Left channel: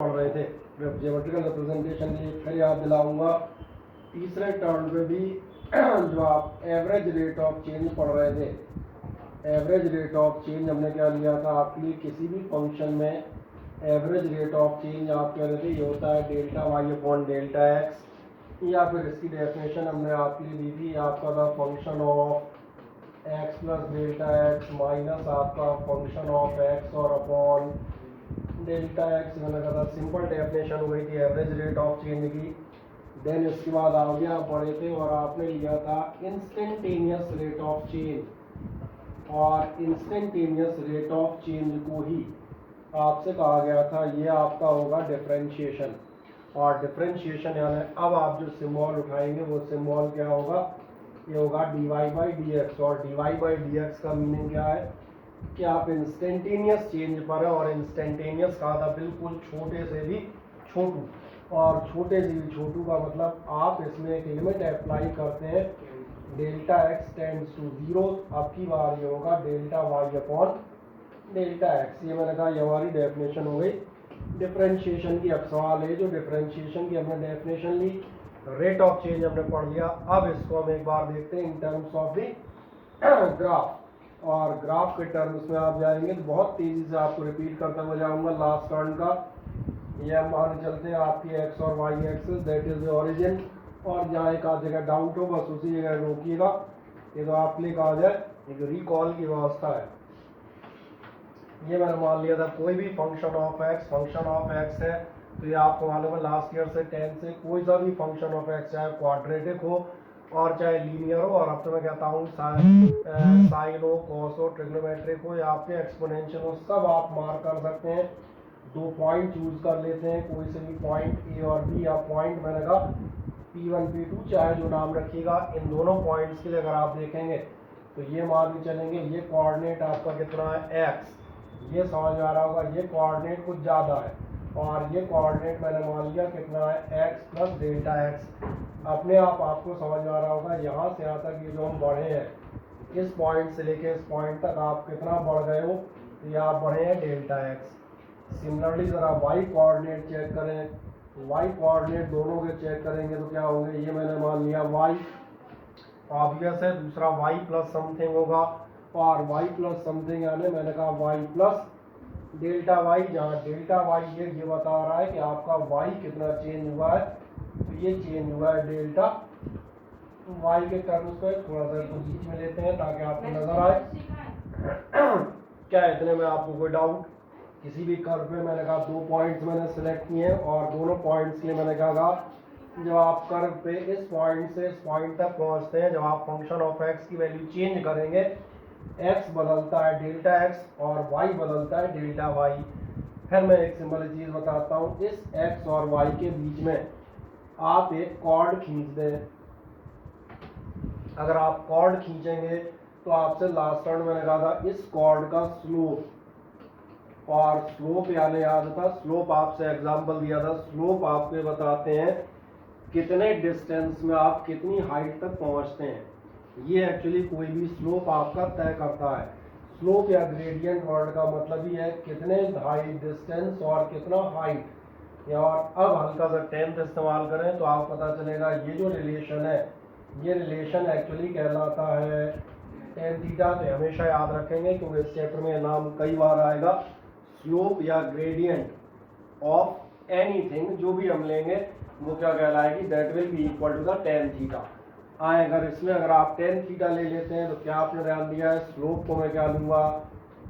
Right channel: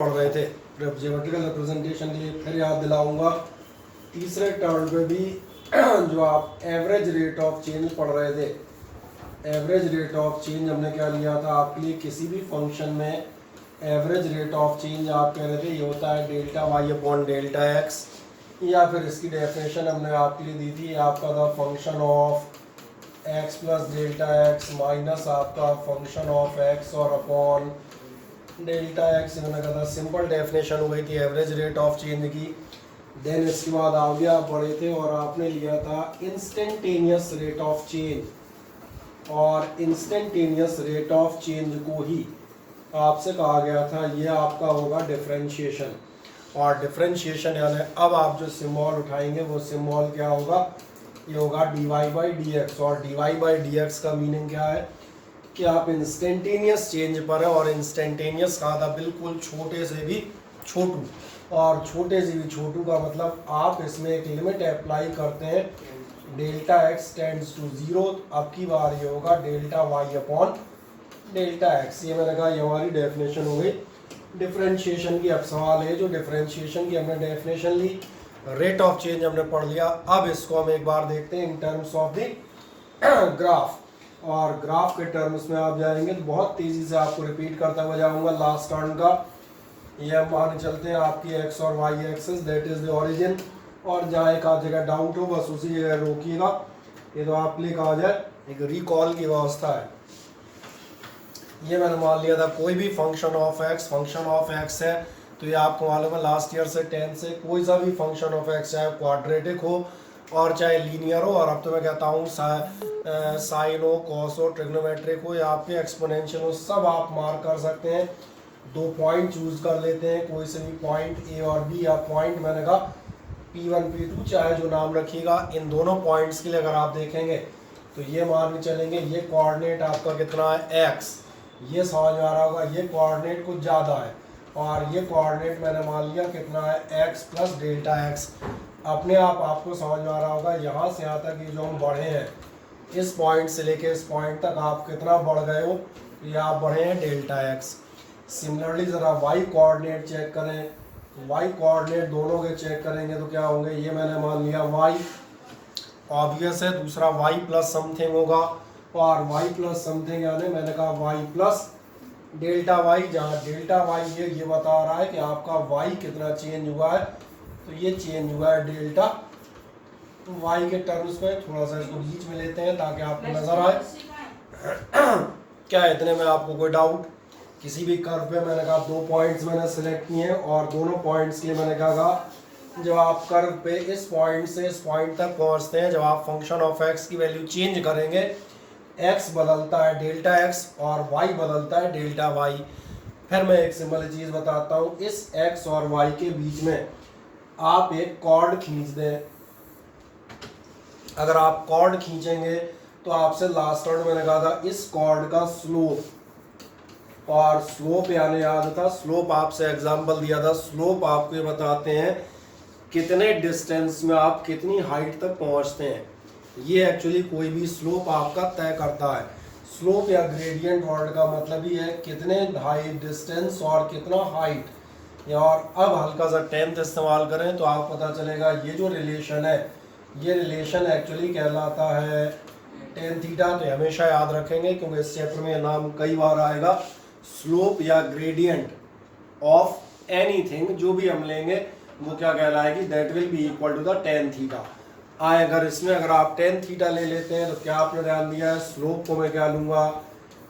पढ़ रहे थे ज्योमेट्रिकल रिप्रेजेंटेशन के लिए फिर याद दिलाऊंगा। तीसरे टर्म पे भी जो आप एवरेज रेट ऑफ चेंज पढ़ रहे थे, एवरेज रेट ऑफ चेंज हमने क्या लिया था आपके लिए, किसी भी फंक्शन में एवरेज रेट ऑफ चेंज आप कह रहे थे ये होता है delta Y upon delta x, या फिर इसकी डेफिनेशन हमने आपके लिए दी थी, आपका था function of x plus delta x minus आपका फंक्शन ऑफ एक्स और अपॉन डेल्टा एक्स। इन्होंने कहा था सिंपल डेफिनेशन हो गई थी एवरेज रेट ऑफ चेंज की। देन इसके बाद आगे आप पढ़े थे और आपने लिया था इंस्टेंटेनियस रेट ऑफ चेंज, और इंस्टेंटेनियस रेट ऑफ चेंज को ही आपसे कहा गया था ये आपका होगा डिफरेंशिएशन। और डिफरेंशिएशन यानी अब आप जो सिम्बॉल उठाएंगे वो सिम्बॉल क्या होगा, ये होगा D Y by D X. और D Y by D X का मीनिंग क्या है कि आप इंस्टेंटेनियस चेंज पर है, और इंस्टेंटेनियस कहा था बिल्कुल छोटे से भी छोटू, और छोटे से भी छोटू का मतलब आप इसमें एक लिमिट अप्लाई करते हैं delta x tends to zero. अब की बार ये होगा delta Y upon delta x. ये मैंने कहा ये हमारी डेफिनेशन हो गई डिफरेंशिएशन की। अब सवाल है जो डिफरेंशिएशन की हमने डेफिनेशन ली, रेट ऑफ चेंज हमने पढ़ लिया, अब इसको हम एक बार देखते हैं in terms of the graph. और ग्राफ के टर्म्स में आप जाएंगे तो बहुत तेज़ी से आपको रिपीट करता हुआ जाऊंगा लास्ट टर्म का। ये हम माने चलते हैं आपकी एक्स और y axis, that is the origin, और जहाँ एक आध जगह डाउट हो बस उसी जगह रोकिएगा। ये तो आप लिए कहा जाए एक रिकॉल की व्यवस्था है। ये मैंने मान लिया था कोई भी फंक्शन ऑफ एक्स है, तो ये आपको मालूम है लास्ट ईयर से 10 से कोई सा भी फंक्शन ऑफ एक्स चाहे क्वाड्रेटिक हो और चाहे लीनियर हो, और अब तो मैं कहता हूँ साइन हो, कॉस हो, ट्रिग्नोमेट्रिक हो या आपके एक्सपोनेंशियल हो, सब आप मार्क कर सकते हैं। 2 पॉइंट चूज कर लेते हैं, कोई से भी पॉइंट ए और बी, या पॉइंट मैंने कहा P1 P2 चाहे जो नाम रखिएगा। इन दोनों पॉइंट्स के लिए अगर आप देखेंगे तो ये मान के चलेंगे ये कोऑर्डिनेट आपका कितना है x, ये समझ में आ रहा होगा, ये कोऑर्डिनेट कुछ ज़्यादा है, और ये कोऑर्डिनेट मैंने मान लिया कितना है x प्लस डेल्टा एक्स। अपने आप आपको समझ में आ रहा होगा यहाँ से यहाँ तक ये जो हम बढ़े हैं, इस पॉइंट से लेके इस पॉइंट तक आप कितना बढ़ गए हो, ये आप बढ़े हैं डेल्टा एक्स। सिमिलरली ज़रा वाई कोऑर्डिनेट चेक करें, वाई कोऑर्डिनेट दोनों के चेक करेंगे तो क्या होंगे, ये मैंने मान लिया वाई, ऑब्वियस है दूसरा वाई प्लस समथिंग होगा, और वाई प्लस समथिंग यानी मैंने कहा वाई प्लस डेल्टा वाई, जहाँ डेल्टा वाई ये बता रहा है कि आपका वाई कितना चेंज हुआ है, तो ये चेंज हुआ है डेल्टा वाई के टर्म्स पे। थोड़ा सा इसको बीच में लेते हैं ताकि आपको नजर आए। क्या है इतने में आपको कोई डाउट? किसी भी कर्व पे मैंने कहा 2 पॉइंट्स मैंने सेलेक्ट किए हैं, और दोनों पॉइंट्स के लिए मैंने कहा जब आप कर्व पे इस पॉइंट से इस पॉइंट तक पहुंचते हैं, जब आप फंक्शन ऑफ एक्स की वैल्यू चेंज करेंगे, एक्स बदलता है डेल्टा एक्स और वाई बदलता है डेल्टा वाई। फिर मैं एक सिंपल चीज़ बताता हूँ, इस एक्स और वाई के बीच में आप एक कॉर्ड खींच दें। अगर आप कॉर्ड खींचेंगे तो आपसे लास्ट टर्म मैंने कहा था इस कॉर्ड का स्लोप, और स्लोप यानी याद था स्लोप आपसे एग्जांपल दिया था, स्लोप आपको ये बताते हैं कितने डिस्टेंस में आप कितनी हाइट तक पहुंचते हैं। ये एक्चुअली कोई भी स्लोप आपका तय करता है। स्लोप या ग्रेडियंट वर्ड का मतलब ही है कितने हाई डिस्टेंस और कितना हाइट। और अब हल्का सा 10th इस्तेमाल करें तो आप पता चलेगा ये जो रिलेशन है, ये रिलेशन एक्चुअली कहलाता है tan थीटा। तो हमेशा याद रखेंगे क्योंकि इस चैप्टर में नाम कई बार आएगा, स्लोप या ग्रेडियंट ऑफ एनीथिंग जो भी हम लेंगे वो क्या कहलाएगी, that will be equal to the tan theta. अगर इसमें अगर आप tan थीटा ले लेते हैं तो क्या आपने ध्यान दिया है, स्लोप को मैं क्या लूँगा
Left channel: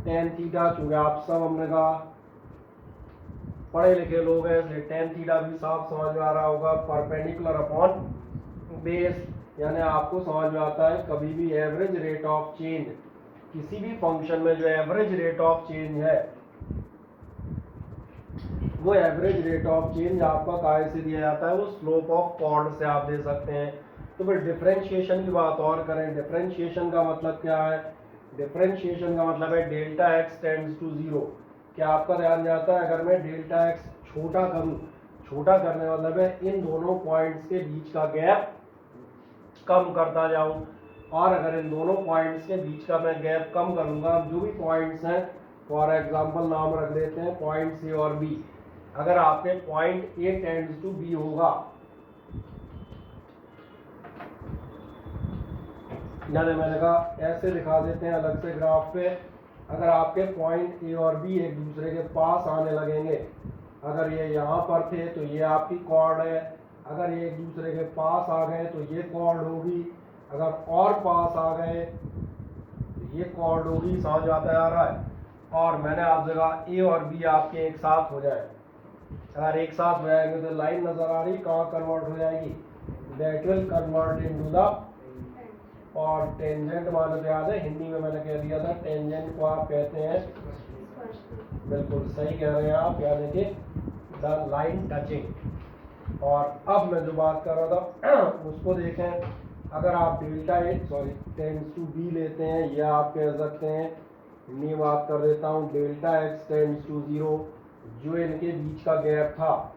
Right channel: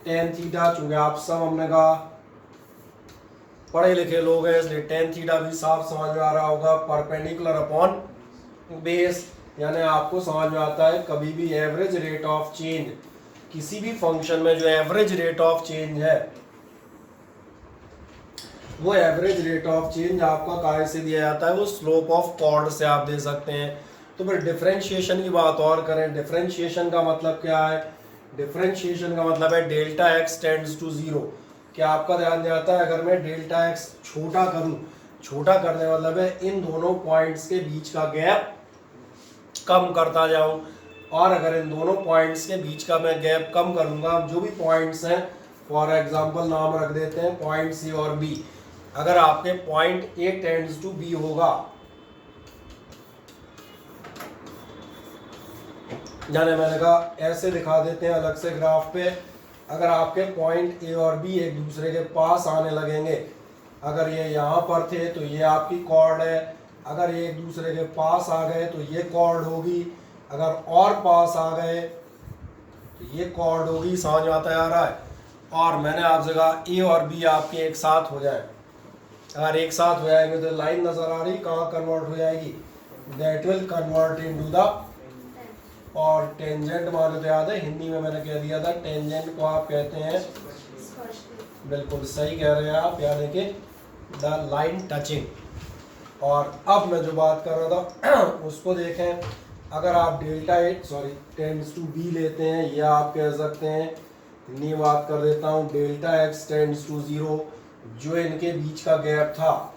tan थीटा। चूँकि आप सब हमने कहा पढ़े लिखे लोग हैं इसलिए tan थीटा भी साफ समझ में आ रहा होगा, परपेंडिकुलर अपॉन बेस। यानी आपको समझ में आता है कभी भी एवरेज रेट ऑफ चेंज, किसी भी फंक्शन में जो एवरेज रेट ऑफ चेंज है वो एवरेज रेट ऑफ चेंज आपका काहे से दिया जाता है, वो स्लोप ऑफ कॉर्ड से आप दे सकते हैं। तो फिर डिफरेंशिएशन की बात और करें, डिफरेंशिएशन का मतलब क्या है, डिफरेंशिएशन का मतलब है delta x tends to zero. क्या आपका ध्यान जाता है अगर मैं डेल्टा एक्स छोटा करूं, छोटा करने का मतलब है इन दोनों पॉइंट्स के बीच का गैप कम करता जाऊं, और अगर इन दोनों पॉइंट्स के बीच का मैं गैप कम करूंगा, जो भी पॉइंट्स हैं फॉर एग्जांपल नाम रख देते हैं पॉइंट सी और बी, अगर आपके point A tends to B होगा, यानी मैंने कहा ऐसे दिखा देते हैं अलग से ग्राफ पे, अगर आपके पॉइंट ए और बी एक दूसरे के पास आने लगेंगे, अगर ये यहाँ पर थे तो ये आपकी कॉर्ड है, अगर ये एक दूसरे के पास आ गए तो ये कॉर्ड होगी, अगर और पास आ गए तो ये कॉर्ड होगी। समझ में आता आ रहा है? और मैंने आपसे कहा ए और बी आपके एक साथ हो जाए, अगर एक साथ हो जाएंगे तो लाइन नजर आ रही कहाँ कन्वर्ट हो जाएगी, that will convert into the, और टेंजेंट माने तो याद है हिंदी में मैंने कह दिया था, टेंजेंट को आप कहते हैं, बिल्कुल सही कह रहे हैं आप, यानी कि द लाइन टचिंग। और अब मैं जो बात कर रहा था उसको देखें, अगर आप delta at tends to B लेते हैं, या आप कह सकते हैं, इतनी बात कर देता हूँ, डेल्टा एक्स टेंड्स टू 0, जो इनके बीच का गैप था,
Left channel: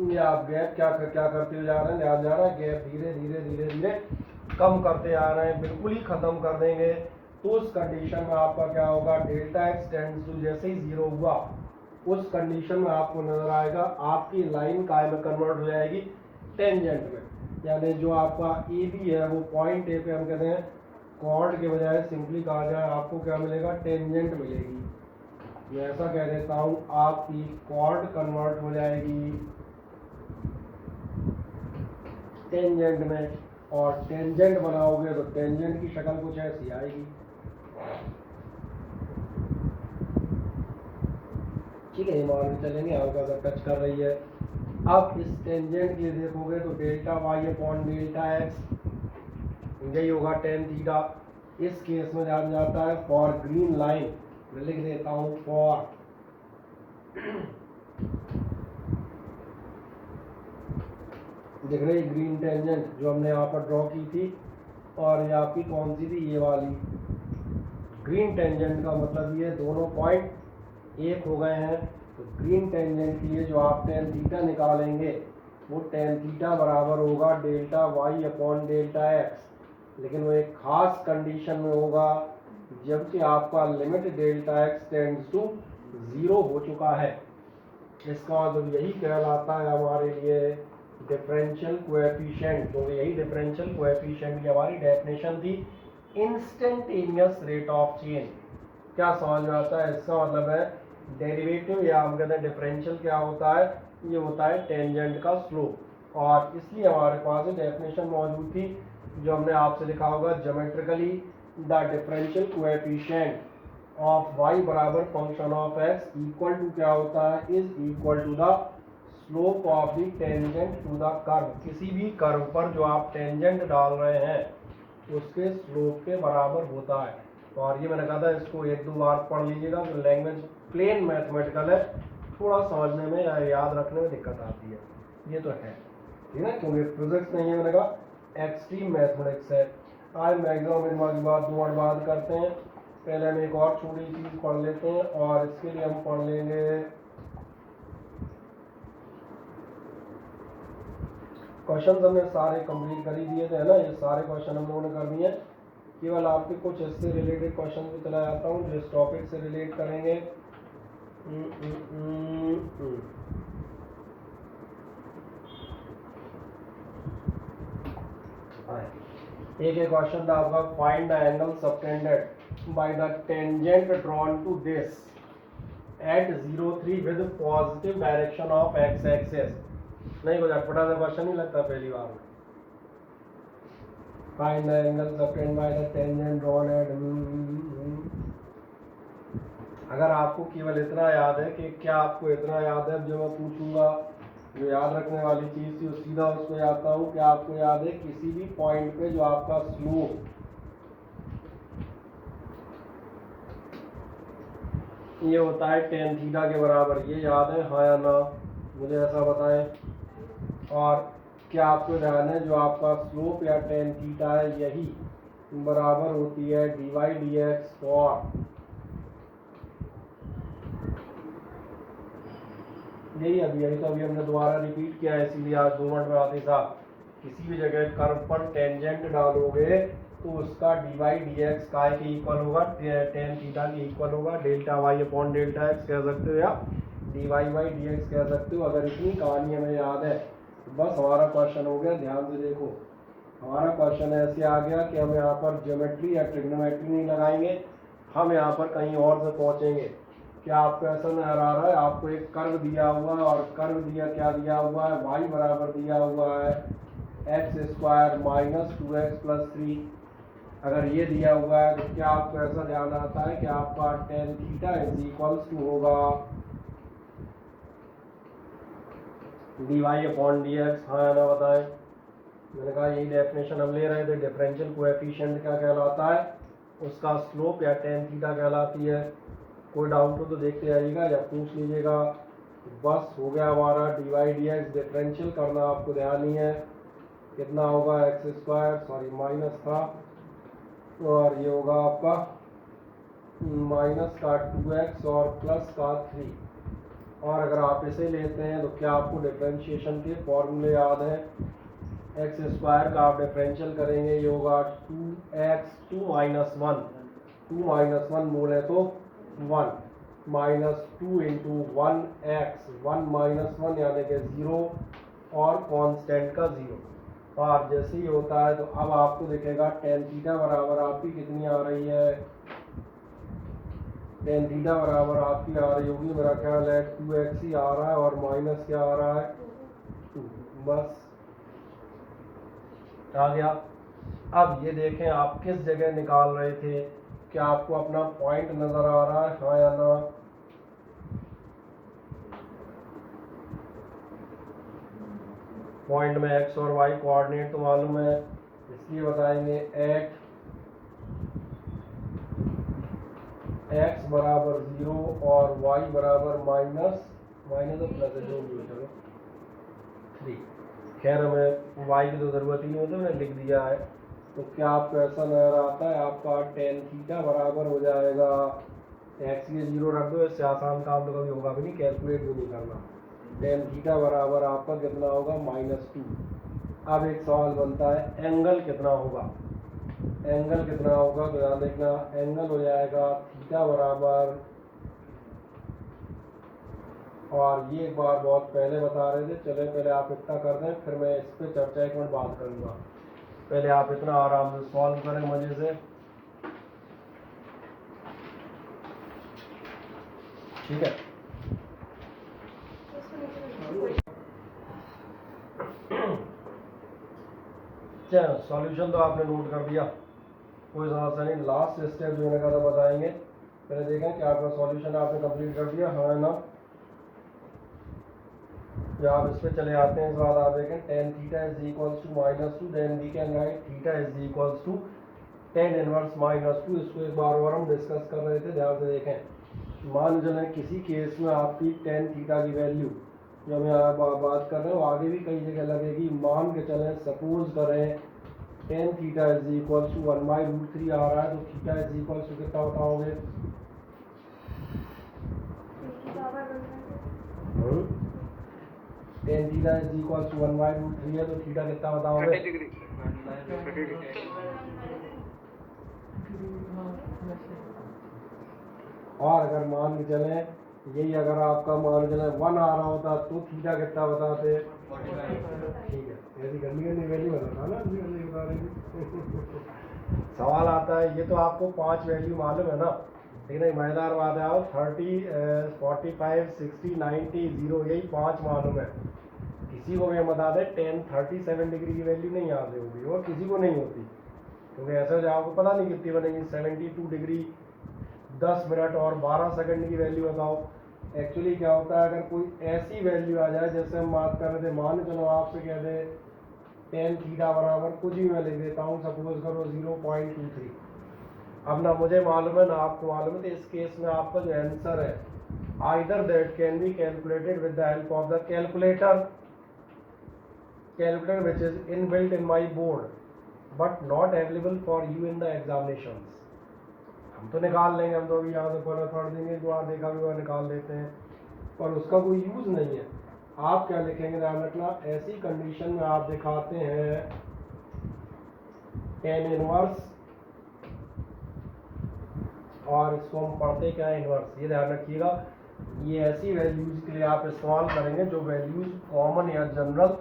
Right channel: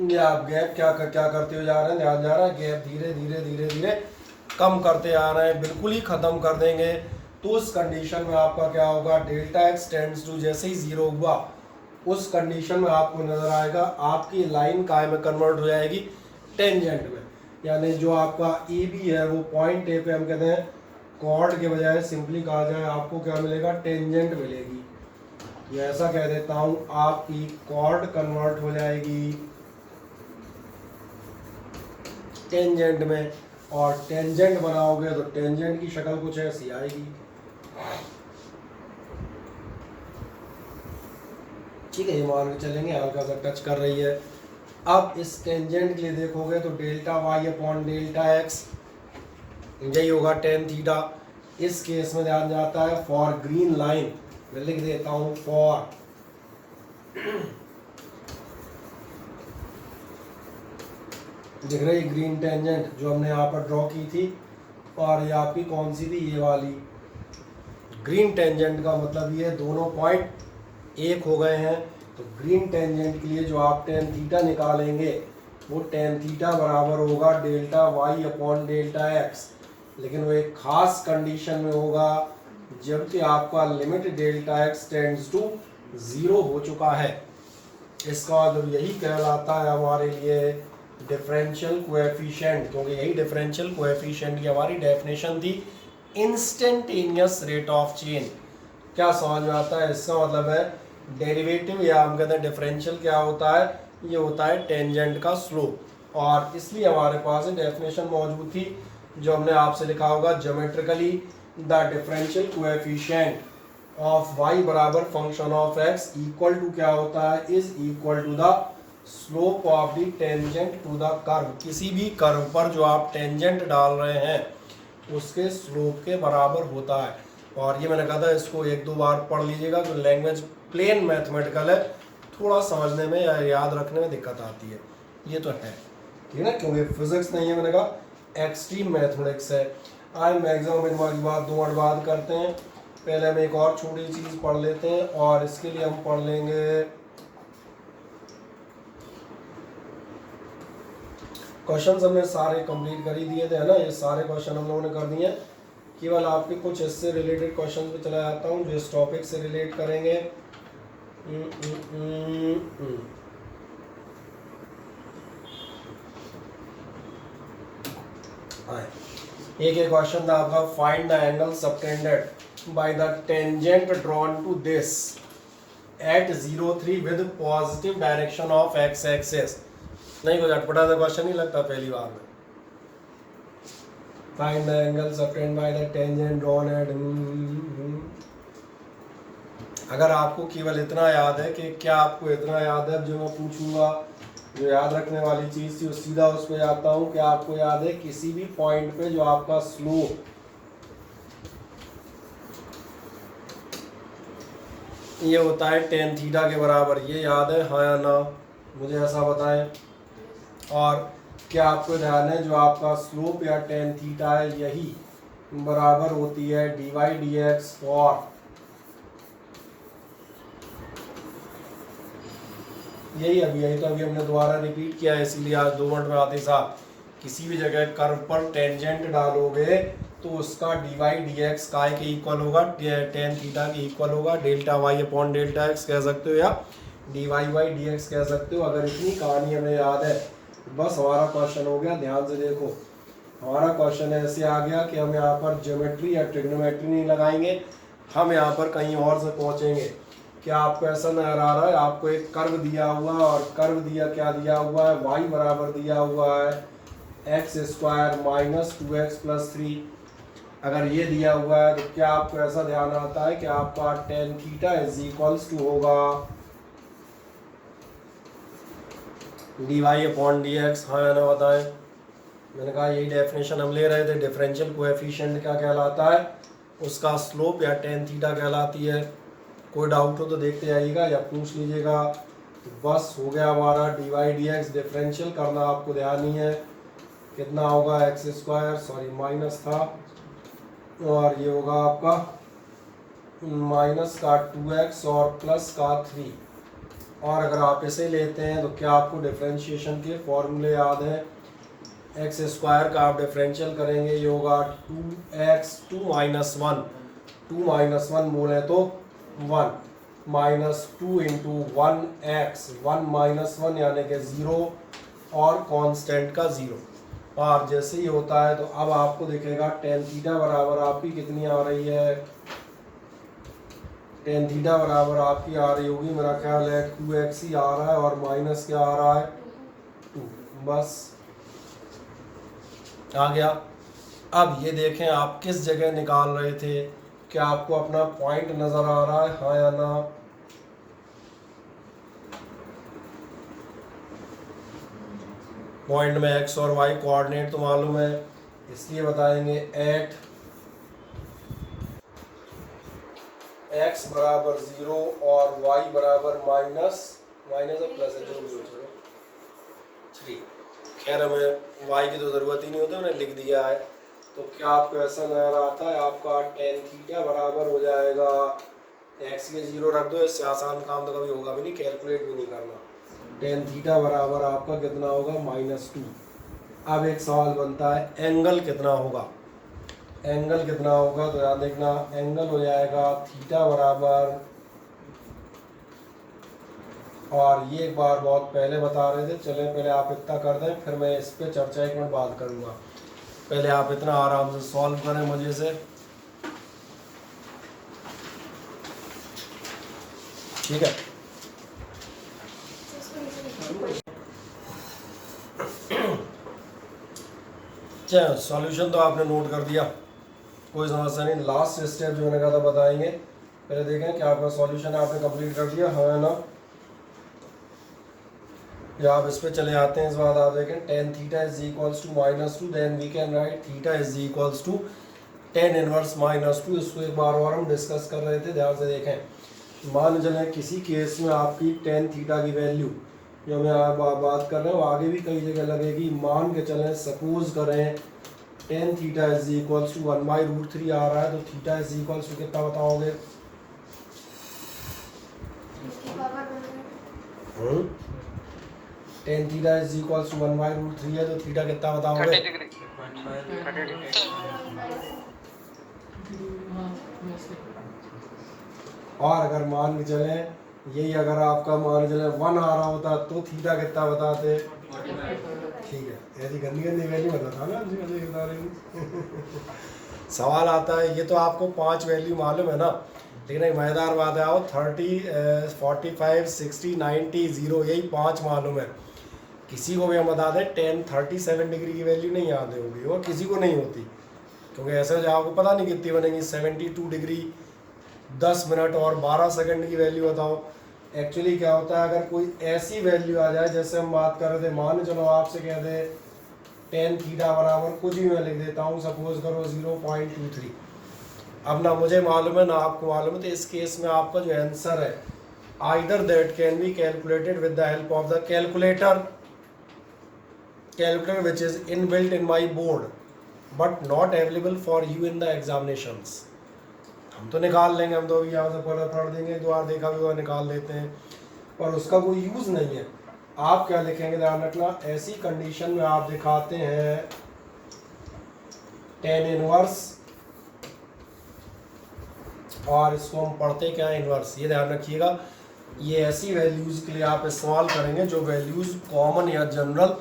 ये आप गैप क्या करते हो जा रहे हैं, ध्यान जा रहा है, गैप धीरे धीरे धीरे धीरे कम करते आ रहे हैं, बिल्कुल ही ख़त्म कर देंगे। तो उस कंडीशन में आपका क्या होगा, डेल्टा एक्स टेंड्स टू जैसे ही 0 हुआ, उस कंडीशन में आपको नजर आएगा आपकी लाइन काय में कन्वर्ट हो जाएगी, टेंजेंट में। यानी जो आपका ए बी है वो पॉइंट ए पे हम कहते हैं कॉर्ड के बजाय सिंपली कहा जाए आपको क्या मिलेगा, टेंजेंट मिलेगी। मैं ऐसा कह देता हूँ आपकी कॉर्ड कन्वर्ट हो जाएगी टेंजेंट में, और टेंजेंट बनाओगे तो टेंजेंट की शक्ल कुछ ऐसी आएगी। ठीक है, ये मान के चलेंगे हल्का सा टच कर रही है। अब इस टेंजेंट के लिए देखोगे तो delta Y upon delta x यही होगा टेन थीटा। इस केस में ध्यान जाता है फॉर ग्रीन लाइन, मैं लिख देता हूँ फॉर दिख रही ग्रीन टेंजेंट जो हमने यहाँ पर ड्रॉ की थी, और ये आपकी कौन सी थी, ये वाली ग्रीन टेंजेंट का मतलब ये दोनों पॉइंट एक हो गए हैं। तो ग्रीन टेंजेंट के लिए जो आप टेन थीटा निकालेंगे वो टेन थीटा बराबर होगा delta Y upon delta x, लेकिन वो एक खास कंडीशन में होगा जबकि आपका limit delta x tends to 0 हो चुका है। इसका मतलब यही कहलाता है हमारे लिए डिफरेंशियल कोएफिशिएंट, क्योंकि यही डिफरेंशियल कोएफिशिएंट की हमारी डेफिनेशन थी, इंस्टेंटेनियस रेट ऑफ चेंज। क्या समझ में आता है? इसका मतलब है डेरिवेटिव, या हम कहते हैं डिफरेंशियल क्या होता है, ये होता है टेंजेंट का स्लोप। और इसलिए हमारे पास डेफिनेशन मौजूद थी जो हमने आपसे लिखा होगा geometrically, the differential coefficient of y बराबर function of x equal to क्या होता है, is equal to the slope of the tangent to the curve. किसी भी कर्व पर जो आप टेंजेंट डाल रहे हैं उसके स्लोप के बराबर होता है। और ये मैंने कहा था इसको एक दो बार पढ़ लीजिएगा, तो लैंग्वेज प्लेन मैथमेटिकल है, थोड़ा समझने में या याद रखने में दिक्कत आती है, ये तो है, ठीक है ना, क्योंकि फिजिक्स नहीं है, मैंने कहा एक्सट्रीम मैथमेटिक्स है। आज मैक्सिमम इन वाली बात 2 मिनट बाद करते हैं। पहले हम एक और छोटी चीज़ पढ़ लेते हैं, और इसके लिए हम पढ़ लेंगे क्वेश्चंस हमने सारे कंप्लीट कर ही दिए थे, है ना, ये सारे क्वेश्चन हम लोगों ने कर दिए। केवल आपके कुछ इससे रिलेटेड क्वेश्चन पे चला जाता हूँ जो इस टॉपिक से रिलेट करेंगे। एक क्वेश्चन था आपका, find the angle subtended by the tangent drawn to this at 0,3 with positive direction of x axis. नहीं, कुछ अटपटा सा क्वेश्चन नहीं लगता पहली बार में। Find the angle subtended by the tangent drawn at, अगर आपको केवल इतना याद है कि क्या आपको इतना याद है, जो मैं पूछूंगा जो याद रखने वाली चीज़ थी सीधा उस पर जाता हूँ। क्या आपको याद है किसी भी पॉइंट पे जो आपका स्लोप ये होता है टेन थीटा के बराबर, ये याद है हाँ या ना, मुझे ऐसा बताएं। और क्या आपको ध्यान है जो आपका स्लोप या टेन थीटा है यही बराबर होती है dy dx फॉर, यही तो अभी हमने दोबारा रिपीट किया है, इसीलिए आज 2 मिनट में आते साहब किसी भी जगह कर्व पर टेंजेंट डालोगे तो उसका dy dx काय के इक्वल होगा, टेन थीटा के इक्वल होगा, delta y upon delta x कह सकते हो, या dy बाई dx कह सकते हो। अगर इतनी कहानी हमें याद है बस हमारा क्वेश्चन हो गया। ध्यान से देखो, हमारा क्वेश्चन ऐसे आ गया कि हम यहाँ पर ज्योमेट्री या ट्रिग्नोमेट्री नहीं लगाएंगे, हम यहाँ पर कहीं और से पहुँचेंगे। क्या आपको ऐसा नजर आ रहा है? आपको एक कर्व दिया हुआ और कर्व दिया क्या दिया हुआ है, y बराबर दिया हुआ है x square minus 2x plus 3। अगर ये दिया हुआ है तो क्या आपको ऐसा ध्यान आता है कि आपका tan theta is equals to होगा dy अपॉन dx। हाँ या ना बताएं। मैंने कहा यही डेफिनेशन हम ले रहे थे। डिफरेंशियल कोएफिशिएंट क्या कहलाता है? उसका स्लोप या टेन थीटा कहलाती है। कोई डाउट हो तो देखते जाइएगा या पूछ लीजिएगा। तो बस हो गया हमारा dy dx। डिफरेंशियल करना आपको ध्यान नहीं है। कितना होगा एक्स स्क्वायर, सॉरी माइनस था, और ये होगा आपका माइनस का 2x और प्लस का 3। और अगर आप इसे लेते हैं तो क्या आपको डिफरेंशिएशन के फॉर्मूले याद हैं? एक्स स्क्वायर का आप डिफरेंशियल करेंगे, ये होगा 2x 2 माइनस 1, 2 माइनस 1 बोले तो 1 माइनस 2 इंटू 1x, 1 माइनस 1 यानी कि 0 और कांस्टेंट का 0। और जैसे ही होता है तो अब आपको दिखेगा टेन थीटा बराबर आपकी कितनी आ रही है? टेन थीटा बराबर आपकी आ रही होगी, मेरा ख्याल है 2x ही आ रहा है और माइनस क्या आ रहा है 2। बस आ गया। अब ये देखें आप किस जगह निकाल रहे थे, क्या आपको अपना पॉइंट नजर आ रहा है? हाँ या ना? पॉइंट में x और y कोऑर्डिनेट तो मालूम है, इसलिए बताएंगे एट x बराबर 0 और y बराबर माइनस माइनस और प्लस है जो भी हो चलो 3। खैर हमें y की तो ज़रूरत ही नहीं होती, मैंने लिख दिया है। तो क्या आपको ऐसा नजर आता है? आपका टेन थीटा बराबर हो जाएगा, x के 0 रख दो, इससे आसान काम तो कभी होगा भी नहीं, कैलकुलेट भी नहीं करना। टेन थीटा बराबर आपका कितना होगा? -2। अब एक सवाल बनता है एंगल कितना होगा? एंगल कितना होगा तो याद देखना, एंगल हो जाएगा थीटा बराबर, और ये एक बार बहुत पहले बता रहे थे, चले पहले आप इतना कर दें फिर मैं इस पर चर्चा एक मिनट बात करूँगा। पहले आप इतना आराम से सॉल्व करें मजे से, ठीक है? चलो सॉल्यूशन तो आपने नोट कर दिया, कोई समस्या नहीं। लास्ट स्टेप जो मैंने कहा था बताएंगे, पहले देखें कि आपका सॉल्यूशन आपने कंप्लीट कर दिया, हाँ ना? या आप इस पे चले आते हैं, इस बात आप देखें tan theta is equals to -2, then we can write theta is equals to tan inverse -2। इसको एक बार और हम डिस्कस कर रहे थे, ध्यान से देखें। मान चलें किसी केस में आपकी टेन थीटा की वैल्यू जो हमें बात कर रहे हैं वो आगे भी कई जगह लगेगी। मान के चलें सपोज करें tan theta is equals to 1/√3 आ रहा है, तो थीटा इज इक्वल्स टू कितना बताओगे? Tan theta is equals to 1/√3 है, तो थीटा कितना बताओगे? और अगर मान के चलें यही अगर आपका मान के चलें 1 आ रहा होता तो थीटा कितना बताते? ठीक है, ऐसी गंदी गंदी वैल्यू बताता ना बता रही। सवाल आता है, ये तो आपको 5 वैल्यू मालूम है ना, लेकिन एक मज़ेदार बात है, आओ 30 45 60 90 0 यही 5 मालूम है। किसी को भी हम बता दें 10 37 डिग्री की वैल्यू नहीं याद होगी, वो किसी को नहीं होती, क्योंकि ऐसे जो आपको पता नहीं कितनी बनेगी। 72 डिग्री 10 मिनट और 12 सेकंड की वैल्यू बताओ। एक्चुअली क्या होता है, अगर कोई ऐसी वैल्यू आ जाए, जैसे हम बात कर रहे थे, मान चलो आपसे कह दे टेन थीटा बराबर कुछ भी मैं लिख देता हूँ, सपोज करो 0.23। अब ना मुझे मालूम है ना आपको मालूम है, तो इस केस में आपका जो आंसर है either that can be calculated with the help of the calculator which is inbuilt in my board but not available for you in the examinations। हम तो निकाल लेंगे, हम तो यहाँ से पढ़ देंगे, दो बार देखा भी हुआ निकाल देते हैं, पर उसका कोई यूज़ नहीं है। आप क्या लिखेंगे ध्यान रखना, ऐसी कंडीशन में आप दिखाते हैं टेन इनवर्स, और इसको हम पढ़ते क्या है? इनवर्स। ये ध्यान रखिएगा, ये ऐसी वैल्यूज़ के लिए आप इस्तेमाल करेंगे जो वैल्यूज़ कॉमन या जनरल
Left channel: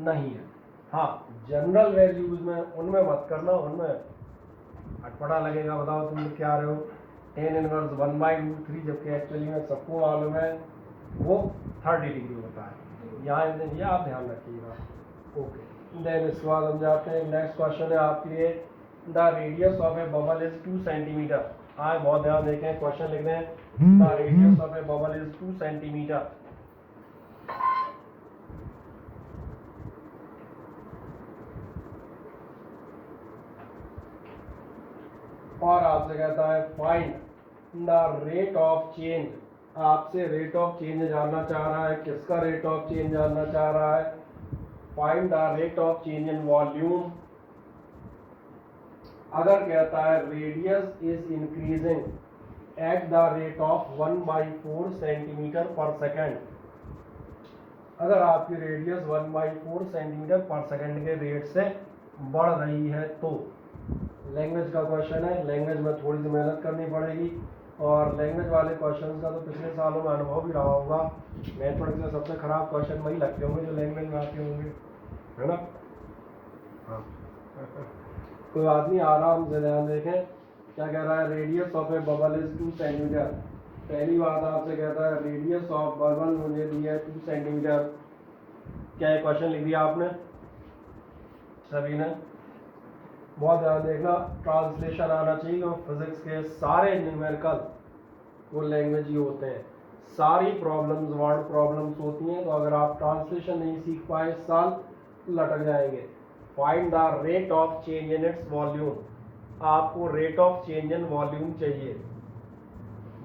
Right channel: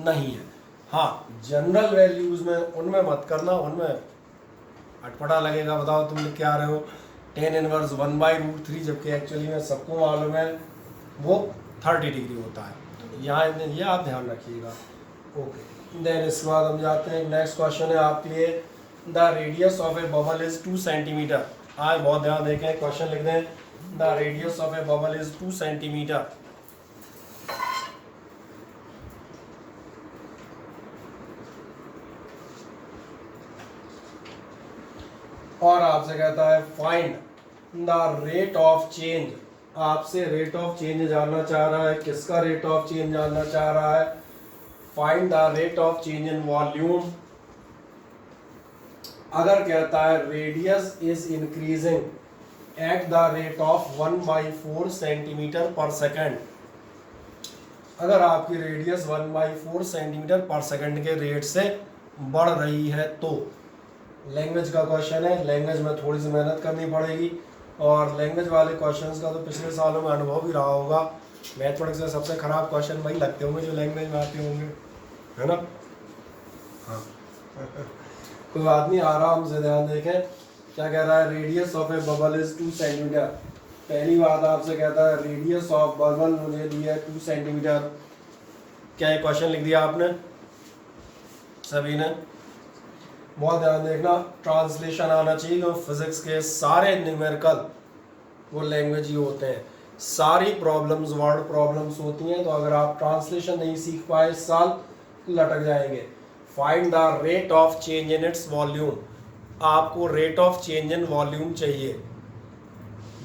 नहीं है। हाँ, जनरल वैल्यूज़ में उनमें मत करना, उनमें अटपटा लगेगा, बताओ तुम लिख के आ रहे हो टेन इनवर्स 1/√3, जबकि एक्चुअली में सबको मालूम है वो 30 डिग्री होता है। तो यहाँ ये आप ध्यान रखिएगा। ओके, देन इसके बाद हम जाते हैं, नेक्स्ट क्वेश्चन है आपके लिए, the radius of A bubble is 2 centimetre. आज बहुत ध्यान देखें, क्वेश्चन लिख दें, the radius of A bubble is 2 centimetre. और आपसे कहता है find the rate of change, आपसे रेट ऑफ चेंज जानना चाह रहा है। किसका रेट ऑफ चेंज जानना चाह रहा है? Find the rate of change in volume. अगर कहता है radius is increasing at the rate of 1/4 centimetre पर सेकेंड, अगर आपकी रेडियस 1/4 सेंटीमीटर पर सेकेंड के रेट से बढ़ रही है तो, लैंग्वेज का क्वेश्चन है, लैंग्वेज में थोड़ी सी मेहनत करनी पड़ेगी। और लैंग्वेज वाले क्वेश्चंस का तो पिछले सालों में अनुभव भी रहा होगा, मैथमेटिक्स में सबसे खराब क्वेश्चन वही लगते होंगे जो लैंग्वेज में आते होंगे, है ना? हाँ। कोई बात नहीं, आराम से ध्यान देखें। क्या कह रहा है? Radius of A bubble is 2 centimetre. पहली बात आपसे कहता है रेडियस ऑफ बबल मुझे दिया है 2 सेंटीमीटर। क्या ये क्वेश्चन लिख दिया आपने सभी ने? बहुत ध्यान देखना, ट्रांसलेशन आना चाहिए, क्योंकि फिजिक्स के सारे न्यूमेरिकल वो लैंग्वेज ही होते हैं, सारी प्रॉब्लम्स वर्ड प्रॉब्लम्स होती हैं। तो अगर आप ट्रांसलेशन नहीं सीख पाए इस साल, लटक जाएंगे। Find the rate of change in its volume, आपको rate of change in volume चाहिए।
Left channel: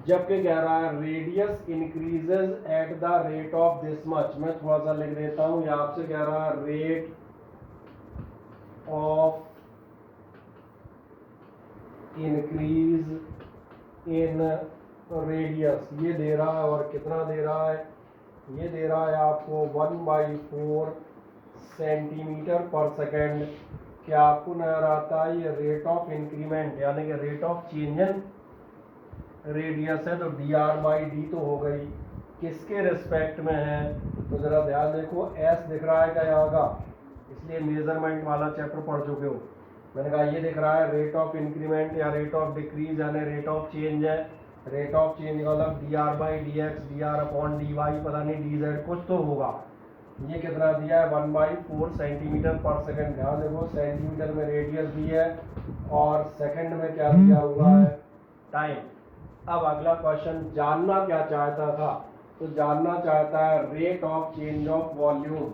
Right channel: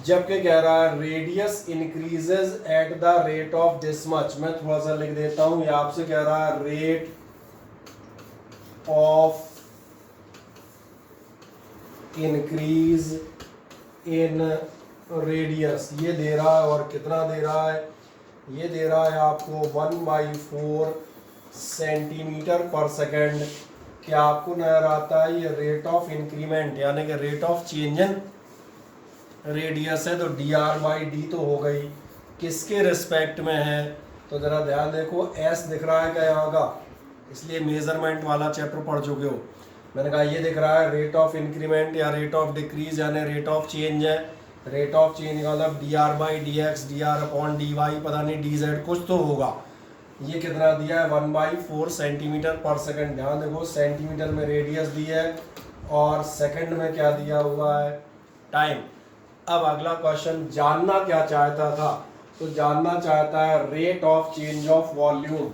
जबकि कह रहा है radius increases at the rate of this much. मैं थोड़ा सा लिख देता हूँ, ये आपसे कह रहा है rate of increase in radius, ये दे रहा है। और कितना दे रहा है? ये दे रहा है आपको 1/4 सेंटीमीटर पर सेकेंड। क्या आपको नजर आता है? ये रेट ऑफ इंक्रीमेंट यानी कि rate of change in radius है, तो dr/d तो हो गई, किसके रिस्पेक्ट में है? तो जरा ध्यान देखो, s दिख रहा है क्या यहाँ का? इसलिए मेजरमेंट वाला चैप्टर पढ़ चुके हो। मैंने कहा ये दिख रहा है रेट ऑफ इंक्रीमेंट या रेट ऑफ डिक्रीज यानी रेट ऑफ चेंज है। रेट ऑफ चेंज का मतलब dr/dx, dr/dy, पता नहीं dz कुछ तो होगा। ये कितना दिया है? 1/4 सेंटीमीटर पर सेकेंड। ध्यान देखो, सेंटीमीटर में रेडियस दी है और सेकेंड में क्या दिया हुआ है? टाइम। अब अगला क्वेश्चन जानना क्या चाहता था? तो जानना चाहता है rate of change of volume.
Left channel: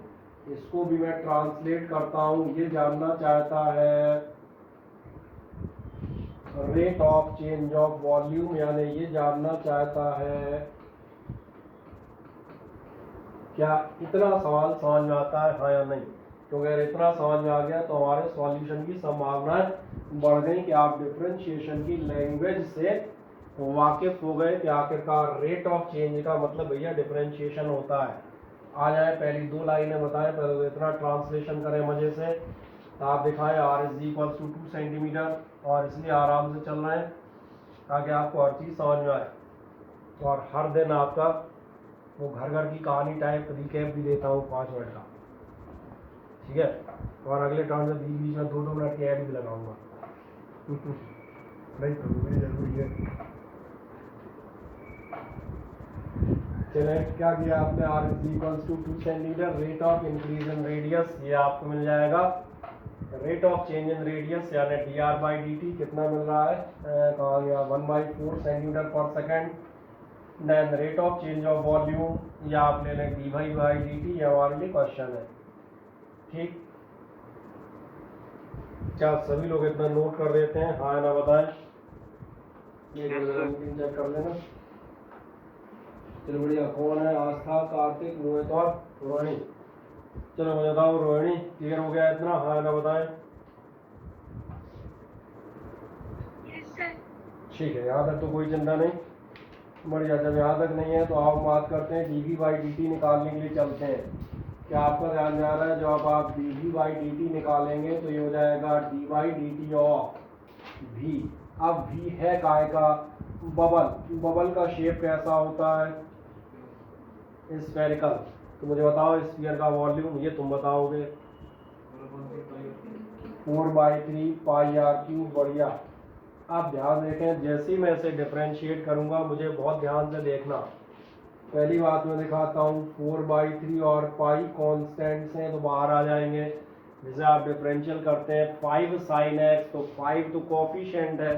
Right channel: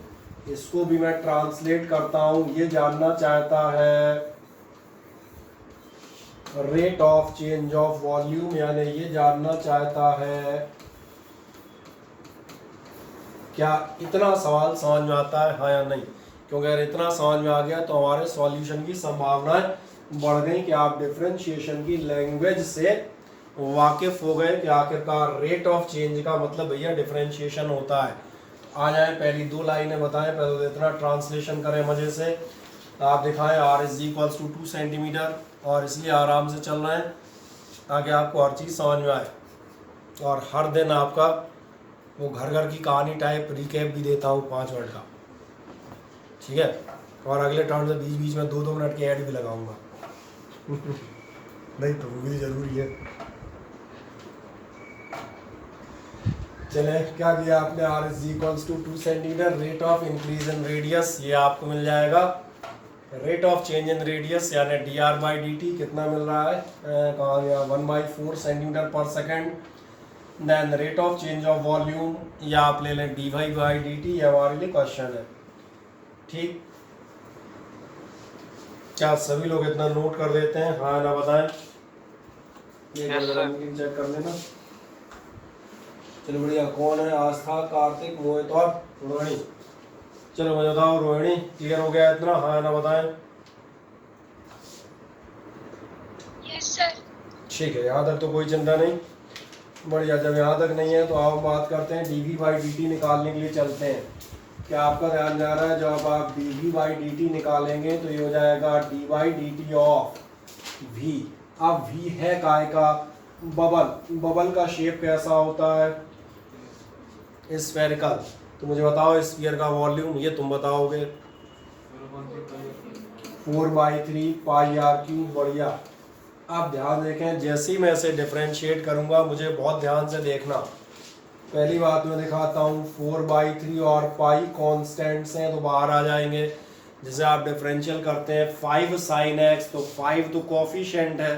इसको भी मैं ट्रांसलेट करता हूं, ये जानना चाहता है rate of change of volume, यानी ये जानना चाहता है क्या इतना सवाल समझ में आता है, हाँ या नहीं? क्योंकि अगर इतना समझ में आ गया तो हमारे सॉल्यूशन की संभावनाएं बढ़ गई कि आप डिफरेंशिएशन की लैंग्वेज से वाकिफ हो गए कि आखिरकार रेट ऑफ चेंज का मतलब भैया डिफरेंशिएशन होता है। आ जाए, पहली 2 लाइनें बताएं, पहले इतना ट्रांसलेशन करें मजे से। आप दिखाएं r = 2 सेंटीमीटर, और इसलिए आराम से चल रहे हैं ताकि आपको हर चीज़ समझ में आए। और हर दिन आपका वो घर घर की कहानी टाइप रिकैप भी देता हूँ 5 मिनट का, ठीक है? और अगले टर्न से बीच बीच में 2-2 मिनट की ऐड भी लगाऊंगा नहीं तो वो भी जरूरी है। चले, क्या दिया आपने? r = 2 centimetre. Rate of increase in radius, ये आपको मिल जाएगा rate of change in radius यानी dr/dt। कितना मिल रहा है? कहाँ गया? 1/4 सेंटीमीटर पर second. Then rate of change of volume, या आप ले लें dy/dt, ये हमारे लिए क्वेश्चन है, ठीक? क्या सभी लोग इतना नोट कर देते हैं, हाँ ना? बताएं, ये चेक कर लेना। चलो बढ़िया। कौन है? आस्था, कार्तिक, मोहित और रोहिणी। चलो मुझे बताओ, रोहिणी क्लियर हो गया इतना, हाँ ना? बताएं। Yes sir. ठीक है, यहाँ तक तो कोई चिंता नहीं। बढ़िया। जब यहाँ तक नहीं है तो आप बात करते हैं dv/dt निकालने के लिए चलते हैं। क्या आपका ध्यान जा रहा है? जब आप dv/dt निकालेंगे तो ये हो जाएगा dy/dt ऑफ v। अब v है काय का? बबल। बबल का शेप कैसा होता है? स्फेरिकल। तो मुझे बताओ स्फीयर का वॉल्यूम, ये तुम बताओगे। 4/3 पाई आर क्यूब। बढ़िया। आप ध्यान देखें, जैसे ही मैं इसे डिफरेंशिएट करूंगा मुझे बहुत ध्यान से देखना। पहली बात मैं दिखाता हूँ, 4/3 और पाई कॉन्स्टेंट्स हैं तो बाहर आ जाएंगे। जैसे आप डिफरेंशियल करते हैं 5 sin x, तो 5 तो कोफिशिएंट है,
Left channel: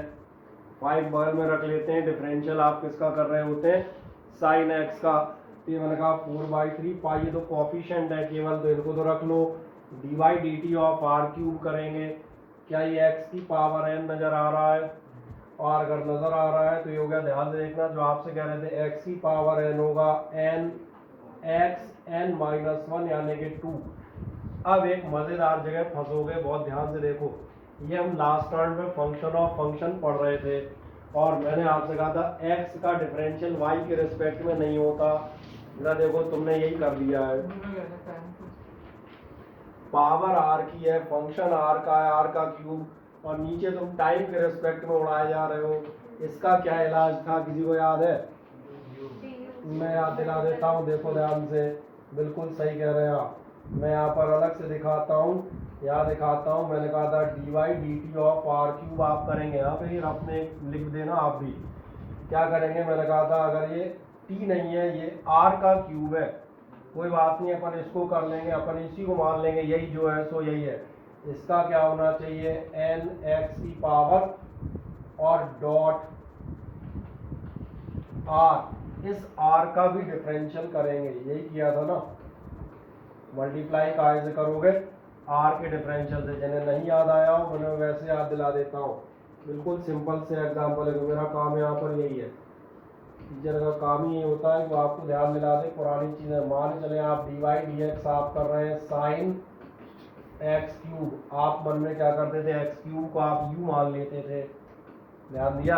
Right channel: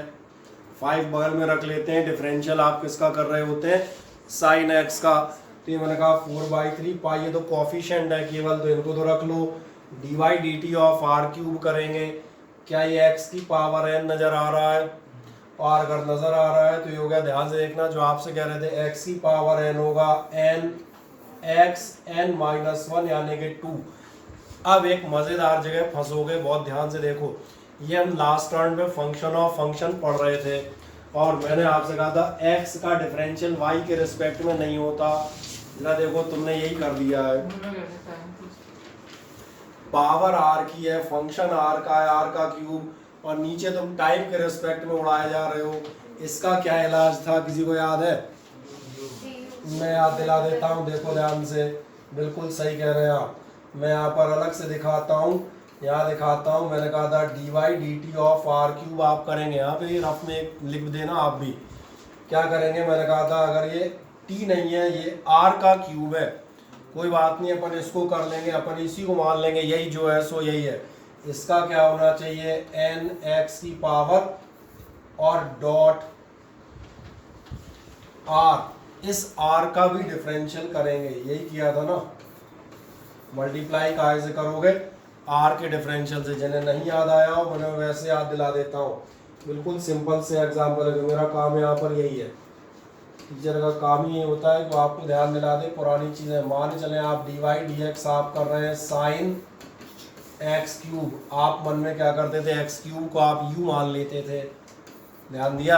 5 बगल में रख लेते हैं। डिफरेंशियल आप किसका कर रहे होते हैं, sin x का। तो ये मैंने कहा 4/3 पाई, ये तो कोफिशिएंट है केवल, तो इनको तो रख लो। dy/dt ऑफ आर क्यूब करेंगे। क्या ये x की पावर n नज़र आ रहा है? और अगर नज़र आ रहा है तो ये हो गया, ध्यान से देखना जो आपसे कह रहे थे, x की पावर n होगा n x n-1 यानी कि 2। अब एक मज़ेदार जगह फंसोगे, बहुत ध्यान से देखो। ये हम लास्ट राउंड में फंक्शन ऑफ फंक्शन पढ़ रहे थे और मैंने आपसे कहा था x का डिफरेंशियल y के रिस्पेक्ट में नहीं होता। जरा देखो तुमने यही कर दिया है, पावर r की है, फंक्शन r का है, r का क्यूब, और नीचे तुम टाइम के रिस्पेक्ट में उड़ाए जा रहे हो। इसका क्या इलाज था, किसी को याद है? मैं याद दिला देता हूँ, देखो ध्यान से, बिल्कुल सही कह रहे हैं आप। मैं यहाँ पर अलग से दिखाता हूँ, यहाँ दिखाता हूँ। मैंने कहा था dy/dt ऑफ आर क्यूब आप करेंगे, यहाँ पे रफ में लिख देना आप भी। क्या करेंगे, मैंने कहा था अगर ये t नहीं है, ये r का क्यूब है, कोई बात नहीं, अपन इसको कर लेंगे, अपन इसी को मान लेंगे, यही जो है सो यही है। इसका क्या होना चाहिए, n(x) की पावर और डॉट r। इस r का भी डिफरेंशियल करेंगे, यही किया था ना। मल्टीप्लाई काहे से करोगे, r के डिफरेंशियल से। जिन्हें नहीं याद आया हो उन्हें वैसे याद दिला देता हूँ। बिल्कुल सिंपल से एग्जाम्पल है, मेरा काम यहाँ पर यही है। टीचर का काम ही ये होता है कि वो आपको ध्यान दिला दे पुरानी चीज़ें। मान चले आप dy/dx आप कर रहे हैं sin x³। आप मन में क्या करते थे, x³ को आप u मान लेते थे, ध्यान दिया।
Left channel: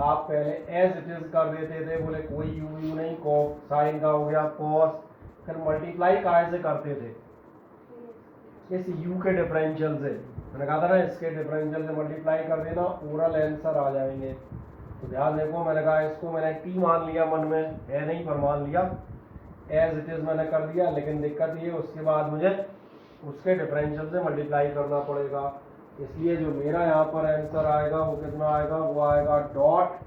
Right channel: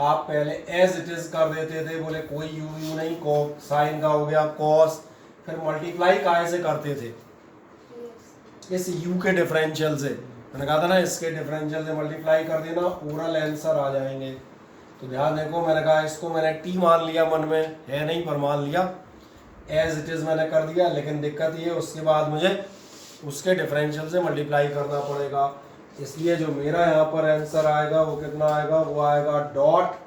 आप पहले एज इट इज कर देते थे, बोले कोई u नहीं, को साइन का हो गया cos। फिर मल्टीप्लाई काहे से करते थे, इस u के डिफरेंशियल से। मैंने कहा था ना, इसके डिफरेंशियल से मल्टीप्लाई कर देना, ओरल आंसर आ जाएंगे। तो ध्यान देखो, मैंने कहा इसको मैंने t मान लिया, मन में है नहीं पर मान लिया, एज इट इज मैंने कर दिया। लेकिन दिक्कत ये है, उसके बाद मुझे उसके डिफरेंशियल से मल्टीप्लाई करना पड़ेगा। इसलिए जो मेरा यहाँ पर आंसर आएगा वो कितना आएगा, वो आएगा डॉट।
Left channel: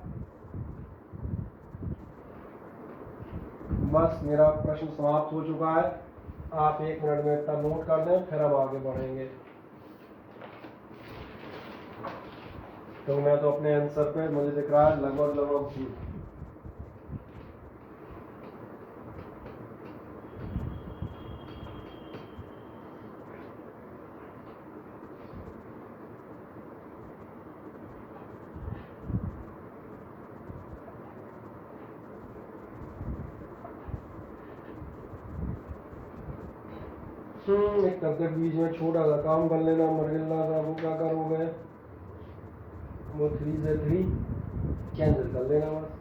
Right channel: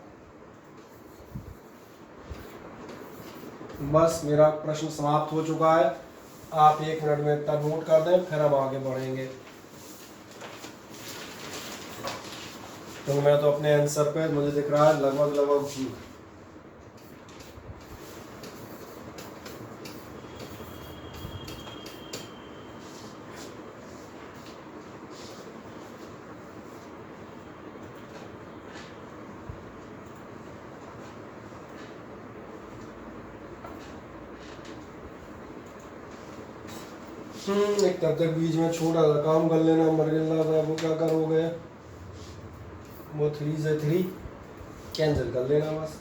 बस मेरा प्रश्न समाप्त हो चुका है। आप 1 मिनट में इतना नोट कर दें, फिर हम आगे बढ़ेंगे। तो मैं तो अपने आंसर पे, मुझे दिख रहा है लगभग जी। एक तब तक बीच में छोटा सा काम कर लेना, मर गिलना था, वो क्या करोगे, वो 3 से 3 कैंसिल कर लेना बस।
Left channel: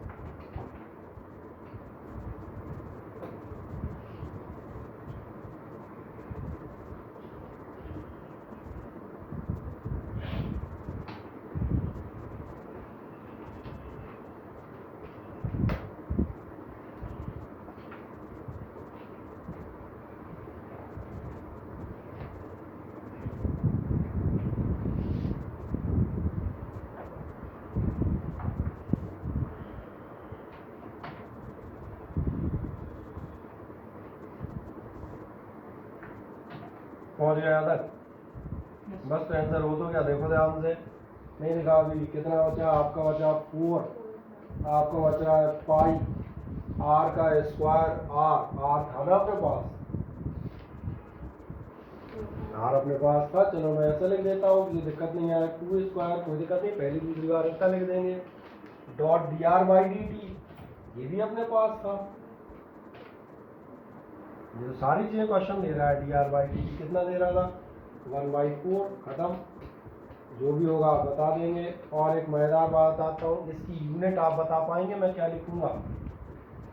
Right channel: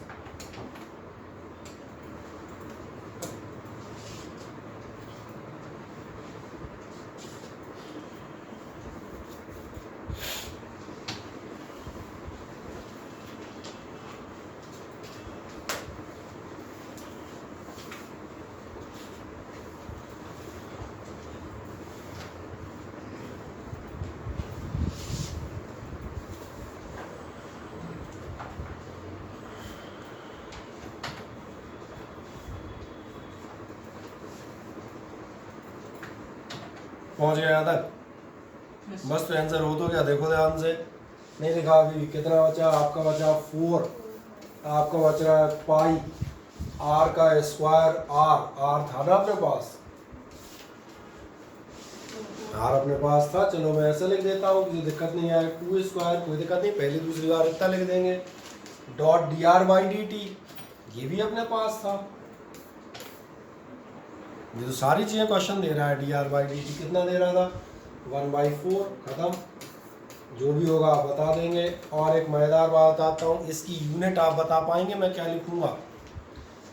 पहुंच गया यहाँ तक, बस। तो आंसर हो तो क्या, देखो ध्यान से, नहीं लिखा अभी। कितना बचा आपका, बचा 4। आपका बच रहा है पाई r का स्क्वायर। r था ना अपने पास, r अपने पास था। चलो मैं ऐसा लिख देता हूँ, किसी दिक्कत नहीं आए। 2 स्क्वायर, कोई दिक्कत नहीं, पहली दूसरी बार इतना लिख देंगे। डॉट dr/dt, ये भी अपने पास था। ये तो सारी चीज़ें क्वेश्चन दे रहा है। dr/dt कितना दे रहा था, 1/4। खत्म, जो भी होगा आप बता देंगे। और एक मज़ेदार बात बताता हूँ, इसकी यूनिट आप बता पाएंगे मैं क्या लिखूंगा?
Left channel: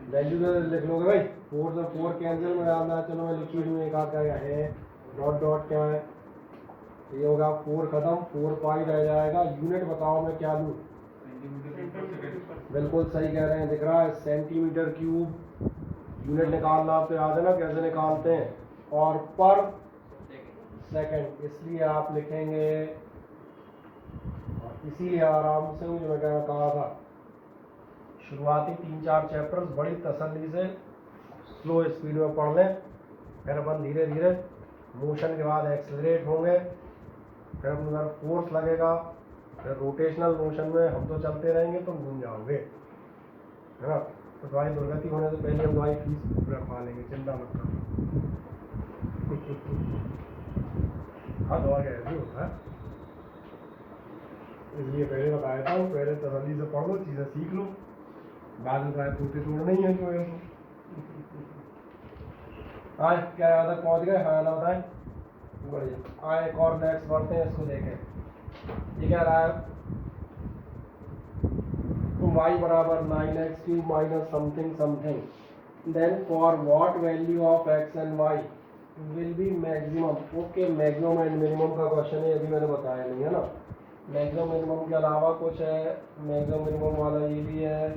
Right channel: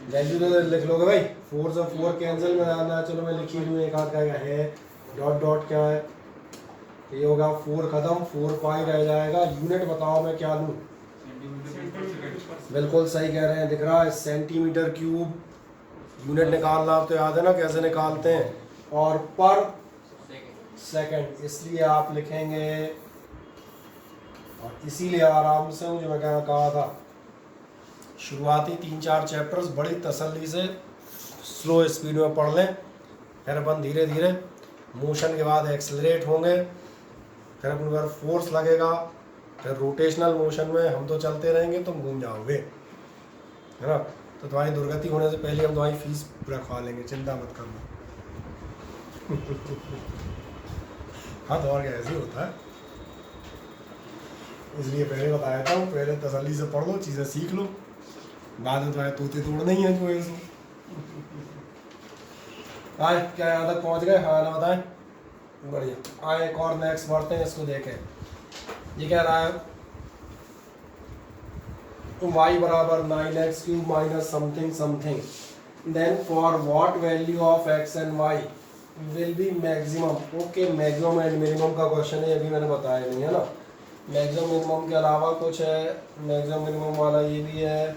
वैल्यू तो लिख लोगे भाई, 4 से 4 कैंसिल में आना। चलो मैं लिखी हूँ, एक आध का है, डॉट डॉट क्या है, ये होगा 4। खत्म, 4 पाई रह जाएगा। यूनिट बताओ मैं क्या लूँ? बिल्कुल सही कह रहे हैं, दिख रहा है सेंटीमीटर क्यूब। यूनिट निकालना हो तो याद है ना कैसे निकालते हैं, और पर सेकंड, इसलिए आप लिखेंगे, और इसीलिए आराम से मुझे मैं कहा था शुरुआती 3-4 चैप्टर्स बड़ी तसल्ली से स्लो स्पीड में पढ़ लें, फिर अपन धीरे धीरे मोशन के बाद एक्सेलरेट होंगे, फिर अपन पर फोर्स लगेगा, फिर रोटेशनल मोशन में हम तो चलते रहेंगे, तुम घूम जाओगे, है ना। तो तुम्हारी दुर्गति होने से पहले हम तुम्हारी फीस रखवा लेंगे, चिंता मत करो। हाँ तो और क्या ऐसे ही होता है, इसलिए पहले बताया था, पहले तसल्ली से पढ़ लो, चीज़ें सीख लो, बाद में तुम्हारे तोते तोड़ नहीं है जो ऐसे। आए क्या यहाँ तक पहुँच गए, हाँ ना बताएं, बढ़िया। आए एक और नेक्स्ट बढ़ते हैं, इसको देखें। ये कह रहा है y बराबर 9x³ minus something something, then for what value of x and y will be maximum. Okay, maximum and minimum का क्वेश्चन है, अभी मैंने बताया नहीं है ना। मैक्सिमम मिनिमम के अलावा कुछ है, मैक्सिमम मिनिमम वाला ये भी है,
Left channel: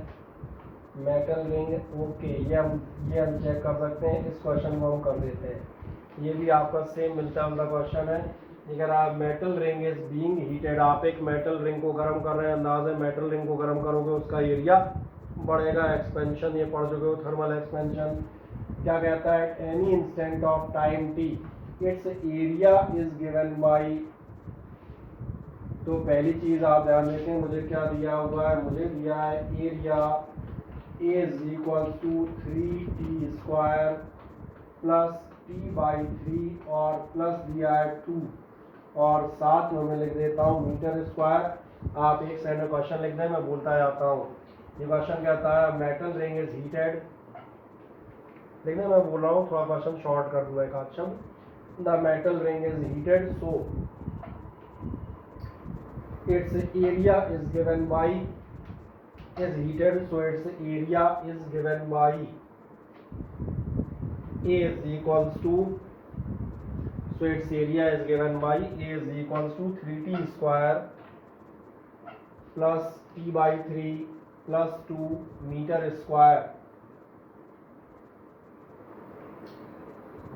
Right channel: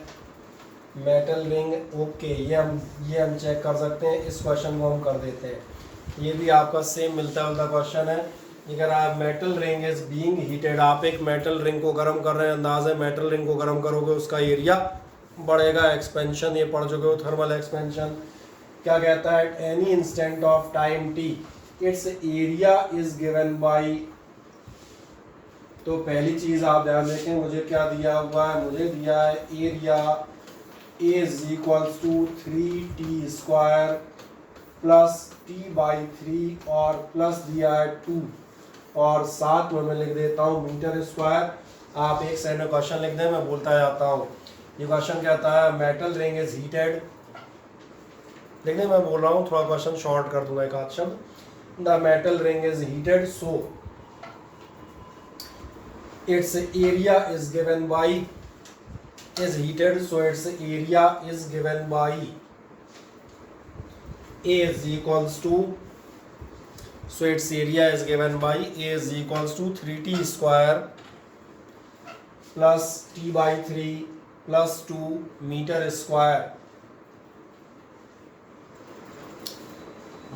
मेटल रिंग। ओके, ये हम चेक कर सकते हैं, इस क्वेश्चन को हम कर देते हैं। ये भी आपका सेम मिलता जुलता क्वेश्चन है। ये कह रहा है metal ring is being heated, आप एक मेटल रिंग को गर्म कर रहे हैं, अंदाज है मेटल रिंग को गर्म करोगे उसका एरिया बढ़ेगा, एक्सपेंशन, ये पढ़ चुके हो, थर्मल एक्सपेंशन। क्या कहता है, at any instant of time T it's area is given bye. तो पहली चीज आप ध्यान देखें, मुझे क्या दिया हुआ है, मुझे दिया है area is equals to 3t² plus t/3 और प्लस दिया है 2, और साथ में मैं लिख देता हूँ मीटर स्क्वायर। आप एक साइड में क्वेश्चन लिख दें, मैं बोलता जाता हूँ। ये क्वेश्चन कहता है मेटल रिंग इज हीटेड, देखने मैं बोल रहा हूँ, थोड़ा क्वेश्चन शॉर्ट कर दूंगा एक आध शब्द। The metal ring is heated so its area is given by, is heated so its area is given by A is equals to, so its area is given by A is equals to 3t² plus t/3 plus 2 meter square.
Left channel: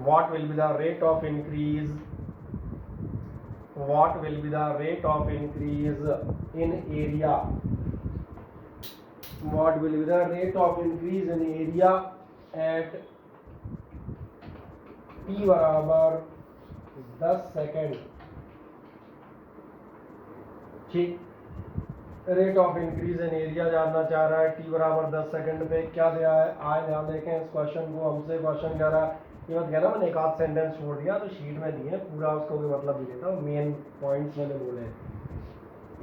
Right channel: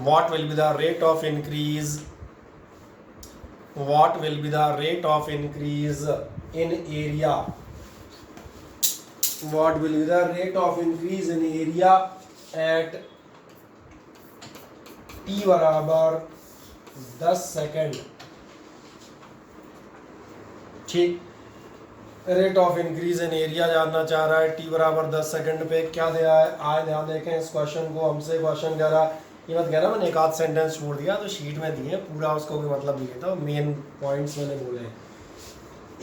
What will be the rate of increase? What will be the rate of increase in area? What will be the rate of increase in area at t बराबर 10 second. ठीक, rate of increase in area जानना चाह रहा है, T बराबर 10 second पे। क्या दिया है, आज ध्यान देखें इस क्वेश्चन को, हमसे क्वेश्चन कह रहा है, ये मत कहना मैंने एक आध सेंटेंस छोड़ दिया, तो शीट में दिए पूरा, उसको भी मतलब नहीं कहता, मेन पॉइंट्स मैंने बोले हैं।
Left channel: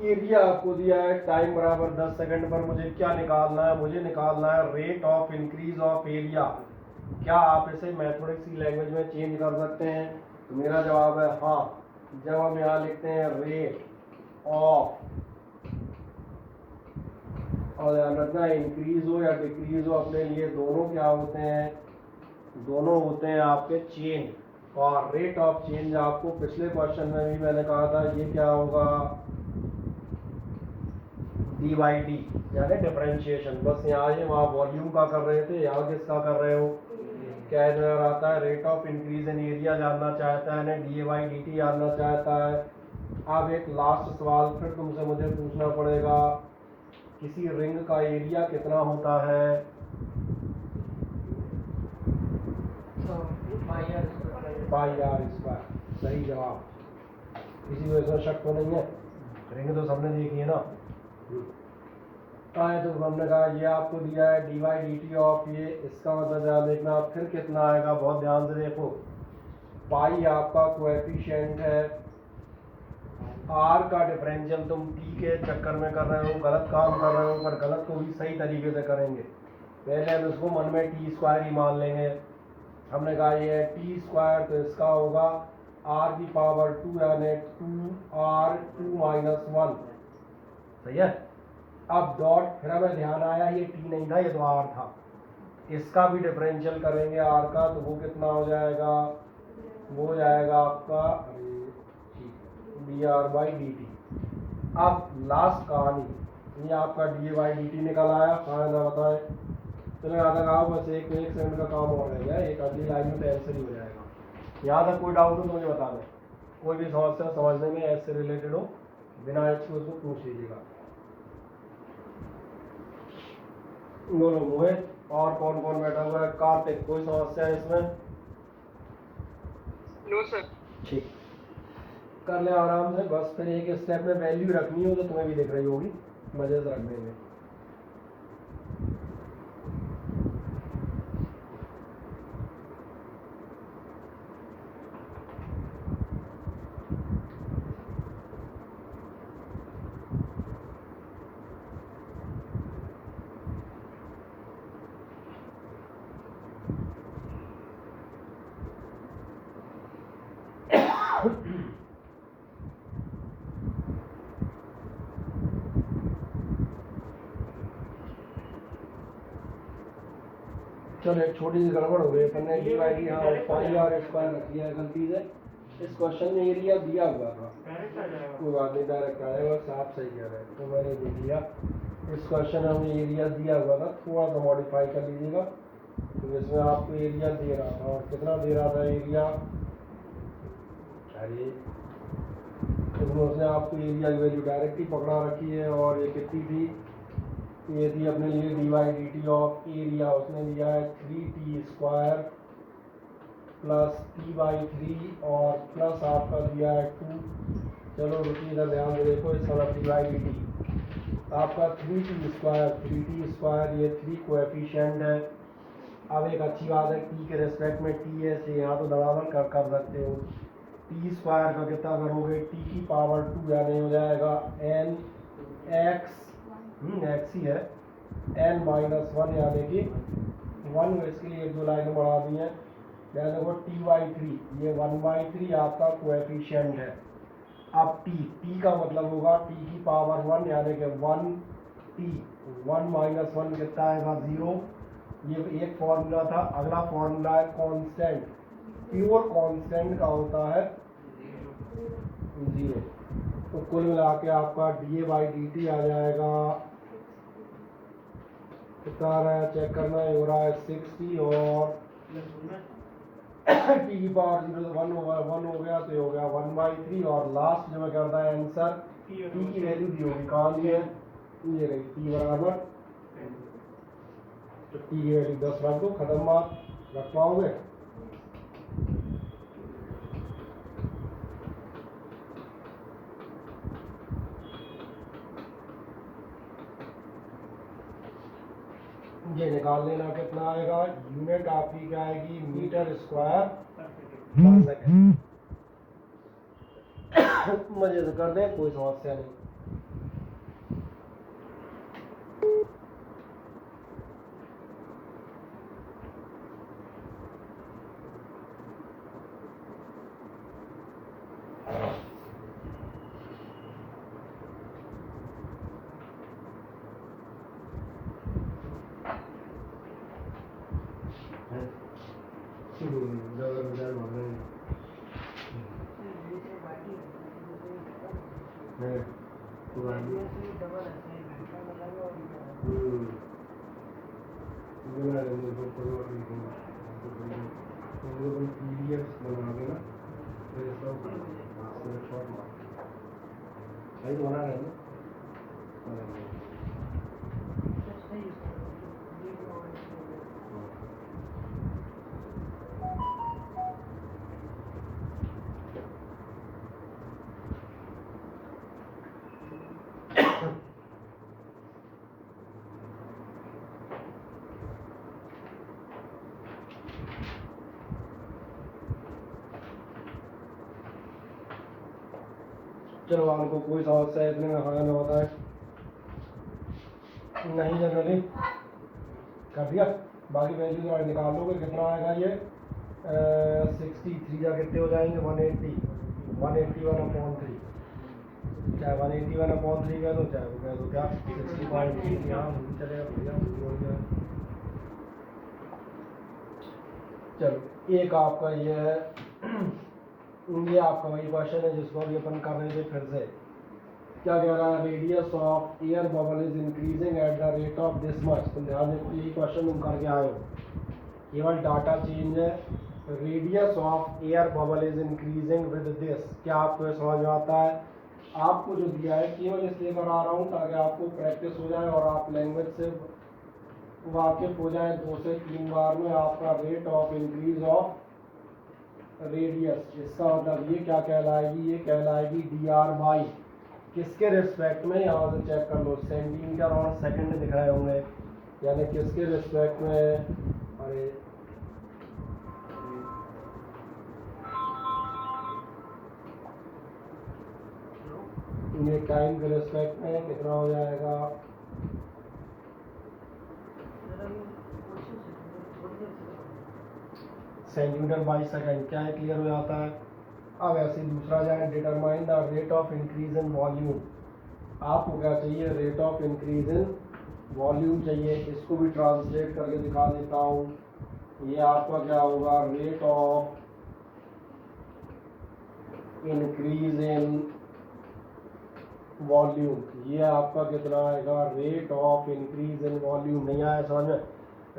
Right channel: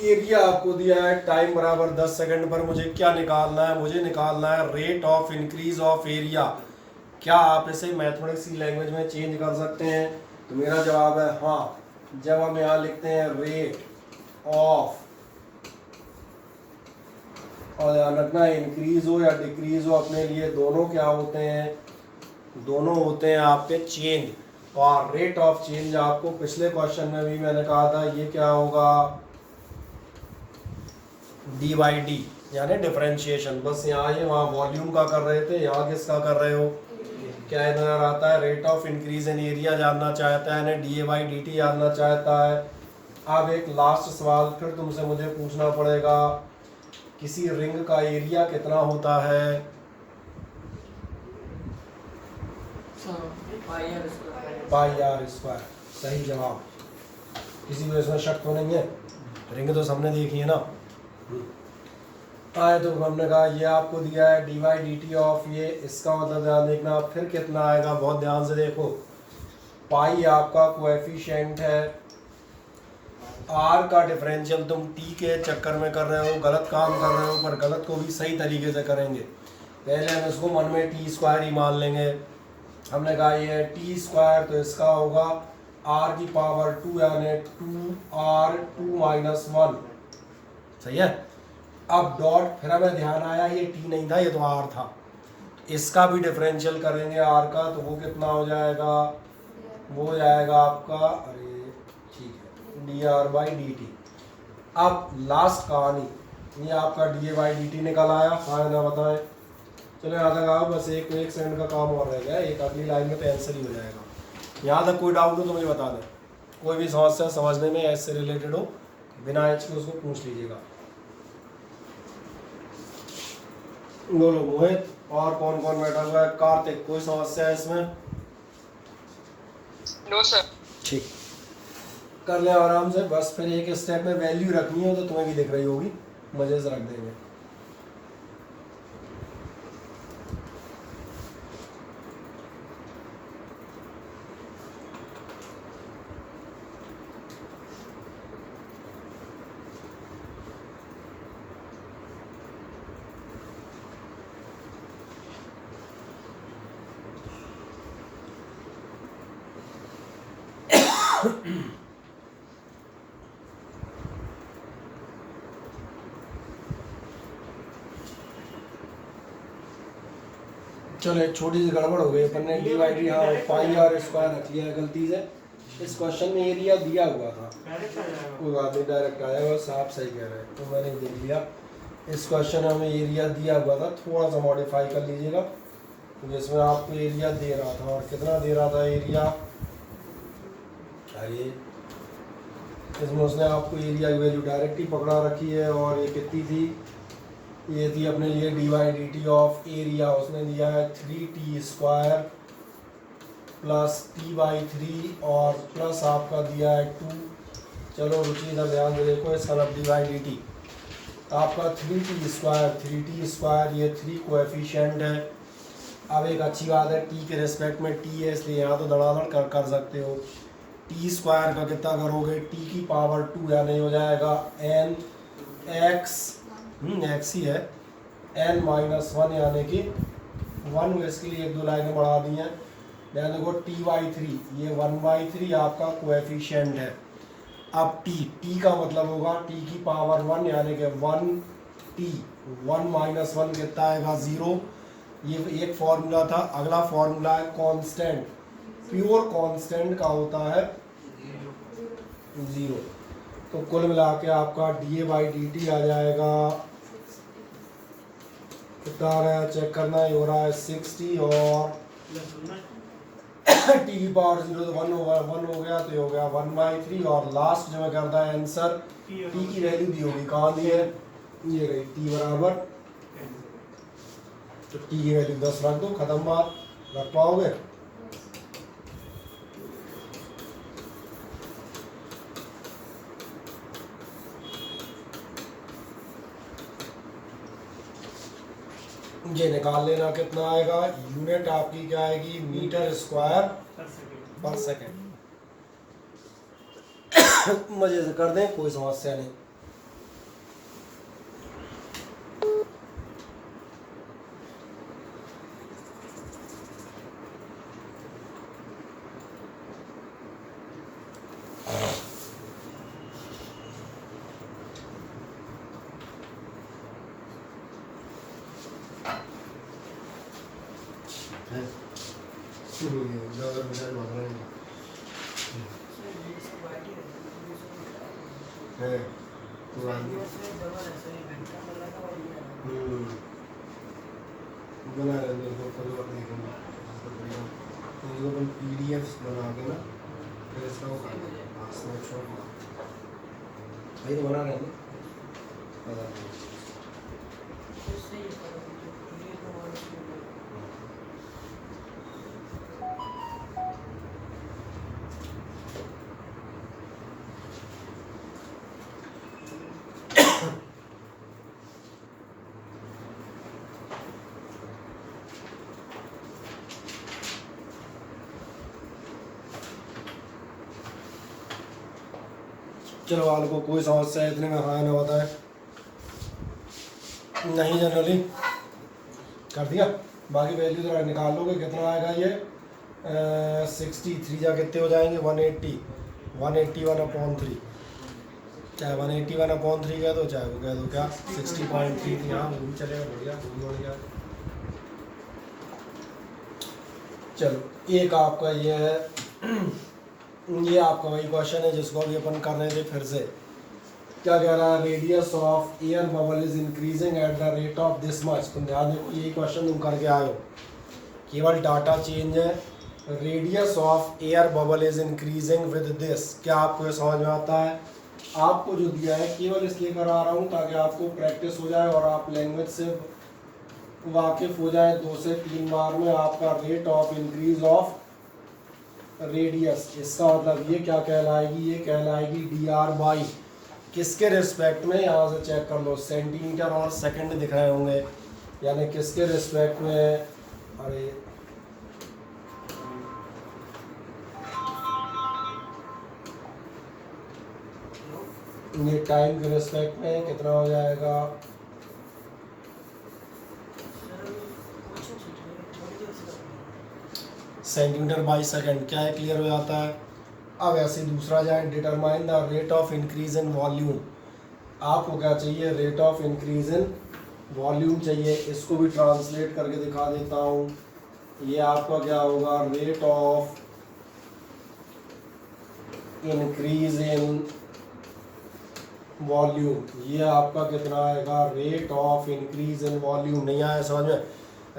एरिया आपको दिया है, टाइम बराबर 10 सेकंड पर मुझे क्या निकालना है, मुझे निकालना है rate of increase of area. क्या आप इसे मैथमेटिक्स की लैंग्वेज में चेंज कर सकते हैं? तो मेरा जवाब है हाँ। जब हम यहाँ लिखते हैं रेट ऑफ, और ध्यान रखना इंक्रीज हो या डिक्रीज हो, अपने लिए दोनों क्या होते हैं, दोनों होते हैं आपके चेंज। और रेट ऑफ चेंज आपको पिछले क्वेश्चन में भी मैंने कहा था, ये क्या होगा, d/d यानी डिफरेंशिएशन। बस यहाँ ये वहाँ वॉल्यूम का कर रहे थे, यहाँ किसका कर रहे हो, क्या इधर आता है, rate of increase in area जानना चाहता है, यानी da/dt जानना चाहता है। अब एक लास्ट सवाल फिर तुमसे मुझे पूछना पड़ेगा, किसी रिंग का एरिया कितना होता है? πr²। सही जवाब, किसी को इसमें शक तो नहीं है, रिंग तो सबने देखी है ना। आए तो हमने कहा ये आपको दिया है d/dt ऑफ ये, इसका मतलब ध्यान देखना फिर कितना आएगा, बहुत ध्यान से देखो। पाई आपका कोएफिशिएंट है, आर का डिफरेंशियल तुम टी के चक्कर में कर रहे हो, गलत काम कर रहे हो, पर गलत को भी सही तरीके से करेंगे। पहले हम इसको मन में t² ही मान लेंगे। हमने कहा ये है t², तो इसका होगा r की पावर 2 यानी 2r2 - 1। सही है। अब डॉट, फिर हमें ध्यान आया ये t नहीं था, ये तो r था। इसका भी डिफरेंशियल करेंगे r का, तो वो कितना हो जाएगा, वो हो जाएगा आपका, अरे ठीक है, dr/dt। अब लास्ट कहानी, ये आपका da/dt निकल आया, हाँ ना बताएं। चलो यहाँ तक आओ, बस एक सेकंड का काम और रह गया, एक अगली लाइन में तो आंसर ही हो जाएगा। यहाँ तक कोई डाउट हो तो मुझे बता दें, कोई भी समस्या समझने में एच से रिलेटेड हो बिना एच के उसको पूछ लीजिएगा। बोलो मोहित, और कौन कौन बैठा हुआ है? कार्तिक, कोई समस्या है इसमें? No sir. ठीक, कर ले आराम से, बस फिर एक स्टेप में वैल्यू रखनी हो तो तुम्हें भी दिख रही होगी, मजे से रख देंगे। चलो एक छोटी सी गड़बड़ हो गई, अपन ने डी बाई डी हाँ पाई आर स्क्वायर रख लिया है गलती से। इस क्वेश्चन में एरिया दिया हुआ था, कोई बात नहीं, डायरेक्ट आएगा, बस आप सही कह रहे हैं, तो मैंने देख लिया। इस क्वेश्चन में हमें एरिया दिया हुआ था, थोड़ा सा मॉडिफाई कर लीजिएगा। तो जिसमें आपको एरिया दे रहा था, और कितना दे रहा था एरिया, क्या ये, इसमें उसने आपको एरिया की वैल्यू डायरेक्ट ही पकड़ा रखी है, और ये कितनी थी, ये थी अपने लिए D by D T of area, उसने दिया है 3t square plus t by 3 और प्लस आपका दिया है 2। चलो रुचिए इधर ध्यान से देखो, इसका नाम डी बाई डी टी, आपका 3t स्क्वायर, ये 3 कोएफिशिएंट है। अब एक अच्छी बात है, t के रिस्पेक्ट में t है, इसलिए यहाँ तो धड़ाधड़ कर सकते हो। t स्क्वायर का कितना करोगे, t की पावर 2, यानी हो जाएगा n x, x ही है, n माइनस 1 यानी कि 1, इसके लिए एक दो लाइनें बढ़ा दी हैं। यहाँ देखो t बाई 3, ये 1/3 आपका कोएफिशिएंट है। अब t का मतलब होगा t की पावर 1 यानी कि 1t, 1 माइनस 1 कितना आएगा 0। ये एक फॉर्मूला था। अगला फॉर्मूला है कांस्टेंट, प्योर कांस्टेंट का होता है 0। तो कुल मिला के आपका D A by D T आ जाएगा, कितना आ रहा है चेक करना, ये हो रहा है 60, और टी की पावर 0 तो 1 हो गया, तो ये हो गया 1/3, और लास्ट जो मैं करता है आंसर, टी की वैल्यू दी होगी, कहाँ दी है, ये रही, टी बराबर, तो टी की वैल्यू 10 रख दो, खत्म बात। रख पाओगे? ये निकाल लेना कितना आएगा, यूनिट आपकी क्या आएगी, मीटर स्क्वायर पर सेकेंड। मजे से कर दें, कोई समस्या नहीं। बना लेंगे तो कोई बात नहीं, अपन पीडीएफ बना के ना फिर इसका स्नैपशॉट भाई तो बना लेंगे। चलो वालों को कोई समस्या है इतने में, हाँ ना बताए, नहीं जनरली कर दिया। बाकी वैल्यू जरा निकाल लोगे, कितना आएगा ये 63 जा कितने हो जाएंगे 180, 181/3, चाहे 181/3 कह दो, चाहे वो कह दो क्या 60.3, हाँ वो भी चलेगा, बढ़िया बढ़िया। चलो एक आपका ये है, ये आपका वही क्वेश्चन है जिसको अभी अपन कर रहे थे फिर से, क्या कह रहा है, radius of air bubble is increasing at the rate of this much. तुम ध्यान दो, यही क्वेश्चन तुम करके आए हो, केवल डाटा चेंज है। Radius of air bubble is increasing with this, क्या आपको ये समझ में आता है? आपको जो दिया है केवल इसलिए करा रहा हूँ ताकि आपको प्रैक्टिस हो जाए और आप लैंग्वेज से वाकिफ हो जाए। 2 से 3 बार में आपका rate of increase of radius, इसका मतलब ये क्या कहलाएगी, ये कहलाएगी dr बाई किसके रिस्पेक्ट में, यहाँ से चेक कर लो, सेंटीमीटर और सेकंड दिख रहे होंगे, यानी किसके रिस्पेक्ट में, अरे ये टाइम के रिस्पेक्ट में कितना हो जाएगा, सेंटीमीटर बाई सेकंड। क्या है, क्लियर हो जाता है। अब ऐसे दूसरा जाए, determine the rate of increase in volume. आपको क्या चाहिए, rate of increase in volume चाहिए। इसको भी ट्रांसलेट करके दिखा देता हूँ। ये आपका क्या होगा, rate of increase in volume. ये आपका कितना आएगा, rate of increase in volume. नहीं आया समझ में,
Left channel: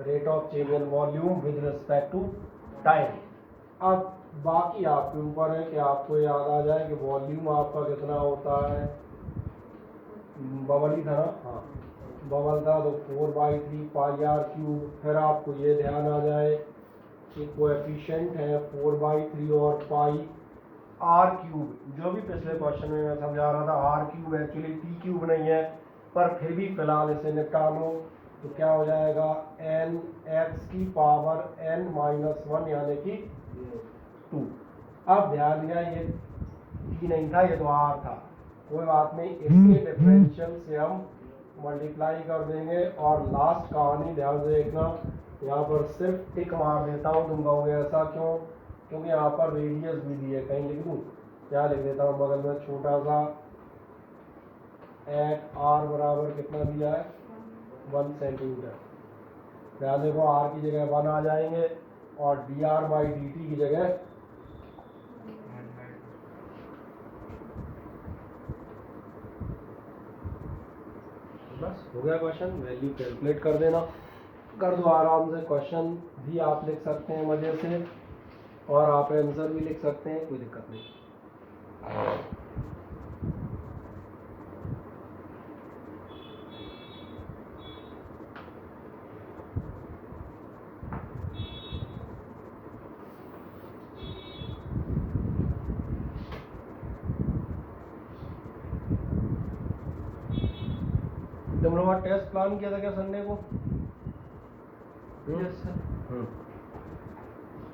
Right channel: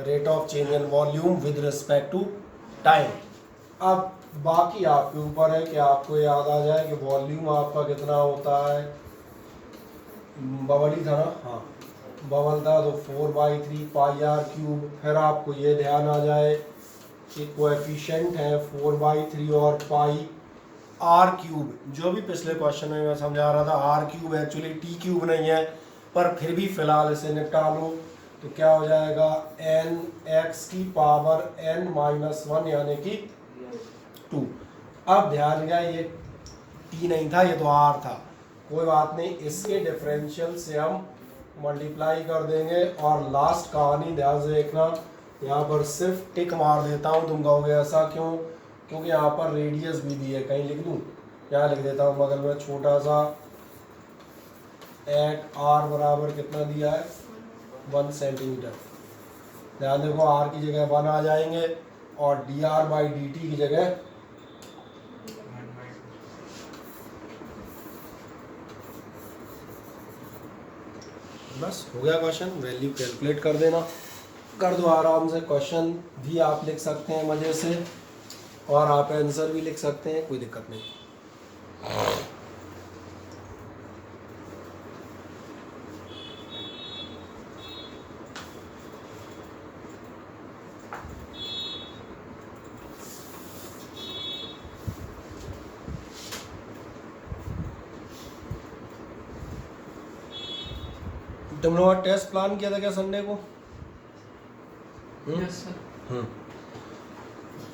rate of change in volume with respect to time. अब बाकी आपके ऊपर है कि आपको याद आ जाए कि वॉल्यूम आपका कितना होता है, बबल ही था ना, हाँ बबल था तो 4/3 पाई आर क्यूब। फिर आपको ये ध्यान आ जाए कि कोएफिशिएंट है 4/3 और पाई आर क्यूब। जो भी पिछले क्वेश्चन में मैं समझा रहा था, r cube actually t cube नहीं है, पर फिर भी फिलहाल इसे निपटा लो। तो क्या हो जाएगा, एन एक्स की पावर n-1 यानी कि 2। अब ध्यान दिया, ये टी नहीं था, ये तो आर था, कोई बात नहीं, इसके डिफरेंशियल से हम मल्टीप्लाई कर देंगे। और लास्ट कहानी ध्यान से देखना, यहाँ पर सिर्फ टिक मार देता हूँ। तुम कहोगे ऐसा क्यों, क्योंकि यहाँ पर रेडियस भी दी है, कहीं लिख दूँ, क्या लिख देता हूँ बगल में छोटा सा, एट आर बराबर कितना दिया है, 1 सेंटीमीटर। ध्यान देखो, आर की जगह 1 आ जाएंगे और dr/dt की जगह बस हो गया क्वेश्चन। वैल्यू कैलकुलेट कर देना, कर दो आराम से। क्वेश्चन भी आप लिख सकते हैं मज़े से, और आप आंसर भी लिख सकते हैं, कोई दिक्कत नहीं। तुम लोगों का टेस्ट प्लान किया था क्या संडे को? Yes sir.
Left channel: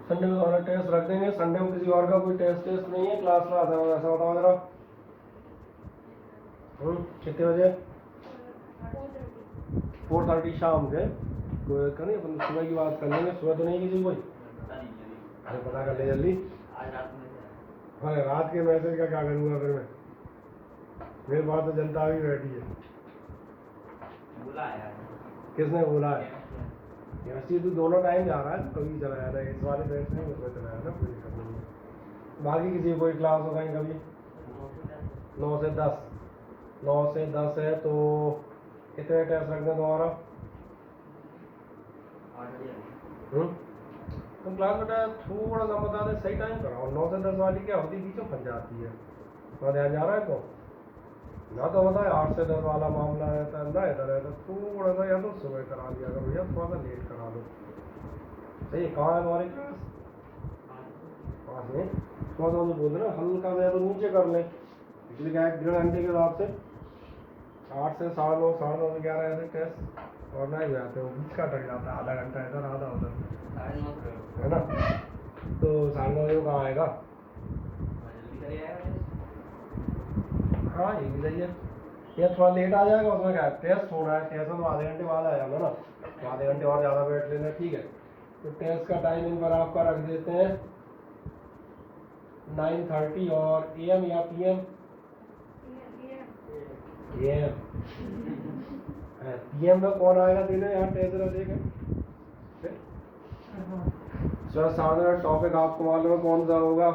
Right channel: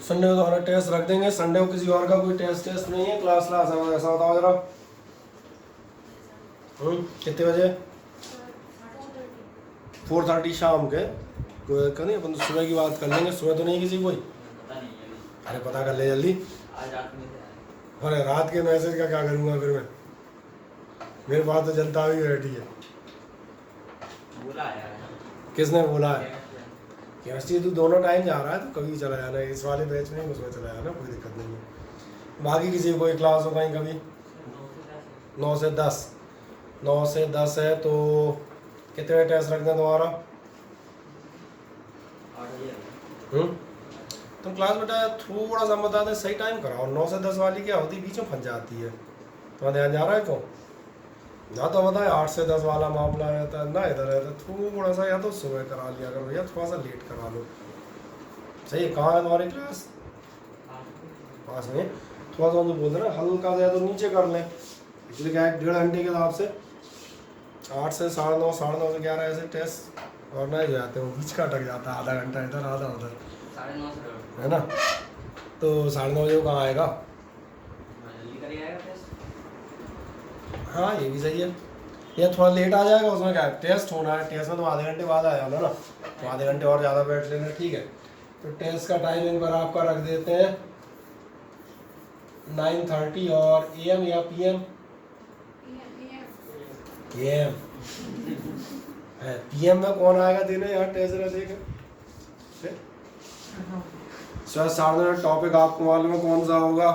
संडे को तो हमारा टेस्ट रख देंगे। संडे को किसी और का कोई टेस्ट नहीं है, क्लास ऐसा बताओ जरा। कितने बजे? 4:30 शाम के। कोई दिक्कत नहीं, अपन तो सुबह की बात कर लेंगे। सुबह तो नहीं किसी कोई? अरे पता कर ले जल्दी। आज रात में अरे रात के मैसेज का क्या करूँगा फिर मैं, मेरे पास तो जनता भी बैठी है। बोला यार, किसने बोला है? केमिस्ट्री तो दोनों टाइम जा रहा है, तो कभी चला जाना है, इस वाले बैच में उसमें चला जाना, कोई दिक्कत नहीं है। बाकी किसी कोई क्लास हो कहीं कभी? 9 से 10। 9 से 10 है तो कितने टेस्ट रखते हैं तुम्हारा? तुम क्लास बेटा थोड़ा सा बता दे, सही टाइम कराओ। 9 से 10 वाली क्या होती है, बीच में फंस जाती है। तुम्हारा ध्यान जा रहा है कौन? ना तो बताए 8 से 10 वाला मामला रहता है ना, इधर है तो थोड़ा सा या तो सुबह करा लिया करो या थोड़ा सा लेट करा लो। सही है। कहाँ है तुम्हारी क्लास? पास में। थोड़ा सा बोल रहे हल्का सा तो नीचे कर लें, इसलिए क्या है 1.5 घंटे के हिसाब से 8 से 9:30, 9:30 से 11 ऐसे टेस्ट ऑर्गेनाइज हो जाते हैं। बीच का अटक जाता है, आधा घंटा इधर आधा उधर, 9:30 है ना। तो 9:30 बजे कहाँ आएगा? जल्दी कर आएगा टेस्ट। हाँ ये भी सही है, या थोड़ा लेट आ जाएगा, उसमें क्या है, टेस्ट होना है, टेस्ट में तो आधे घंटे बाद आ जाना ना, तो आधे घंटे और ज़्यादा बैठ लेना, ठीक है। तो टेस्ट का टाइमिंग पर आपका रख देते हैं 9:30 और AM या PM? PM। PM में कौन आएगा देने यार टेस्ट रखेगा? सर साढ़े टॉपिक आपको मालूम है कौन सा होगा?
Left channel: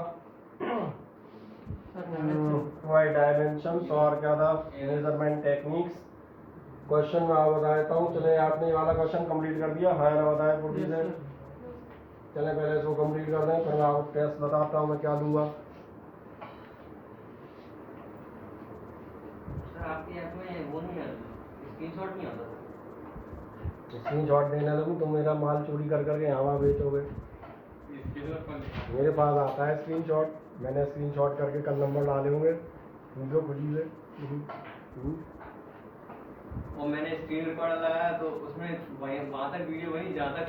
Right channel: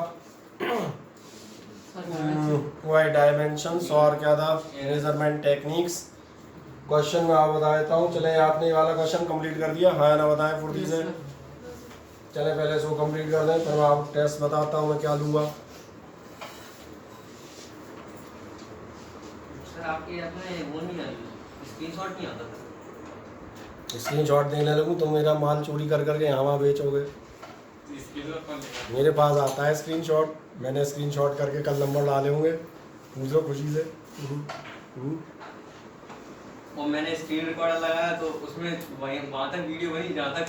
वाई डायमेंशंस और क्या था, मेजरमेंट टेक्निक्स। क्वेश्चन मैं आपको बता देता हूँ। चले आपने ये वाला क्वेश्चन कंप्लीट कर दिया, हाँ या ना बताएं फुर्ती से। चले पहले इसको कंप्लीट कर दें, फिर मैं आपको टेस्ट बताता हूँ मैं क्या लूँगा। सर आपके ऐप में वो नहीं आता, स्क्रीनशॉट नहीं आता था। स्क्रीनशॉट देने लगूँ तो मेरा माल चोरी कर करके यहाँ वहाँ बेचोगे। मेरे पास आता है स्क्रीनशॉट, मैंने स्क्रीनशॉट करके कल नंबर डाले होंगे, पूछो खुशी से। और मैंने स्क्रीन रिकॉर्डर लगाया तो उसमें वही वहाँ तक वीडियो बनी जहाँ तक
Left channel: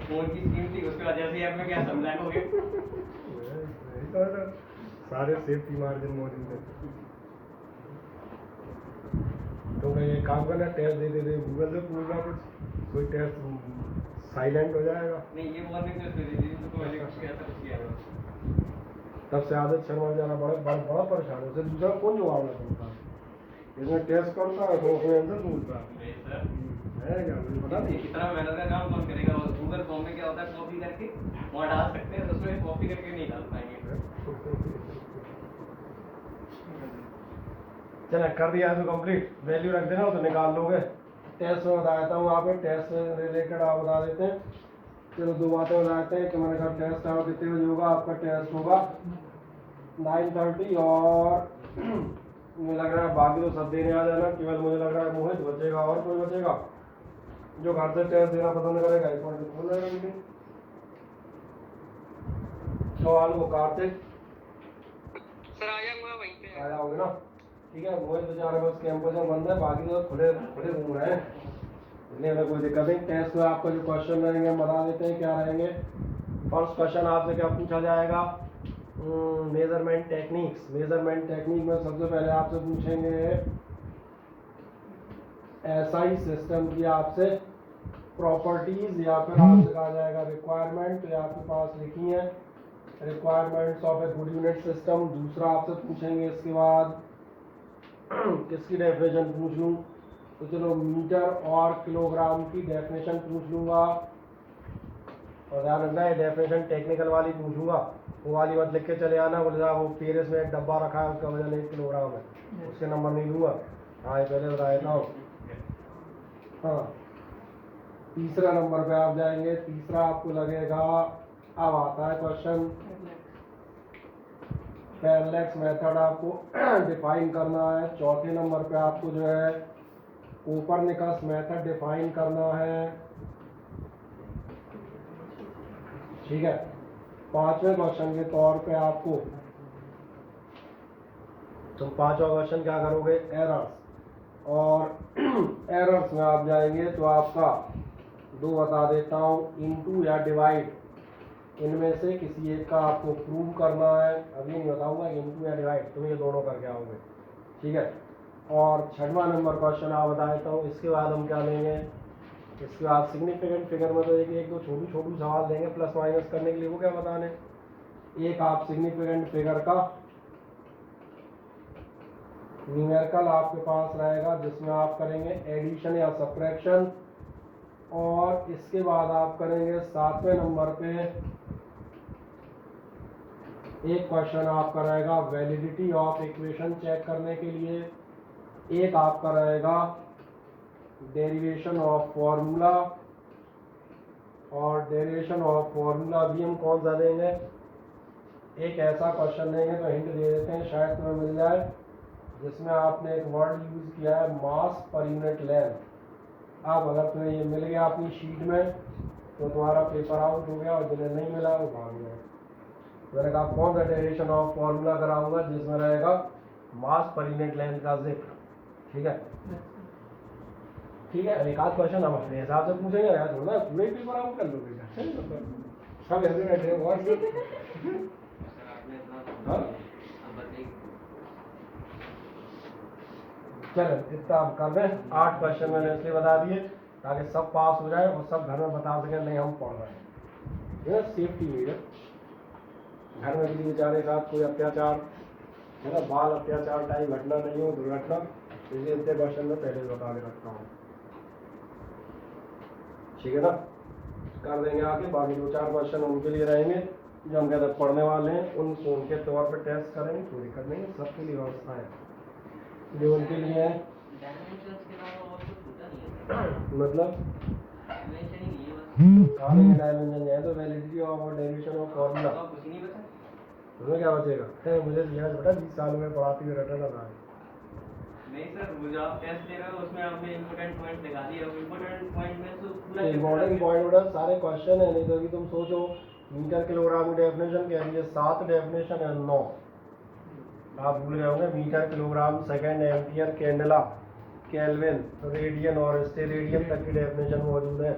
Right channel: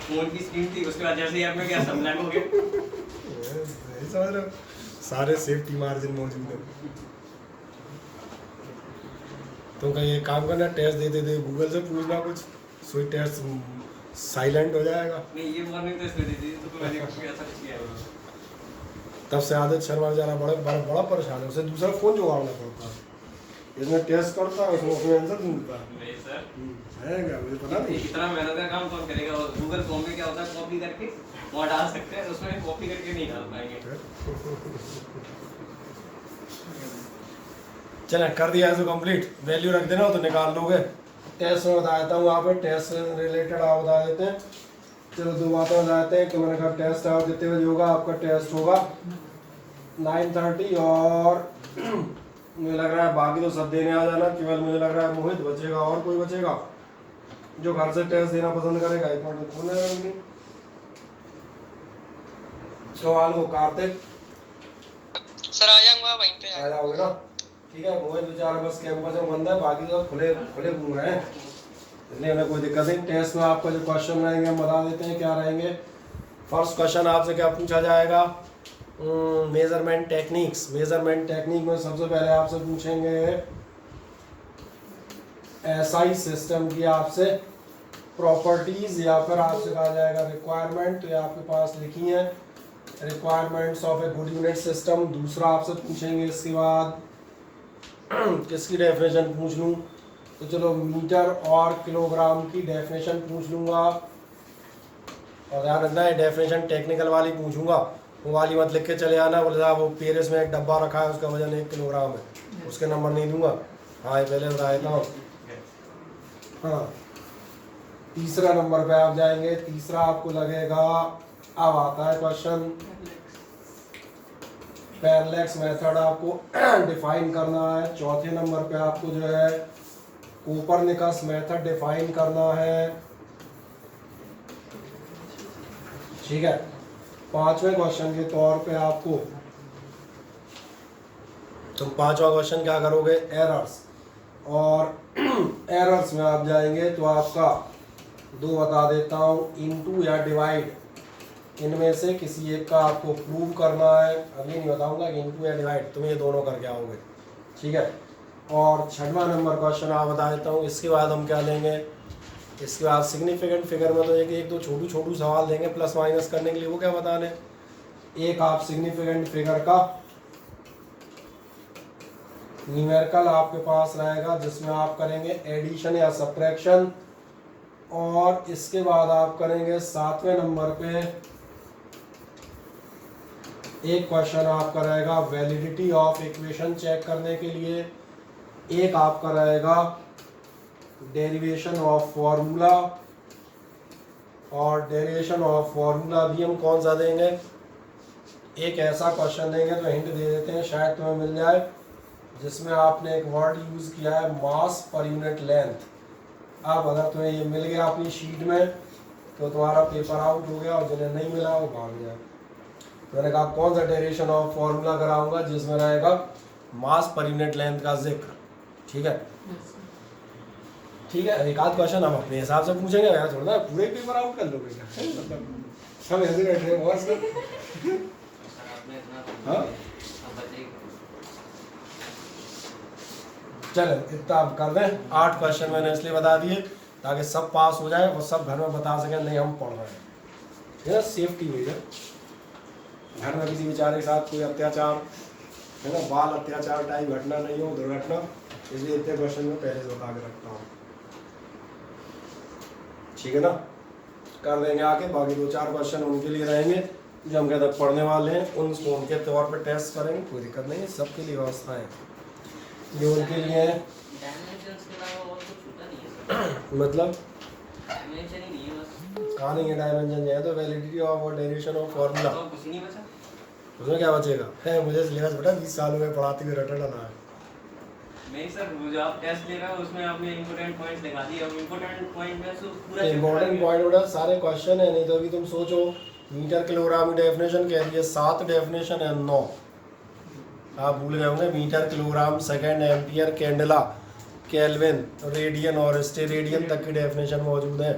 फोन की स्क्रीन थी, उसके बाद जैसे ही ऐप में गया सब ब्लैक हो गया। यही समझ रहे हो? सारे सेफ्टी मार्जिन मौजूद है। तो कहीं एक काम करना, टेस्ट दे दे गूगल से पूछना कुछ, सोई टेस्ट साइलेंट हो जाएगा। नहीं ये वार्निंग तो इसमें दी थी तो मैंने ऐसा कुछ किया है। तब से आदत शर्मा बेचारा बड़ा बड़ा बड़ा परेशान है, उसे दूसरा फ़ोन जुगाड़ना पड़ता है। इसमें टेस्ट करता है, उसमें आंसर ढूंढता है। नहीं सर, है क्या, मुझे पता नहीं। इतना मेहनत का काम कौन करेगा। गूगल फॉर्म में क्या होता है, कॉपी करके वहाँ डाल सकते हैं, उसमें कॉपी करके नहीं डाल पाएंगे। चलें कर दिया है तो कंप्लीट, वैल्यू रख देना तो निकाल लोगे। टेस्ट में बता देता हूँ, वहाँ पे टेस्ट से रिलेटेड आप बता देते हैं। चलो दो बातें बता देते हैं कि मैंने कहा टेस्ट आप कितने बजे होगा। आपका टेस्ट होगा 9:30 और मुझे लग रहा है बाकी तो सब देने आ जाना, केवल मुझे लग रहा है मोहित बचेगा और कोई बचेगा जो घर से टेस्ट देना पसंद करेगा। एक मिनट खोल रहे हैं सवाल को। कार्तिक सर आ जाऊंगा वहीं पे। आ जाओगे ना, ठीक है। मोहित बेचारा बस कैंपस में बंद है, बाकी तो खुले खुले घूम रहे हैं, इसलिए हमें कोई दिक्कत नहीं। टेस्ट में आपका जो क्वेश्चन रहेंगे हम बता देते हैं क्या रहेंगे। फर्स्ट क्वेश्चन आपसे क्या पूछा जाएगा, मेजरमेंट टेक्निक्स। मेजरमेंट टेक्निक में सबसे पहले आपसे पूछेंगे एसआई सिस्टम की आपसे प्रॉपर्टीज, या फिर आपसे कहा जाएगा रिक्वायरमेंट, ये आपके पास लिखी है requirements of a good unit system. दूसरा आपसे पूछेंगे इसके बाद किसकी डेफिनेशन पूछ लूँ, तो चलो मीटर और किलोग्राम की डेफिनेशन पूछ लूँगा। और ध्यान रखना है डेफिनेशन टेक्निकल वाली पूछूंगा, वो वाली मत लिख के चले आना बोले साहब वो पेरिस में एक डब्बा रखा है उसका वजन 1 किलोग्राम है, उसके नंबर नहीं दूंगा। हाँ ये पहले बता देता हूँ। हाँ तीसरा नंबर पे आप जाएंगे, तीसरा आपको लगेगा, अब आता है क्वेश्चन पैरेलैक्स मेथड आपको डिफाइन करना है। चौथे नंबर पे आपको जो है कोपरनिकस मेथड डिफाइन करना है, ठीक है। पांचवें क्वेश्चन के तौर पे आपको तुम पांचवा क्वेश्चन क्या करोगे, एरर्स। और एरर्स में आप जाएंगे तो आपका दो बता देता हूँ, इनटू या डिवाइड, इनमें से किसी एक का आपको प्रूव करना है। अभी नहीं बताऊंगा कि इनटू या डिवाइड, तुम ये दोनों करके आओगे, ठीक है। और छठवां नंबर क्वेश्चन आप बता देता हूँ। इसके बाद हम क्या लेंगे, इसके बाद सिग्निफिकेंट फिगर में तो एक दो छोटू सवाल देंगे प्लस माइनस करने के लिए, वो क्या बताने। एक आप सिग्निफिकेंट फिगर का न्यूमेरिकल आपके पास रहेगा जिसमें आप करेंगे एडिशन या सब्ट्रैक्शन। और इसके बाद आप करेंगे 7वें नंबर पे एक क्वेश्चन आपका रहेगा वैलिडिटी ऑफ इक्वेशन चेक करने के लिए। एक आपका रहेगा डेरिवेशन ऑफ फॉर्मूला, और डेरिवेशन ऑफ फॉर्मूला भी हम कौन सा देंगे, एक ऐसा क्वेश्चन देंगे तो हिंट दे देते हैं शायद तुम्हें मिल जाए, जिसमें आपने एक वर्ड यूज़ किया है मास पर यूनिट लेंथ। अब अगर तुम्हें ये मिल गया अपनी शीट में तो तुम्हारा पेपर आउट हो गया, और जिन्हें नहीं मिला वो भाग जाए। मैंने कहा कौन सा डेरिवेशन ऑफ फॉर्मूला कराऊंगा जिसमें रहेगा मास पर यूनिट लेंथ का जिक्र, ठीक है। ठीक है, एक आध क्वेश्चन हम अपने हिसाब से पूछेंगे, यार थोड़ा पूरे पेपर आउट कर लो बेटा, मतलब सब ऐसे बैठे हैं बहुत से। हाँ चलो इतना आप कर दें। 8 क्वेश्चन मैंने इसलिए बता दिए ताकि सब पास हो जाए और सब घर में बता सकें नहीं हम पढ़ रहे हैं, ये ना सेफ्टी हुई है। घर में किसी बेचारे के साथ कोई अत्याचार है ना, बाल अत्याचार टाइप घटना नहीं हो, दुर्घटना, इसलिए इतने क्वेश्चन में पहले से बता के रखता हूँ, ठीक है ना। कर देंगे आके, बाकी 2-4 क्वेश्चन उनके लिए रहेंगे जो हम कहते हैं पढ़ने वाले हैं उनको उनके तौर पर टेस्ट करेंगे, कोई दिक्कत नहीं है, सबके लिए व्यवस्था है। जो उनके लिए डायमेंशंस के अलावा और कुछ होता नहीं है मतलब डायमेंशन ही नहीं है बस कहाँ नहीं डायमेंशन है, तो वैलिडिटी ऑफ और डेरिवेशन ऑफ फार्मूला, और कुछ नहीं बचा उसमें क्या बचेगा है। मुझे सिलेबस बेटा 20 साल में पढ़ाते हुए रटना रहा है। नहीं सर, वो जो आप टेस्ट ले रहे हो उसमें आपने इंपॉर्टेंट पॉइंट्स दिखा दिए, अब इंपॉर्टेंट पॉइंट में से पूरा इम्पोर्टेंट पॉइंट बेटा सारे क्वेश्चन है, नहीं तो अभी तुम सोचो मीटर किलोग्राम की डेफिनेशन कह रही है, 7 डेफिनेशन है, 9 आप भूल गए होंगे। Metre kilogram second ampere candela kelvin radian और स्टेरेडियन तक की डेफिनेशन मौजूद है।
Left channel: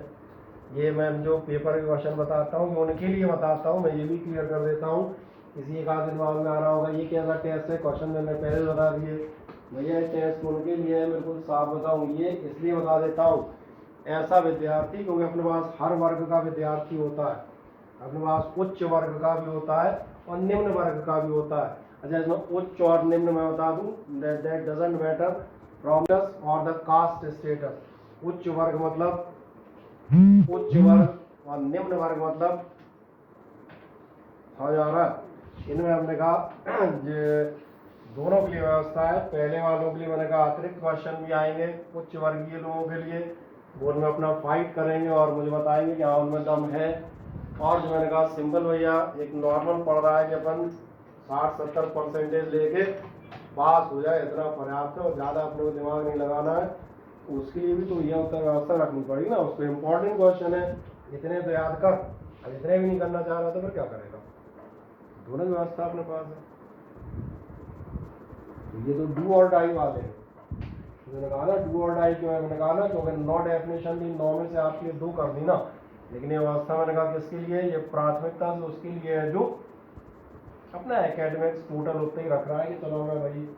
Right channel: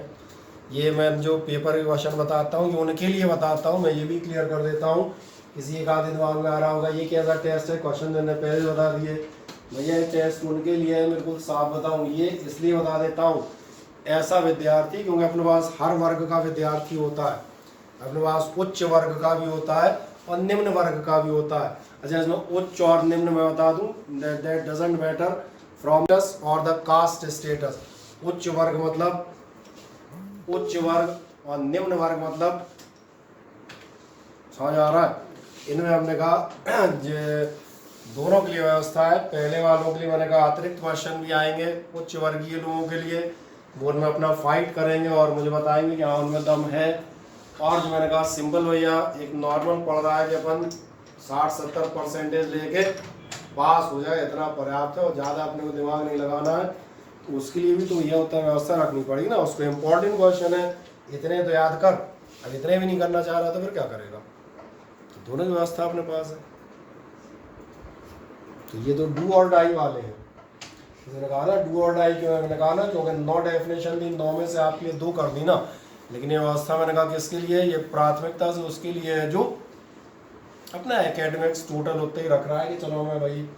ये मैं जो पेपर के क्वेश्चन बताता हूँ उनके लिए बताता हूँ, मैं ये भी क्लियर कर देता हूँ, किसी एक आधे दिमाग में आ रहा होगा ये कैसा टेस्ट है, क्वेश्चन मैंने पहले बता दिए भैया ये टेस्ट उनके लिए है, बिल्कुल साफ बताऊँ, ये इसलिए बता देता हूँ ऐसा विद्यार्थी, क्योंकि अपने पास हर वर्ग का विद्यार्थी होता है, अपने पास उच्च वर्ग का भी होता है और निम्न वर्ग का भी होता है। अच्छा इसमें उच्च और निम्न मैं बता दूं, that doesn't matter from just और द कास्ट स्टेटस। उच्च वर्ग मतलब उच्च वर्ग और निम्न वर्ग मतलब समझ आ रहा है। इनमें हमने कहा दोनों के लिए व्यवस्था है। पहले वालों के लिए मैंने कहा अतिरिक्त क्वेश्चन भी आएंगे उच्च वर्गीय लोगों के लिए, वो उनमें अपना फाइट करेंगे और मुझे बताएंगे कि हाँ उनमें दम है। और जो मैंने कहा सिंपल भैया एक नॉर्मल पढ़ रहा है कि अपन 60-70% लेके पास हो जाए इतना पर्याप्त है, और ज़्यादा अपने को दिमाग नहीं लगाना है, तो उसके लिए भी तो यह होता है व्यवस्था रखनी पड़ेगी ना। उसको इम्पोर्टेंट क्वेश्चन है इतने तो याद कर, अब इतने भी नहीं करना चाह रहा तो फिर क्या करेगा। तो दोनों की व्यवस्था अपने पास है। तो ये तो डू और डाई वाले हैं, मैंने कहा ना डू और डाई क्यों, मैंने कहा ना क्योंकि 9 डेफिनेशन दी, 9 में से आपके लिए 2 कर दी ना, लेकिन ये व्यवस्था मैंने कहा किसके लिए, ये प्राथमिकता से उसके लिए है जो अपना एकेडमिक्स टोटल उतने ही रख रहा है कि चलो मैं भाई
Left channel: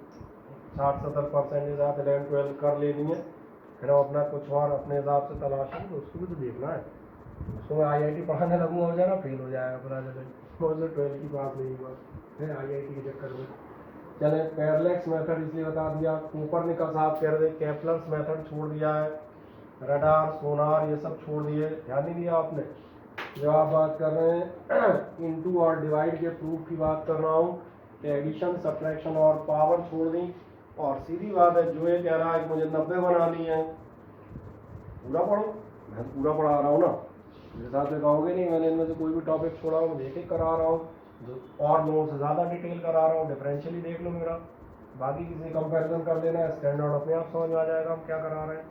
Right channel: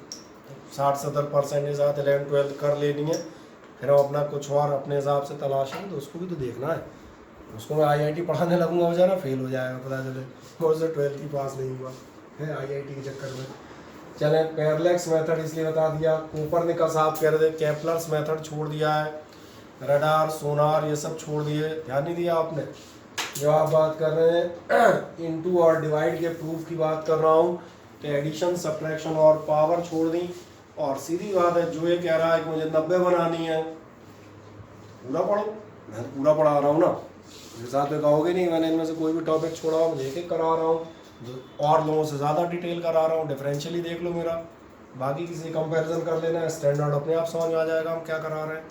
60-70% के साथ 11-12 कर लेनी है, फिर हम अपना कुछ और अपने हिसाब से तलाशेंगे, तो उसको भी तो देखना है। उसको मैं IIT पढ़ाने लगूंगा बेचारा फेल हो जाएगा, पता चले मुझसे 12th ही पास नहीं हुआ है IIT के चक्कर में। चले पैरेलैक्स मेथड इसलिए बता दिया, कोपरनिकस आप कह रहे थे, केपलर्स मेथड छोड़ दिया है, रडार सोनार ये सब छोड़ दिए, ध्यान नहीं दिया आपने। जो आप बात कर रहे हैं इनटू और डिवाइड के प्रूफ की बात कर रहा हूँ कि एडिशन सब्ट्रैक्शन और पावर छोड़ दी, और सीधी बात है जो ये कह रहा है कि मुझे 90 बनानी है, पूरा पढ़ो, मैं तो पूरा पढ़ा रहा हूँ ना, मेरे साथ तो कहोगे नहीं मैंने इनमें से कोई भी टॉपिक छोड़ा हो, मुझे एक करा रहा हूँ, जो और लोगों से ज़्यादा डिटेल करा रहा हूँ, डिफरेंशियली देख लो मेरा, बाकी किसी कंपैरिजन कर लेना, स्टैंडर्ड अपने आप समझ में आ जाएगा हम क्या करा रहे हैं।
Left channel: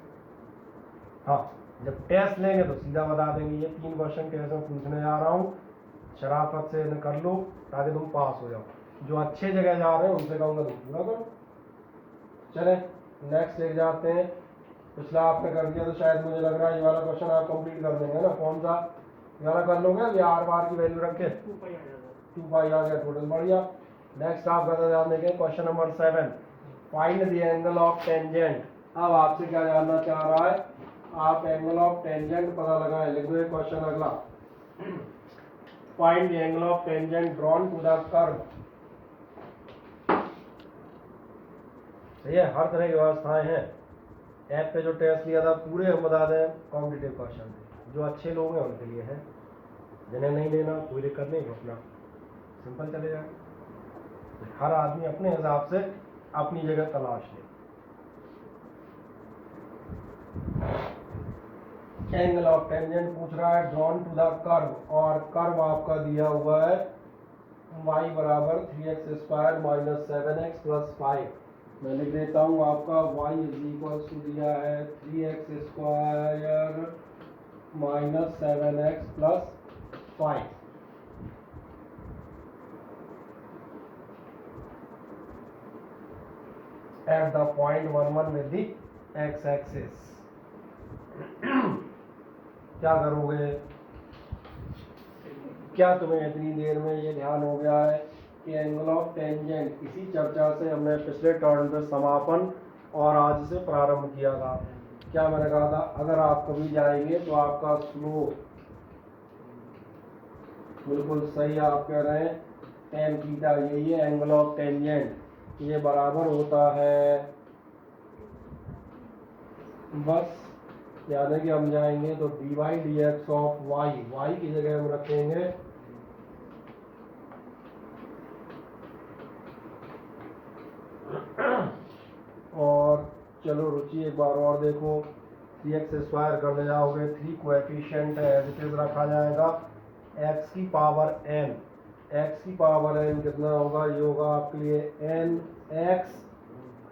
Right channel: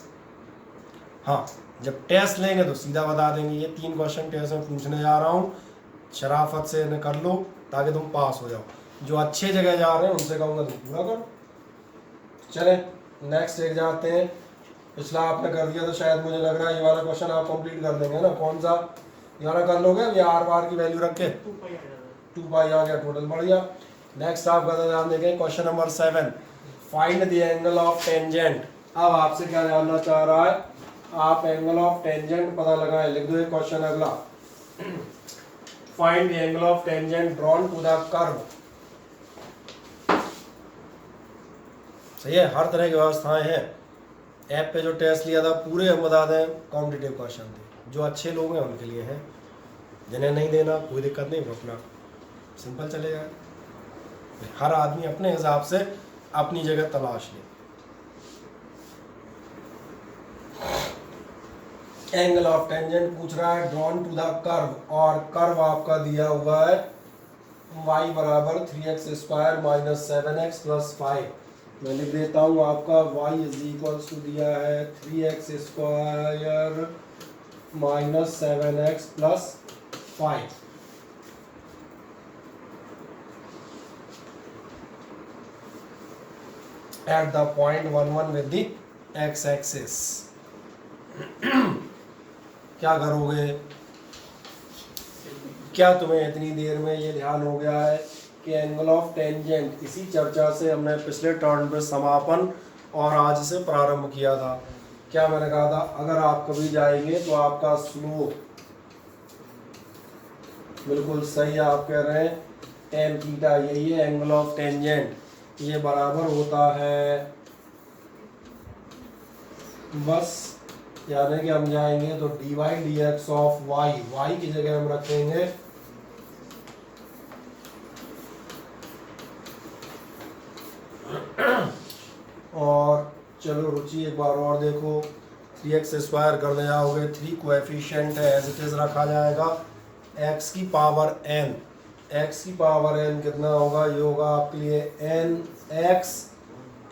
हाँ जब टेस्ट लेंगे तो सीधा बता देंगे, ये 3 क्वेश्चन टेस्ट में पूछने जा रहा हूँ, शराफत से इन्हें कर लो ताकि तुम पास हो जाओ। जो अच्छे जगह जा रहे हैं उनसे कहूँगा तुम पूरा करो। चले नेक्स्ट एक जाते हैं। पिछला आपने कर दिया तो शायद मुझे लग रहा है ये वाला क्वेश्चन आप कंप्लीट कर देंगे ना, कौन सा ये वाला कर लोगे, या आर बार की वैल्यू रख के 2 पाई आ गया टोटल, बढ़िया। नेक्स्ट आप का ध्यान देंगे question number 7, find the angle of tangent. अब आपसे क्या जानना चाह रहा है, आप एंगल ऑफ टेंजेंट पता लगाएं, लिख दो एक क्वेश्चन अगला, find the angle of tangent drawn to the curve. सही है, हर तरह की व्यवस्थाएं हैं। ऐप पे जो टेस्ट लिया था पूरे हम बता दें कॉम्पिटिटिव क्वेश्चन थे, जो अच्छे लोग हैं उनके लिए है, जिन्हें नहीं देना कोई दिक्कत नहीं, अपना सिंपल चलेगा। हर आदमी अपने हिसाब से अपनी जगह तलाश ले। एंगल ऑफ टेंजेंट पूछ रहा है ड्रॉन टू द कर्व, और कर्व आपका दिया हुआ है y बराबर 3x² - 7x + 5। मैं लिख देता हूँ आपका y = दिया है 3x² - 7x + 5। At the point 1, 1 with the x-axis। क्या करोगे, क्या तुम्हें इतनी देर में ये ध्यान हो गया है कि एंगल ऑफ टेंजेंट, इसी चर्चा से हमने पिछले टर्न पे समापन और आज से प्रारंभ किया था। क्या मैंने कहा था, अगर आप कभी जाएंगे तो आपका स्लोप बिल्कुल सही आप कह रहे हैं tan थीटा, यही है एंगल ऑफ टेंजेंट, ये बराबर होता है, बस यानी कि हम जाएंगे तो dy dx of y, y की जगह हम रखेंगे चलो रुचि एक बार और देखो, 3x स्क्वायर करने जाओगे, 3 कोएफिशिएंट है एज इट इज रखा जाएगा, x की पावर n, x की पावर n कितना होगा, ये होगा आपके लिए n x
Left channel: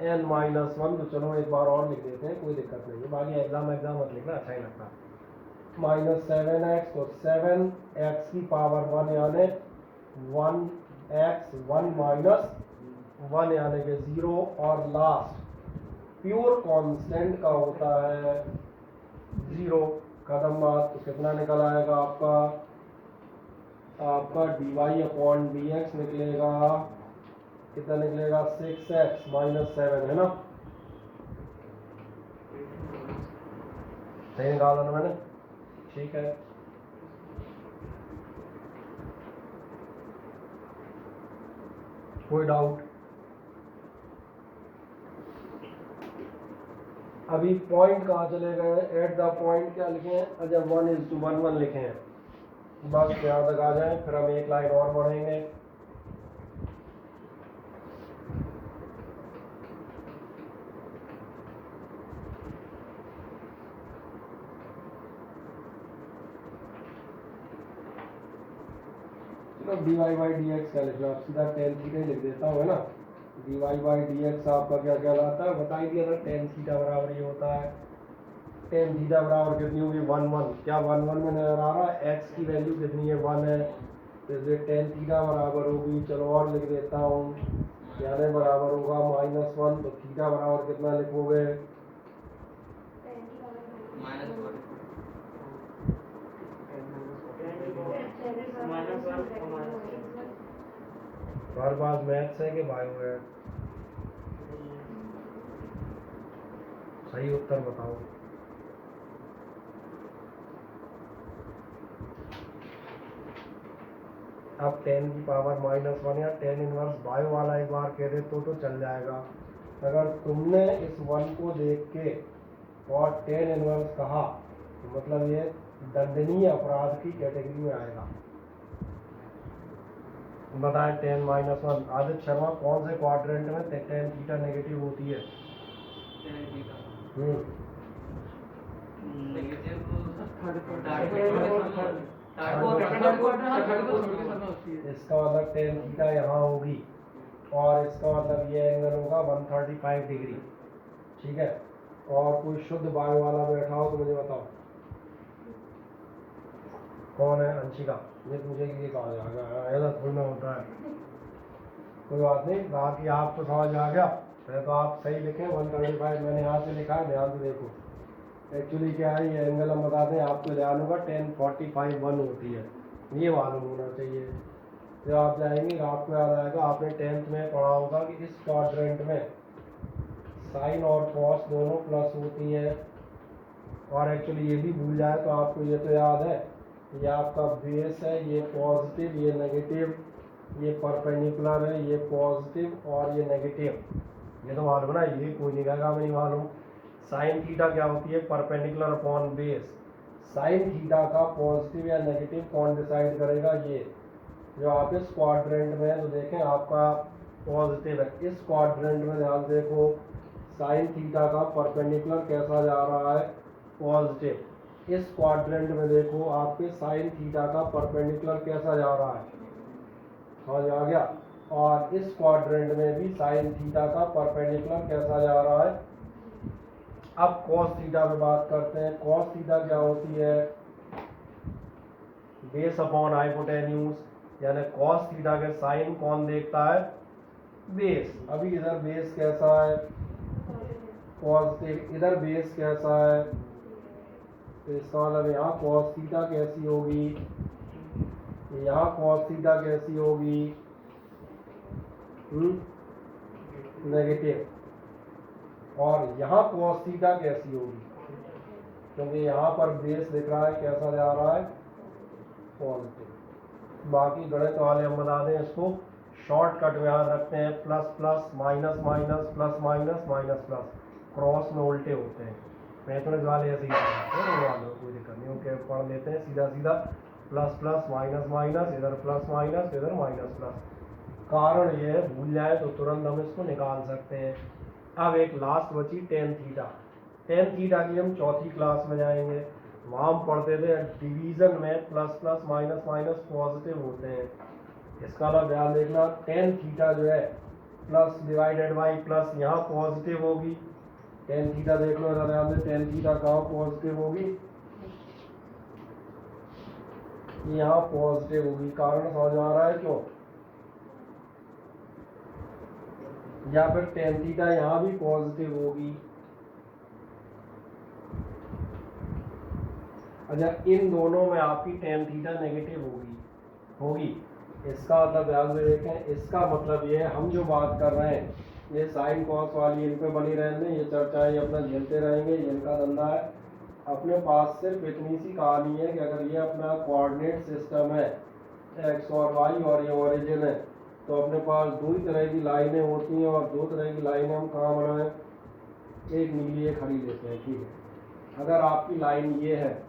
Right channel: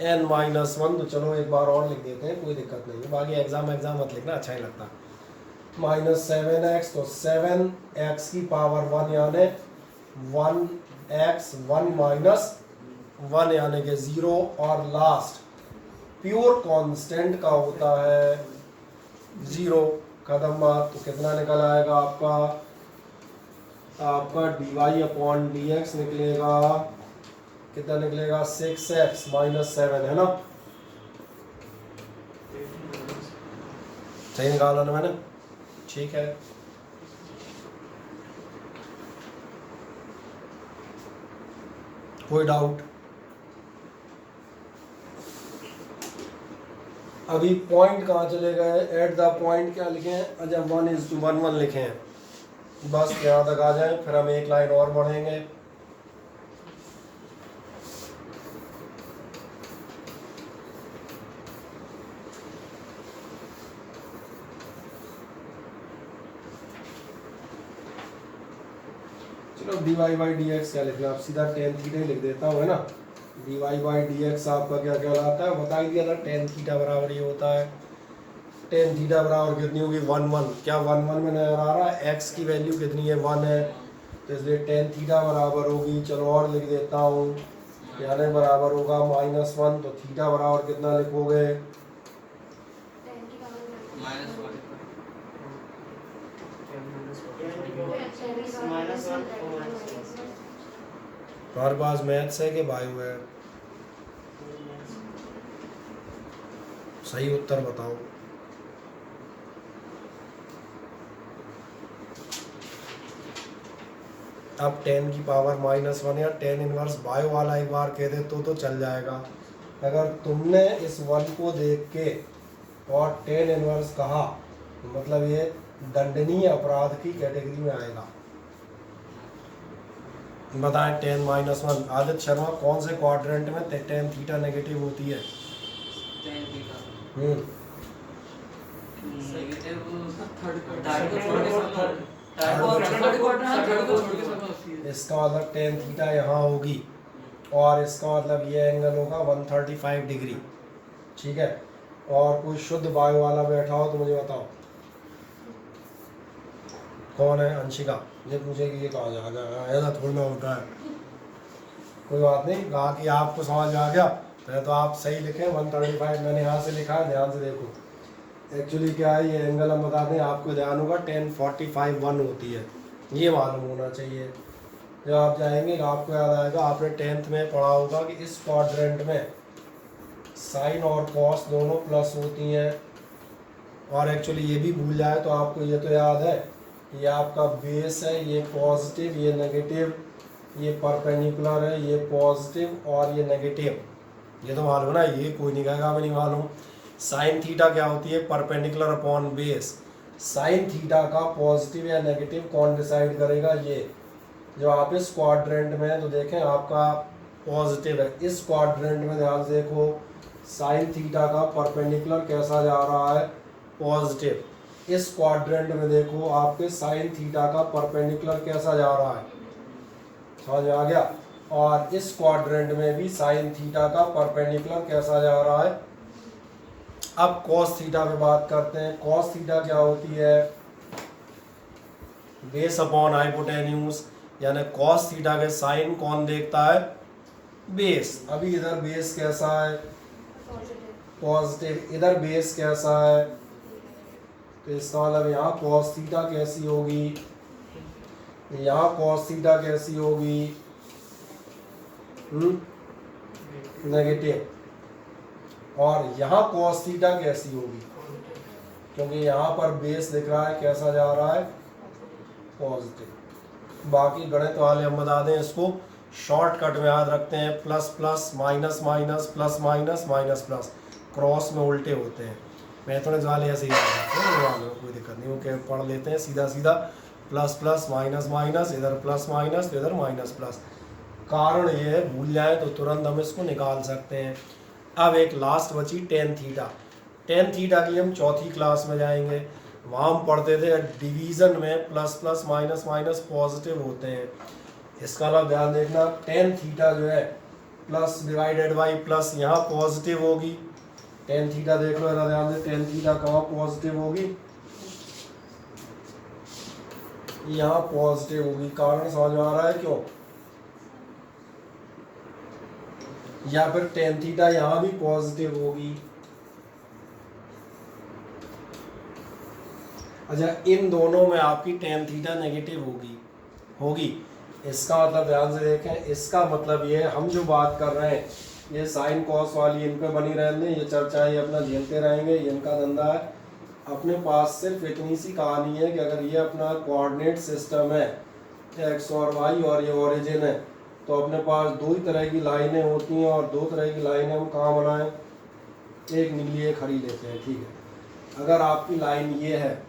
n माइनस 1। तो चलो एक बार और लिख देते हैं, कोई दिक्कत नहीं है, बाकी एग्जाम मत लिखना, अच्छा ही लगता। माइनस 7x, तो 7x की पावर 1 यानी 1x 1 माइनस 1 यानी कि 0, और लास्ट प्योर कांस्टेंट का होता है 0। कदम बात, तो कितना निकल आएगा आपका dy/dx निकलेगा, कितना निकलेगा 6x माइनस 7, है ना, सही निकाला ना मैंने, ठीक है। कोई डाउट? अभी पॉइंट कहाँ चले गए, एट द पॉइंट क्या लिखे हैं, अच्छा 1:1 लिखे हैं, बस यहाँ तक आ जाए, फिर हम एक लाइन और बढ़ेंगे। चलो dy/dx क्या लिखना, आप सीधा tan थीटा लिख देता हूँ, है ना। dy/dx आपका क्या कहलाता है, बता ही दिया था, tan थीटा बराबर ये होता है, tan थीटा बराबर कितनी होगी 1 क्या 1 में नजर आ रहा है, x की वैल्यू कितनी है 1 है, तो इसलिए tan थीटा बराबर होगी, चलो और लिख देता हूँ, यानी बराबर होगा -1, तो थीटा बराबर कितना लिखोगे, हमारे पास मैथ्स है कि बायो है, सही उत्तर बताओ। अब 10 की पावर -1 या tan इनवर्स बायो वाला एक बार कह दे तो चल जाएगा। अगर तुमने इस 1 को देख के और tan इनवर्स कहा तो मतलब ये दंडनीय अपराध की कैटेगरी में आएगा। बताएं tan -1, आदित्य शर्मा कौन से क्वाड्रेंट में tan थीटा नेगेटिव होती है? इसका मतलब tan थीटा यहाँ होगी और इसका मतलब ये एंगल होगा 135 डिग्री, ठीक है। और कोई शुद्ध बायो वाला बैठा हो तो मुझे बताओ कौन है। अंशिका, मुझे ये कहा जाएगा, ऐसा थोड़ी ना होता है। कोई बात नहीं, कहा कि आपको समझ आ गया, पहले तो आप सही लिखें 135, मैंने यहाँ से लिखा है, ध्यान से देखो। एक्चुअली क्या है, ये एंगल हम बता दें आपको, ध्यान होगा tan 45 1 होती है, ये मालूम होना चाहिए। जब आप जाएंगे तो आपको याद आएगा, आपने 10th में पढ़ा होगा कि इस क्वाड्रेंट में साइन और कॉस दोनों प्लस होती हैं। और एक्चुअली ये भी भूल जाए तो आपको ये तो याद है, ये आपका बेस है, ये पॉजिटिव ये नेगेटिव, ये परपेंडिकुलर है, ये पॉजिटिव और ये नेगेटिव, ये तो मालूम ना, ये कोई नहीं कहेगा हमें नहीं मालूम। साइन थीटा क्या होती है, perpendicular upon base. Sine theta का पॉजिटिव या नेगेटिव कौन डिसाइड करेगा, ये जो आप इस क्वाड्रेंट में तो देखें आपका पॉजिटिव है, इस क्वाड्रेंट में ध्यान से देखो साइन थीटा का परपेंडिकुलर कैसा जा रहा है, पॉजिटिव। इस क्वाड्रेंट में देखो आपके साइन थीटा का परपेंडिकुलर कैसा जा रहा है, समझ में आ गया। और इस क्वाड्रेंट में भी साइन थीटा का परपेंडिकुलर कैसा जा रहा है। अब कॉस थीटा पे बात करते हैं। कॉस थीटा क्या होती है, बेस अपॉन हाइपोटेन्यूज, यानी कॉस थीटा के साइन कौन देखता है, बेस। अभी इधर बेस कैसा है, पॉजिटिव, इधर बेस कैसा है, तो इसका मतलब यहाँ कॉस थीटा कैसी होगी, यहाँ कॉस थीटा कैसी होगी, नेगेटिव। और यहाँ कॉस थीटा कैसी होगी, क्योंकि यहाँ पर बेस दिख रहा है कैसा जा रहा है, पॉजिटिव। बाकी गणित वाले हम बता दें इसको, शॉर्टकट में याद रखते हैं, plus plus minus minus plus minus minus plus, cross में उल्टे होते हैं। मैथमेटिक्स वाले ऐसे ही याद रखते हैं, कोई दिक्कत नहीं, वो पढ़ लेते हैं सीधा सीधा, प्लस प्लस माइनस माइनस, इधर प्लस माइनस तो इधर माइनस प्लस। कारण ये है, भूल जाए तो तुरंत हम इसको निकाल सकते हैं। अब एक लास्ट बची टेन थीटा। टेन थीटा की हम चौथी क्लास में जाएंगे, वहाँ हम पढ़ते थे डिवीज़न में plus plus minus minus positive होते हैं। इसका मतलब ध्यान देखना, टेन थीटा जो है प्लस डिवाइडेड बाई प्लस यहाँ पॉजिटिव होगी। टेन थीटा देख लो, इधर ध्यान दे, टेन थीटा कहाँ पॉजिटिव होगी, यहाँ पॉजिटिव होगी। कारण समझ में आ रहा है क्यों? या फिर टेन थीटा यहाँ भी पॉजिटिव होगी। अच्छा, इन दोनों में आपकी टेन थीटा नेगेटिव होगी। इसका मतलब ध्यान से देखें, इसका मतलब ये हम जो बात कर रहे हैं ये साइन कॉस वाली इन पे बनी रहने, ये चर्चा ये अपना झेलते रहेंगे, ये इनका धंधा है। अपने पास सिर्फ इतनी सी कहानी है कि अगर ये अपना कोऑर्डिनेट सिस्टम है एक्स और वाई और ये ओरिजिन है, तो अपने पास दो ही तरह की लाइनें होती हैं और दो तरह की लाइनें हम कहाँ बनाएं, एक नीली एक हरी लेते हैं, ठीक है। अगर आपकी लाइन ये है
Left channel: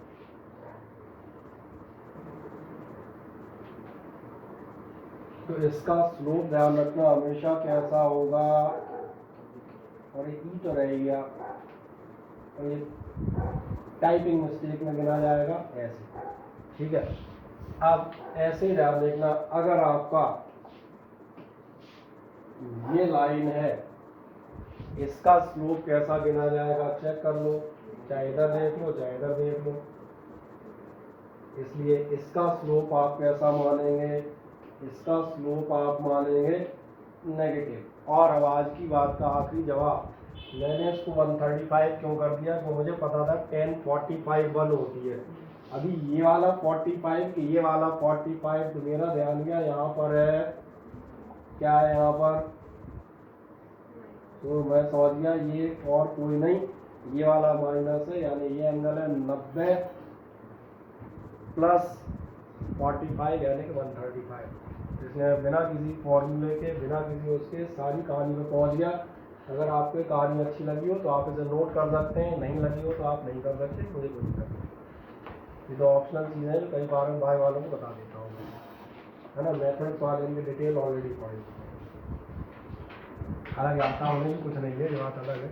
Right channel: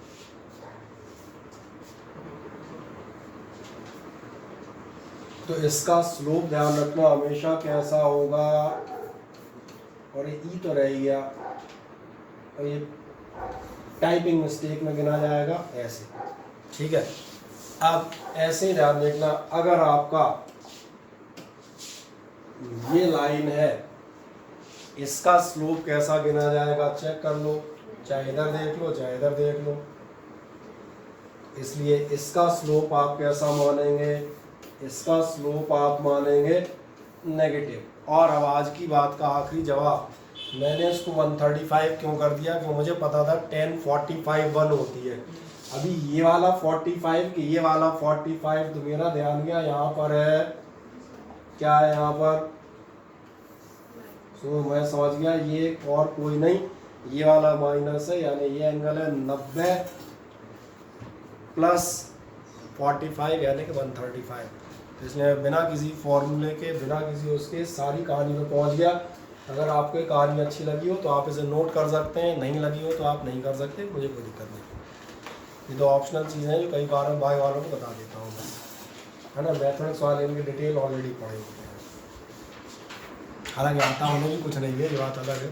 तो इसका स्लोप ध्यान रखना हमेशा कैसा होगा, और ये ई तो रह गया, और ये टाइपिंग मिस्टेक में गिना जाएगा ऐसे, ठीक है। अब ऐसे ही ध्यान देखना, अगर आपका ये लाइन है, इसका स्लोप कैसा गिना जाएगा चेक कर लो, चाहे इधर देख लो चाहे इधर देख लो। इसलिए इसका स्लोप आप कैसा मानेंगे, इसका स्लोप आप मानेंगे नेगेटिव। और अब आज की बात का आखिरी जवाब, मैंने इसको 135 क्यों कर दिया, क्यों मुझे पता था 1045 1 होती है। अभी ये वाला 45 कि ये वाला 45, तो मेरा ध्यान गया यहाँ पर है, क्या है यहाँ पर, तो मैं समझ गया ये और कोई नहीं, ये वाला माइनस है, यानी ये एंगल है 90 प्लस 45 यानी कि 135। तो इसलिए बिना किसी फॉर्मूले के, बिना किसी उसके सारी कहानी में पहुंच गया। अगर आपको ये कहानी अच्छी लगी हो तो आप इसे नोट कर सकते हैं, नहीं लगी हो तो आप नहीं कर सकते, मुझे कोई दिक्कत नहीं। ये तो ऑप्शनल चीज़ें हैं, कई बार बाय वालों को बता देता हूँ, है ना। मैथमेटिक्स वाले इनकी डिटेल ऑलरेडी पढ़ी, हालांकि आता होने भी कुछ नहीं है, ये बात अलग है।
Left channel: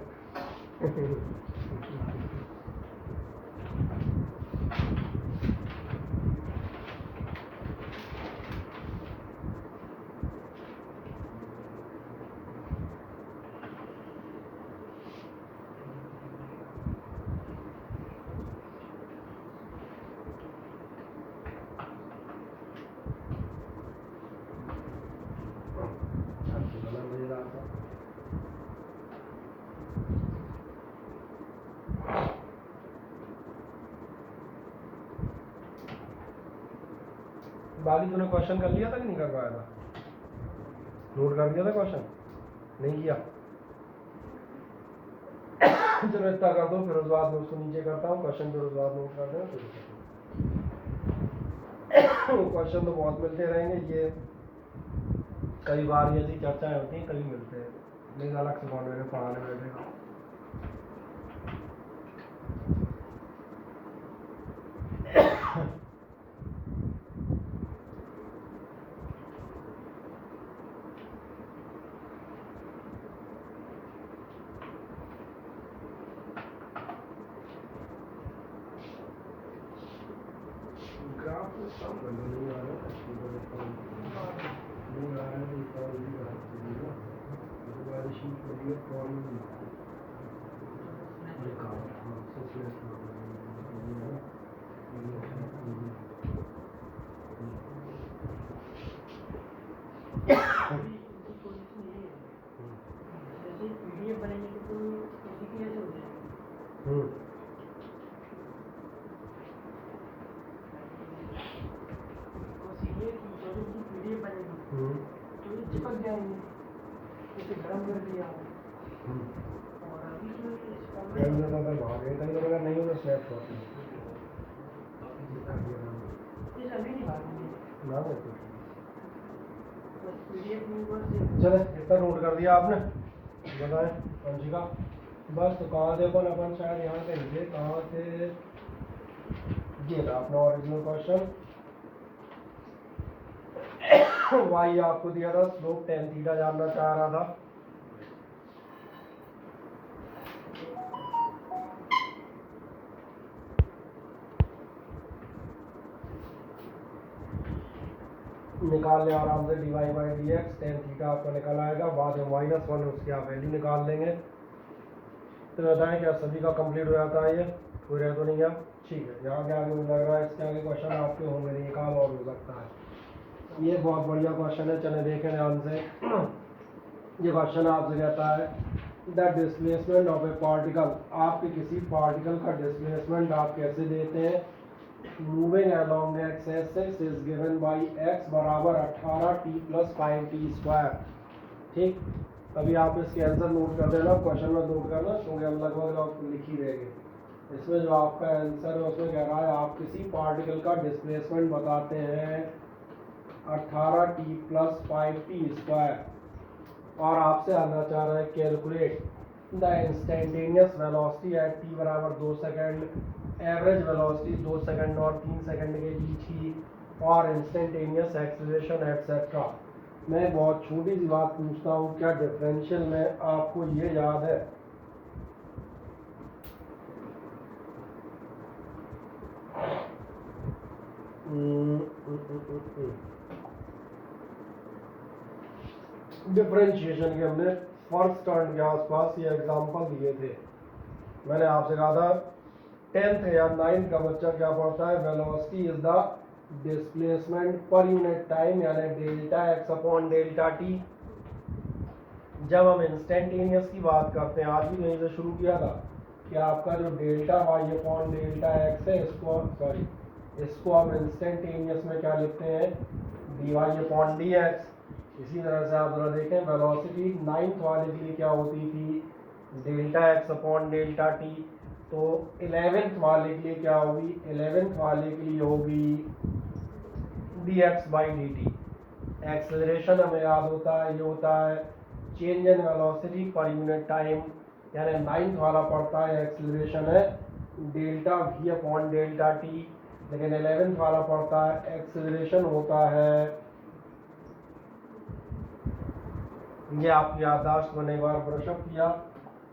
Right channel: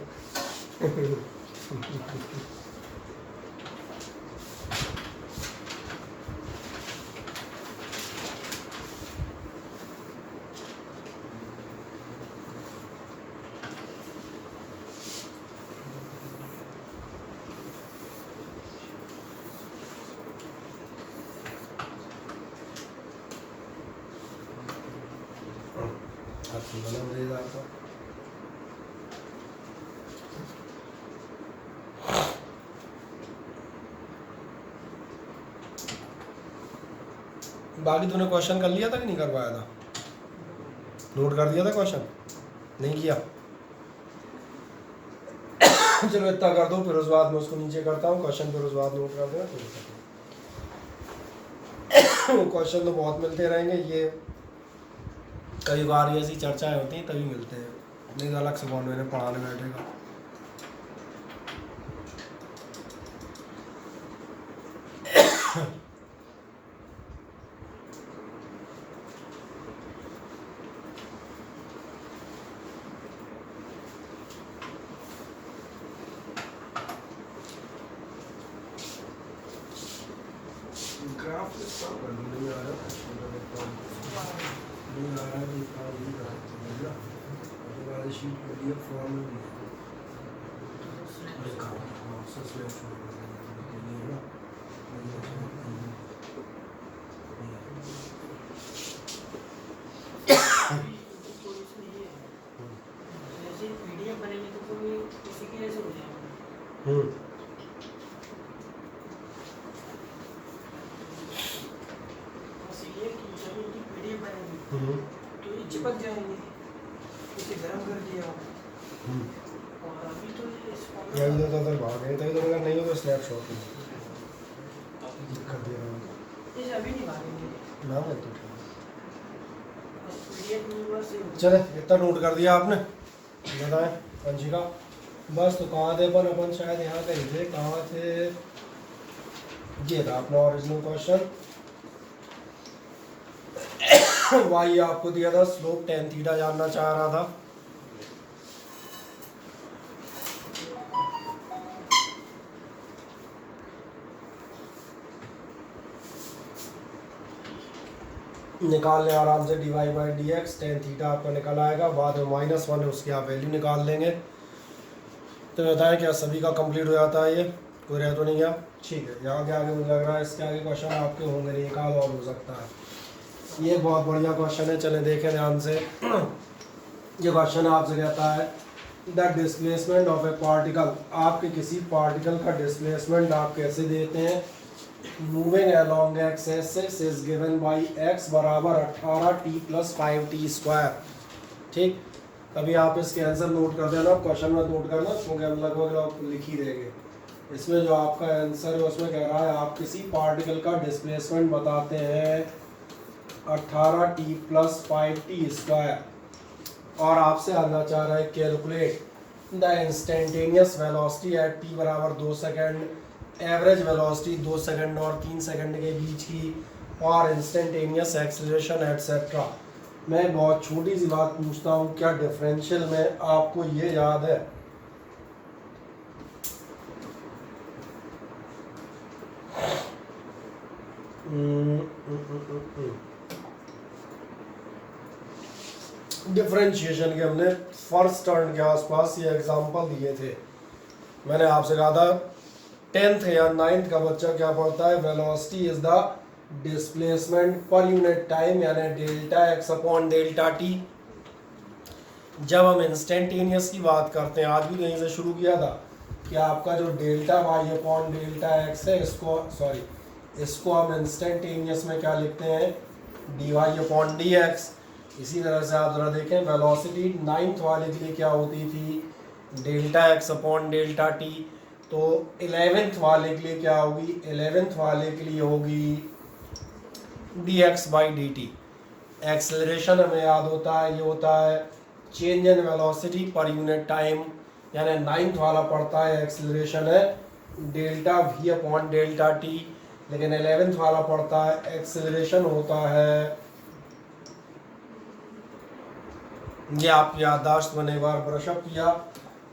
बाकी तूने क्वेश्चन कर लिया था कि नहीं कर पाया था, नोट कर दिया था क्वेश्चन, नहीं किया? चलो इतना कर दो, फिर उस बाद में उसको नीचे करता हूँ क्वेश्चन, फिर उस बाद नोट कर देना। तो क्वेश्चन तो बहुत मिलते रहेंगे, ये कई बार ऐसी चर्चाएं होती हैं तभी मिलते हैं, नहीं तो अलग से कौन मेरे पढ़ाने बैठेगा। ग्राफ सब नहीं आ रहा है, नहीं आ रहा है तो इसका यही कर सकते हैं ना, उसके बाद शीट पर दिया फॉर्म में लिखा हुआ सबसे पीडीएफ बनेंगे तो कोई उसी के जैसे हो जाएगा। तो ये चिपक जाएंगे, इसे गर्म कर दिया और अभी तो इस नहीं होता तो भाग गए थे, अगर नहीं हो तो स्नैपशॉट कर दिया इसे अभी नहीं भागेंगे ना लगता। बस पीडीएफ में बस चले इतना नोट कर दिया आपने, बताएं पंचिका बस। तो कहाँ थे अपन शायद यहाँ कहीं थे, कहाँ थे, ये था अपना ओरिजिनल क्वेश्चन। वाई आपको दिया था, स्लोप टेन थीटा जानना चाह रहा था, निकाल लें आराम से, dy by D x tan theta आपका निकल आएगा, बाद में -1 उसकी आप वैल्यू निकाल लेंगे। तो बताएं क्या सभी का कंप्लीट हो जाता है, ये कोई रह तो नहीं गया? ठीक है, यहाँ के आगे मुझे लग रहा है इसके आगे क्वेश्चन आपके होंगे नहीं, एक आध और हो सकता है। ये बहुत बढ़िया क्वेश्चन है, चलें देखें ध्यान से। ये क्वेश्चन आपसे कहता है the displacement of a particle, आपके किसी पार्टिकल का डिस्प्लेसमेंट आप कैसे देते हैं, moving along x axis is given by x बराबर 18t + 5t स्क्वायर। ठीक, अभी आप इसके आंसर नोट कर देना, क्वेश्चन में नोट करना, क्योंकि हम लगभग लिख ही देंगे। इसमें जो आपका आंसर है उसमें कह रहा है आप किसी पार्टिकल का डिस्प्लेसमेंट बताते हैं 18t + 5t स्क्वायर, और आपसे आना चाह रहा है calculate the instantaneous velocity at t बराबर 2 सेकेंड, एवरेज वेलोसिटी 2 सेकेंड और 3 सेकेंड के बीच की, और इंस्टेंटेनियस एक्सेलरेशन एटसेट्रा। मैं बहुत छोटी सी बात पूछता हूँ, क्या डिफरेंशियल में आपको ये याद है? डिफरेंशिएशन के हमने फर्स्ट टर्न के आसपास ये एग्जांपल दिए थे। मैंने आपसे कहा था 10th या 9th का बच्चा क्या पढ़ता है, velocity is the displacement per unit time, यानी delta X upon delta T. जब हम इंस्टेंटेनियस की बात करते हैं, आज भी यहीं से शुरू किया था कि आपका जो delta Y upon delta x है, इसको हम इंस्टेंटेनियस में क्या लिखते हैं, d Y upon d x. इसी तरह से आप जरा देखें वेलोसिटी 9th वाले के लिए क्या होती थी, delta X upon delta T. तो 11th वाले के लिए क्या होगी, 11th वाले के लिए होगी D x by D T. Acceleration हमें याद होता है, ये होता है चेंज इन वेलोसिटी पर यूनिट टाइम, यानी 9th वाला पड़ता है एक्सेलरेशन है delta we upon delta T, लेकिन 11th वाला पड़ता है एक्सेलरेशन होता है, ये आपकी याददाश्त मैंने एक बार ब्रशअप किया।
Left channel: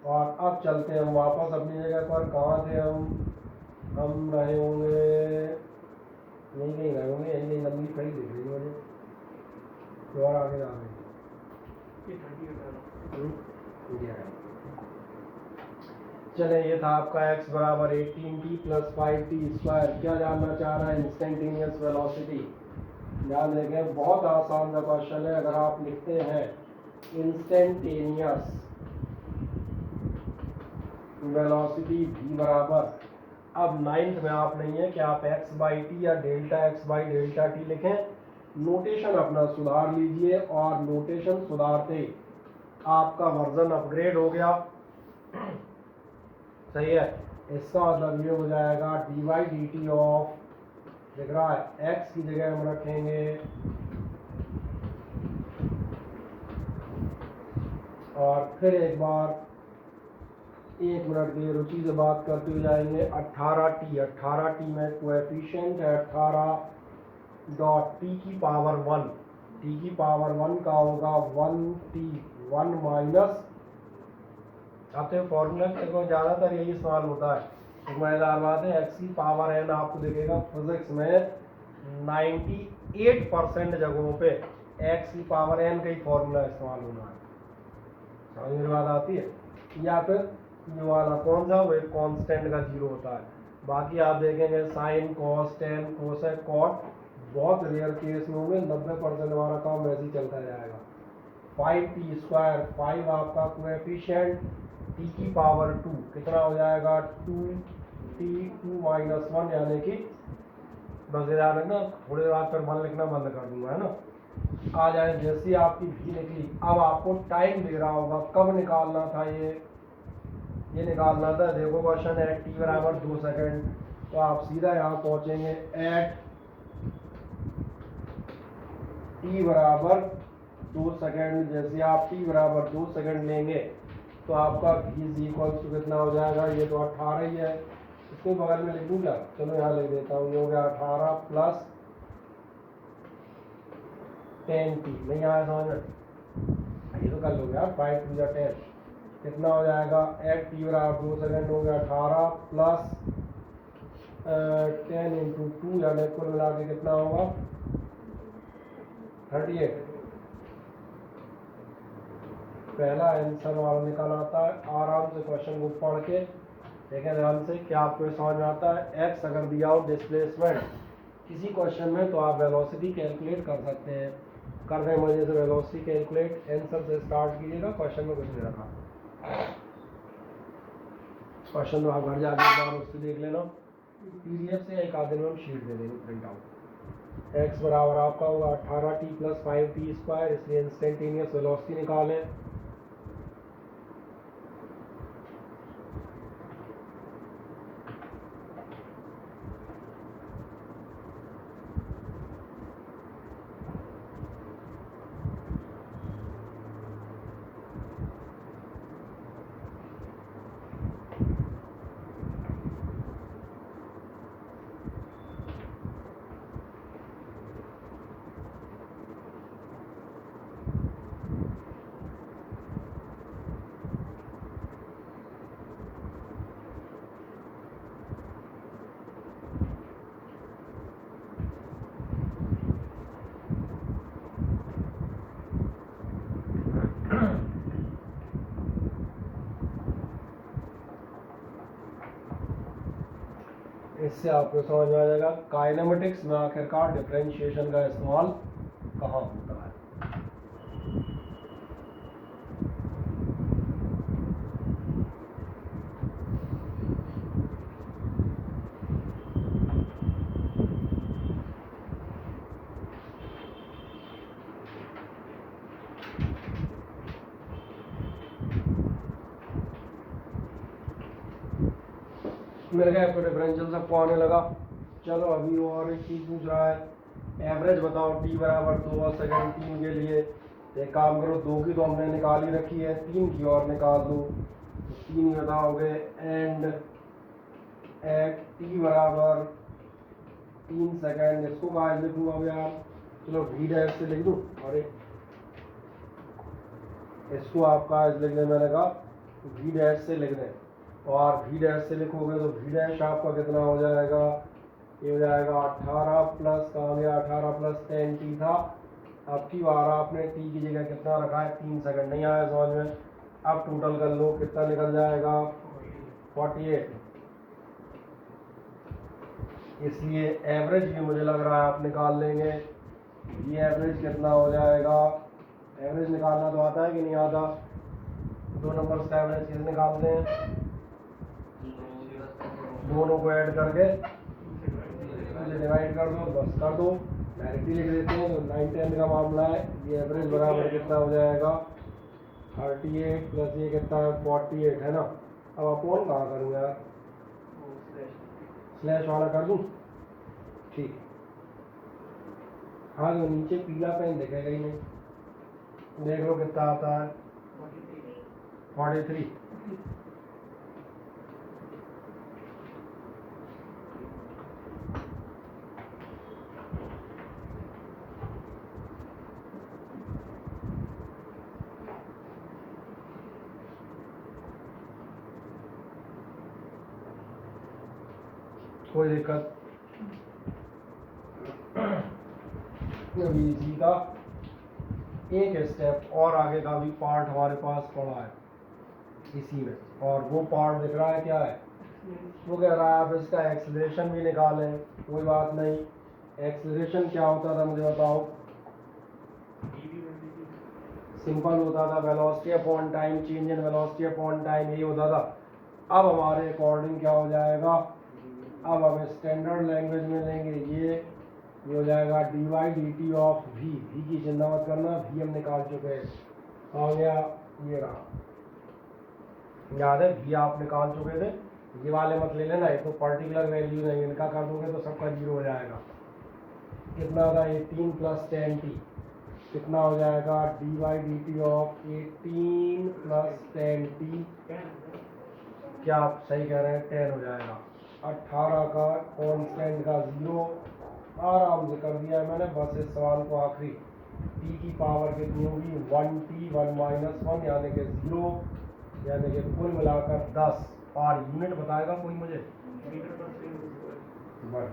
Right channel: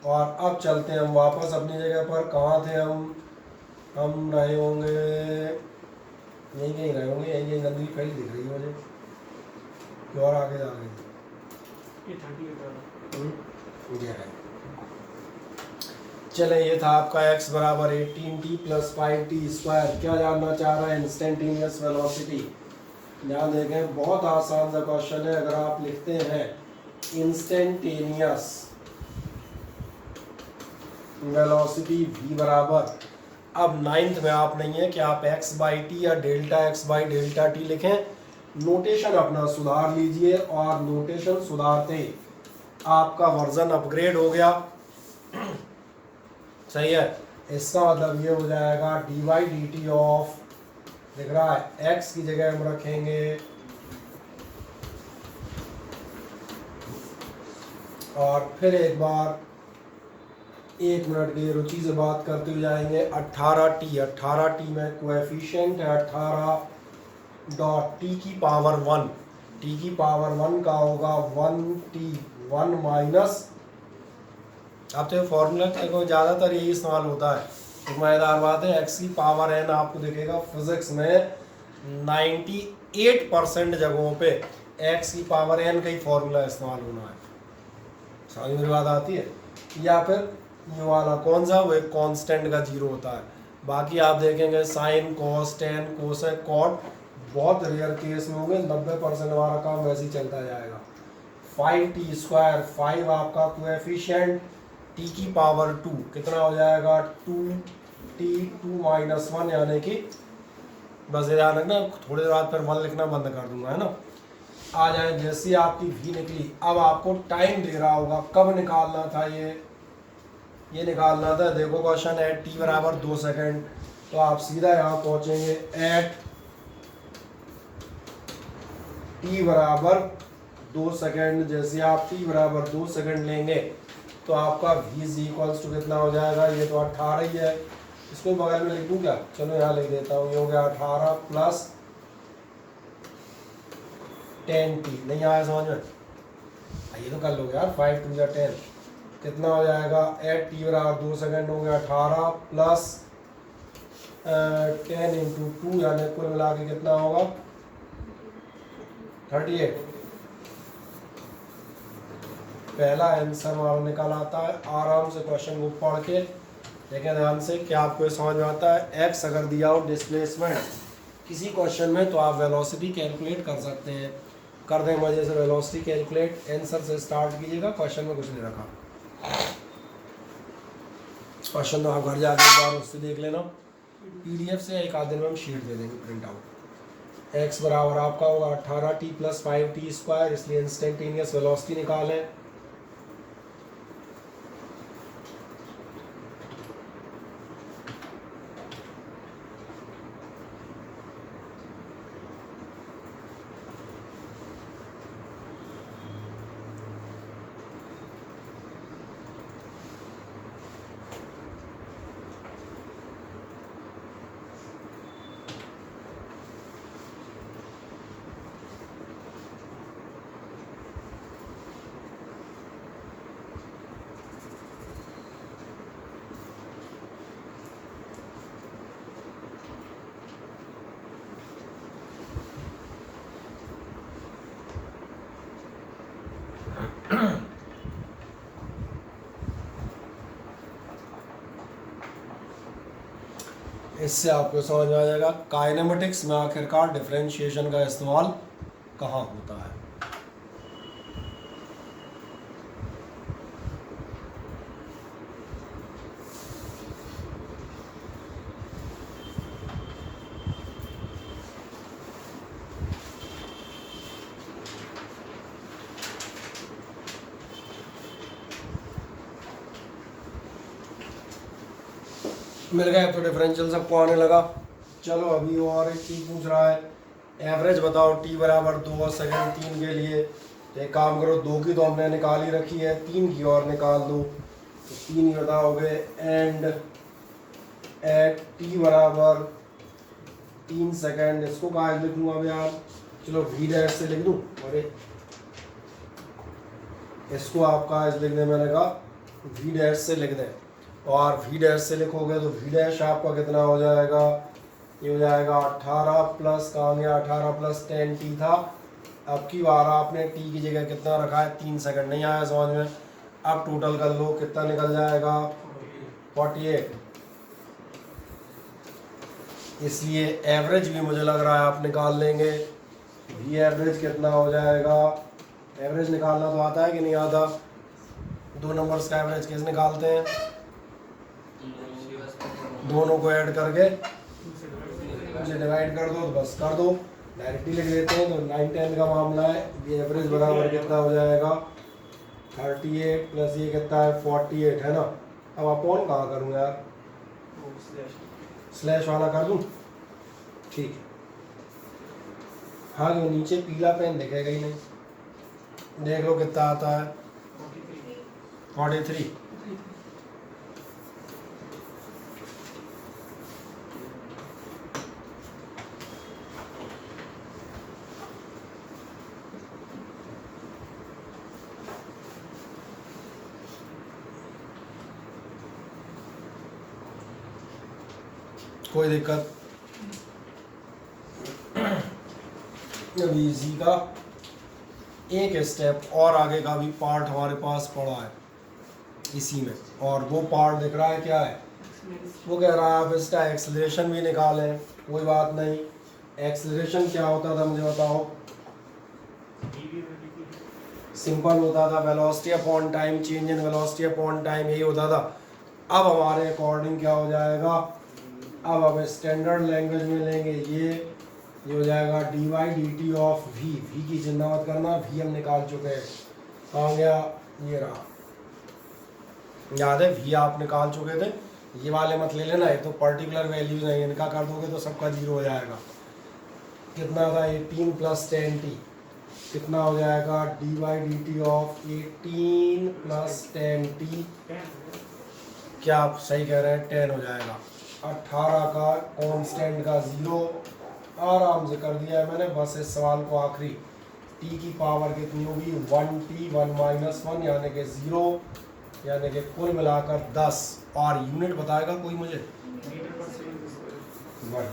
और अब चलते हैं हम वापस अपनी जगह पर। कहाँ थे हम रहे होंगे, यहीं कहीं रहे होंगे, यहीं गंदगी फैली दिख रही है मुझे, और आगे जा रहे हैं। चले, ये था आपका x बराबर 18t + 5t स्क्वायर। क्या जानना चाह रहा है, इंस्टेंटेनियस वेलोसिटी। ध्यान देखें, बहुत आसान सा क्वेश्चन है। अगर आप लिखते हैं इंस्टेंटेनियस वेलोसिटी v बराबर, अब 9th में आप नहीं है कि आप x बाई टी या delta x by delta T लिखें, नोटेशन अपना सुधार लीजिए, और नोटेशन सुधारते आपका वर्जन अपग्रेड हो गया। सही है, इसका मतलब ये हो जाएगा D Y D T of, दिख रहा है x की जगह हम रखेंगे, और फिर एक बार 1 मिनट की रुचि से बात करते हुए जाएंगे। 18t में कोएफिशिएंट है 18 डॉट टी की पावर 1, टी की पावर 1 का होगा 1t 1 माइनस, अब तो फॉर्मूला को ज़्यादातर यही इस्तेमाल होता है, एक मज़ेदार बात है, x की पावर n आपको दिखेगा फिजिक्स में 98% जगहों पे x की पावर n का ही फॉर्मूला इस्तेमाल होना है। समझ में बात आती है? या फिर ये वाला कौन सा, वो एक कांस्टेंट का 0 होता है। बाकी आप देखेंगे sine, cos, tan, cosec, cot बहुत रेयर केस में होंगे, 90% हमारा काम वैसे ही चलता जाएगा। 5t स्क्वायर, 5 आपका कोएफिशिएंट, t की पावर 2 कितना हो जाएगा, 2t 2 माइनस 1, यानी कि बस ध्यान रखना, थोड़ी देर बाद फिर 1 लिखना बंद कर दूंगा, है ना। आ जाए, जैसी आपकी v निकली, अब आपको टाइम दे रहा होगा, कब निकालना था ये निकालना था। देखो क्वेश्चन है t बराबर 2 सेकेंड, तो आप सीधा यहाँ पहुँचेंगे एट t बराबर 2 सेकेंड। जैसे आप t बराबर 2 सेकेंड लेंगे तो आपका v इज इक्वल्स टू कितना हो जाएगा, ये तो 18 ही है, इसको बगल में लिख दूँ क्या, चलो यहाँ लिख देता हूँ, ये हो गया 18 प्लस 10t, नहीं आया समझ में, ये तो कर लोगे यार, 5 2 या 10 कितना हो जाएगा, एट टी बराबर 2 सेकेंड हो गया 18 प्लस 10 × 2, यानी कुल मिला के कितना होगा 38। पहला आंसर हमारा निकल आता है। आराम से क्वेश्चन को पढ़ के देखें ध्यान से, क्या आपको ये समझ में आता है। एक्स अगर दिया हो डिस्प्लेसमेंट किसी क्वेश्चन में, तो आप वेलोसिटी कैलकुलेट कर सकते हैं। कर देंगे वजह से वेलोसिटी कैलकुलेट, आंसर से स्टार्ट कीजिएगा, क्वेश्चन में कुछ नहीं रखा। क्वेश्चन तो आप घर जाके एक बार उससे देख लेना, PDF से एक आधे में हम शीट दे देंगे प्रिंट आउट। एक्स बराबर आपका होगा 18t + 5t², इसलिए इंस्टेंटेनियस वेलोसिटी निकालें। इससे आपको समझ में आ जाएगा काइनेमेटिक्स में आखिरकार डिफरेंशिएशन का इस्तेमाल कहाँ होता है। मिल गया तो डिफरेंशियल सबको आने लगा। चलो अभी और एक चीज़ पूछ रहा है, एवरेज बताओ t बराबर 2 और सेकेंड 3 के लिए। तो एक काम करो, 2 की तो हमने निकाल ही रखी है, 3 की और निकाल दो। तो 3 ही बताओगे। एंड एट t बराबर 3 सेकेंड, इसको कहाँ लिखूँगा अब यार, चलो v' से लिख दूँ। अरे इसको आपका लिख दें, मैंने कहा v' से लिख दें। और v' से लिखोगे तो v' आपका कितना हो जाएगा, ये हो जाएगा 18 प्लस, कहाँ गया 18 प्लस 10t था। अब की बार आपने t की जगह कितना रखा है, 3 सेकंड, नहीं आया समझ में। अब टोटल कर लो, कितना निकल जाएगा 48। इसलिए एवरेज भी मुझे लग रहा है आप निकाल लेंगे। v एवरेज कितना हो जाएगा, एवरेज निकालना तो आता है कि नहीं आता, 2 नंबर्स का एवरेज कैसे निकालते हैं, दोनों को ऐड करके मुझे डिवाइड कर दो, तो बस कर दो, डायरेक्टली लिख देते हैं। तो 9/10 का मामला है, ये एवरेज बराबर कितना हो जाएगा 38 प्लस ये कितना है 48 है ना। अब अपॉन कहाँ करूँ यार, स्लैश वाला कर दूँ, ठीक है। हाँ जो नीचे पीला पेन दिखेगा ही नहीं, देख लो कितना आता है 43। कोई दिक्कत अभी इसी का एक स्टेप और आगे का भी पार्ट हमारे पास पड़ा है इसी में, और वो पार्ट दिख रहा है क्या है, वो कह रहा है आप इसका एक्सेलरेशन भी निकालें। कोई बात नहीं, एक्सेलरेशन क्या होता था मुझे बताओ, सिंपल होता था velocity upon time, change in velocity upon time, यही होता था। अब हमारे अकॉर्डिंग क्या हो जाएगा, अब अब स्टैंडर्ड लैंग्वेज में लेंगे, ये हो जाएगा dy/dt ऑफ v की चिंता मत करना, v हम निकाल चुके हैं, आ गया ये रहा, याद है v आप निकाल चुके थे, ये वाले मत ले लेना, ये तो पर्टिकुलर वैल्यूज है, इनका कर दोगे तो सबका 0 हो जाएगा। कितना था 18 प्लस 10t, कितना हो जाएगा dy/dt ऑफ 18 प्लस 10t, क्या आप सही कह रहे हैं 10 हो जाएगा। 18 का कांस्टेंट का 0 आराम से कर दिया है मैंने, बस इस सवाल को आखिरी t की पावर कितनी होगी 1t 1 माइनस 1 यानी कि 0, यानी कि कुल मिलाकर 10, और यूनिट बताएगा कोई मुझे, बढ़िया।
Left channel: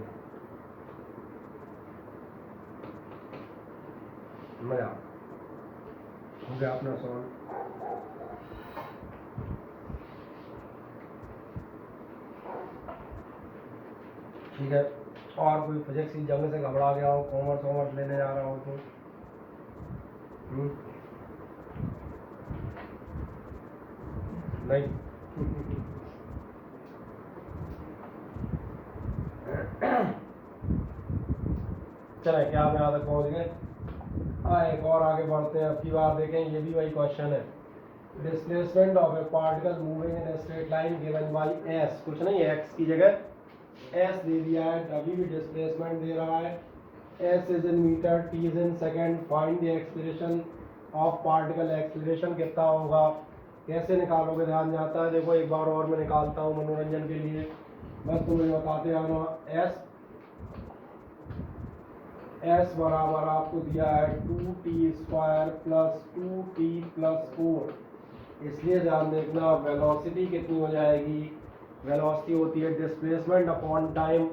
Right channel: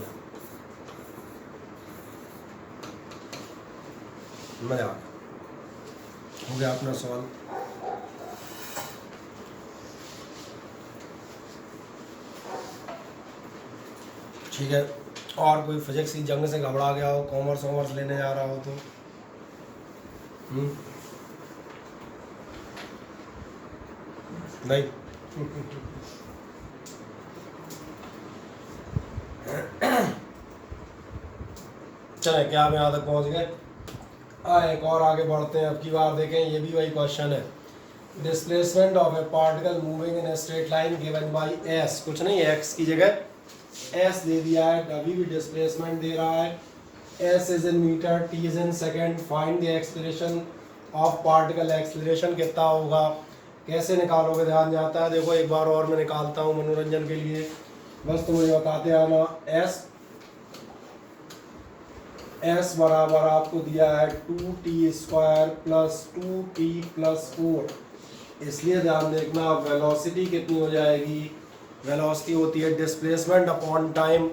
मैं आ हो गया अपना सवाल। ठीक है, और कोई फिजिक्स की जंग से घबरा गया हो, कॉमर्स वॉमर्स लेने जा रहा हो तो नहीं चले क्या हम यहाँ तक पहुँच गए। एक और आगे बढ़ते हैं। अब की बार देखें, ये भी वही क्वेश्चन है। Displacement of a particle moving in a straight line given by S, कुछ नहीं एक्स की जगह एस दे दिया है, अभी भी डिस्प्लेसमेंट दे रहा है। S is in metre, T is in second, find the acceleration of particle. Acceleration कितना होगा, कैसे निकालोगे, ध्यान जाता है। देखो एक बार और मैं निकालता हूँ मनोरंजन के लिए, बस तुम मुझे बताते आना। एस बराबर आपको दिया है 2t² प्लस 2t+4, इसलिए ध्यान देखना वेलोसिटी कितनी हो जाएगी। वेलोसिटी होती है डिस्प्लेसमेंट अपॉन टाइम,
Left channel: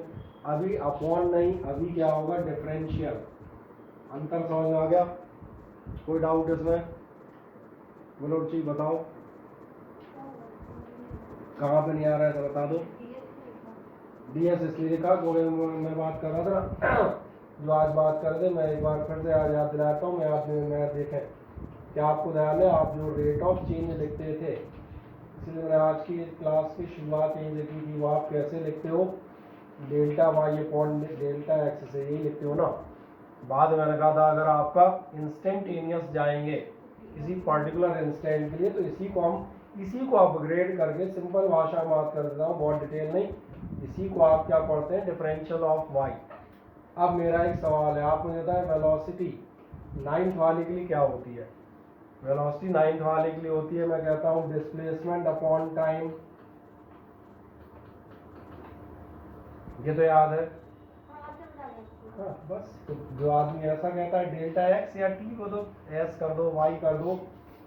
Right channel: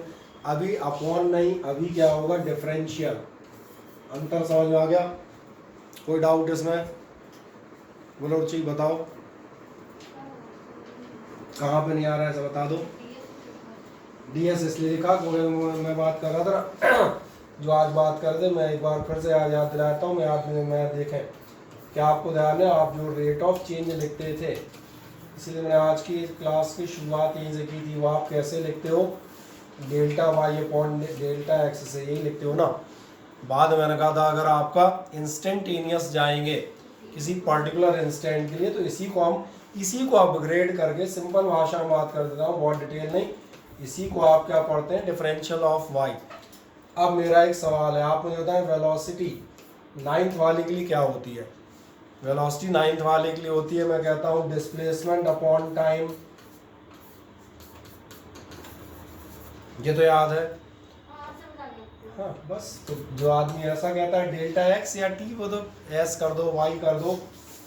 अभी अपॉन नहीं, अभी क्या होगा डिफरेंशियल। अंतर समझ में आ गया, कोई डाउट इसमें? बोलो रुचि बताओ, कहाँ पे नहीं आ रहा है ऐसा बता दो। ds इसलिए लिखा क्योंकि मैं बात कर रहा था जो आज बात कर रहे थे, मैं एक बार फिर से आज याद दिलाता हूँ। मैं देखें क्या आपको ध्यान है, आप जो रेट ऑफ चेंज लिखते थे, इसलिए मैंने आज की क्लास की शुरुआत यहीं से की थी। वो आप कैसे लिखते हो, delta Y upon delta X से, यही लिखते हो ना। बाद में मैंने कहा था अगर आपका इंस्टेंटेनियस जाएंगे किसी पर्टिकुलर इंस्टेंट के लिए, तो इसी को अपग्रेड करके सिंपल भाषा में बात कर देता हूँ, बहुत डिटेल नहीं, इसी को आप क्या पढ़ते हैं, डिफरेंशियल ऑफ वाई। अब मेरा एक सवाल है, आप मुझे बताएं वेलोसिटी 9th वाले के लिए क्या होती है। वेलोसिटी 9th वाले के लिए होती है, मैं कहता हूँ डिस्प्लेसमेंट अपॉन टाइम, ये तो याद है। हाँ बस, तो जो आदमी ऐसा कहता है डेल्टा एक्स या टी, वो तो एस कर दो, वाई कर दो,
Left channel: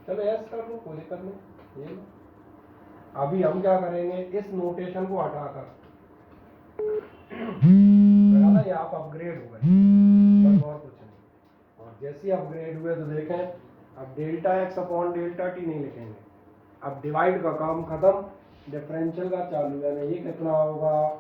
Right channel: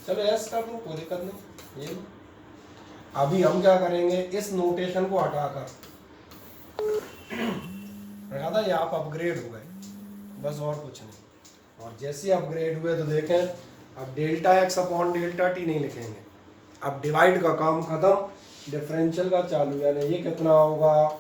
चलो एस कर दो, कोई दिक्कत नहीं। ये अभी हम क्या करेंगे, इस नोटेशन को हटाकर ये आप अपग्रेड हो गए, बस और कुछ नहीं। और जैसे अपग्रेड हुए तो देखें, अब delta X upon delta T नहीं लिखेंगे, अब डिवाइड का काम खत्म, डिफरेंशियल का चालू। यानी ये कितना होगा,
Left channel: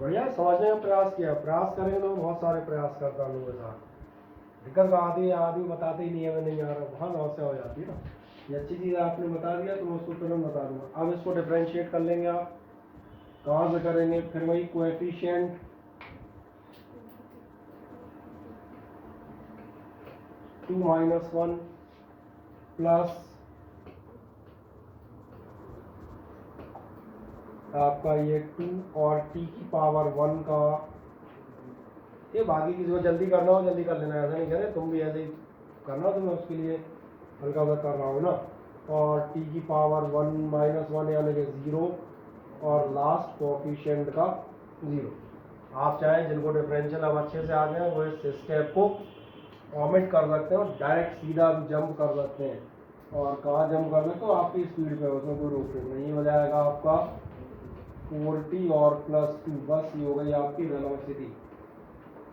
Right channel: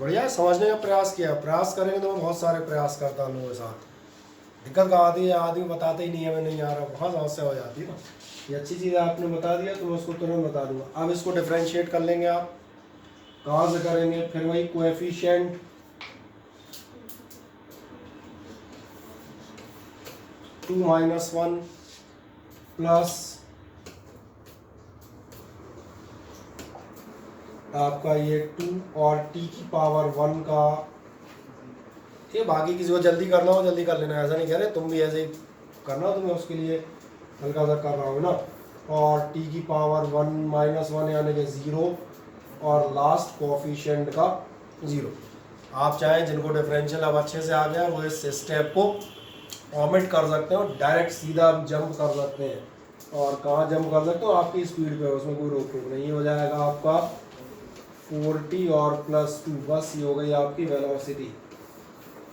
बढ़िया समझने का प्रयास किया। प्रयास करेंगे तो मैं बहुत सारे प्रयास करता हूँ लोगों के साथ। दिक्कत का आदमी बताते ही नहीं है, मैं नहीं आ रहा, वहाँ समस्या हो जाती है ना। ये अच्छी चीज़ आपने बता दिया तो मैं उसको तुरंत बता दूंगा। अब इसको डिफरेंशिएट कर लेंगे, आप कहाँ से करेंगे, फिर वही कोएफिशिएंट टू माइनस 1 प्लस आपका ये 2 और t की पावर 1 का, ये बाकी किसी को जल्दी करना हो जल्दी कर लेना, ऐसा नहीं कह रहे, तुम भी ऐसे ही करना, तुम्हें उसके लिए हल्का सा कर रहा हूँ ना। और t की पावर 1 माइनस 1 यानी कि 0, और लास्ट कोएफिशिएंट का 0। आप चाहें जिनको डिफरेंशियल अब अच्छे से आ गया वो इस स्टेप को ओमिट कर सकते हो, डायरेक्ट सीधा जंप कर सकते हैं। और कहाँ जंप कर सकते हो, आपकी स्पीड पे, उसमें कोई रोक टोक नहीं। हो जाएगा आपका 40 और प्लस 2, बस ये हो गई आपकी वेलोसिटी।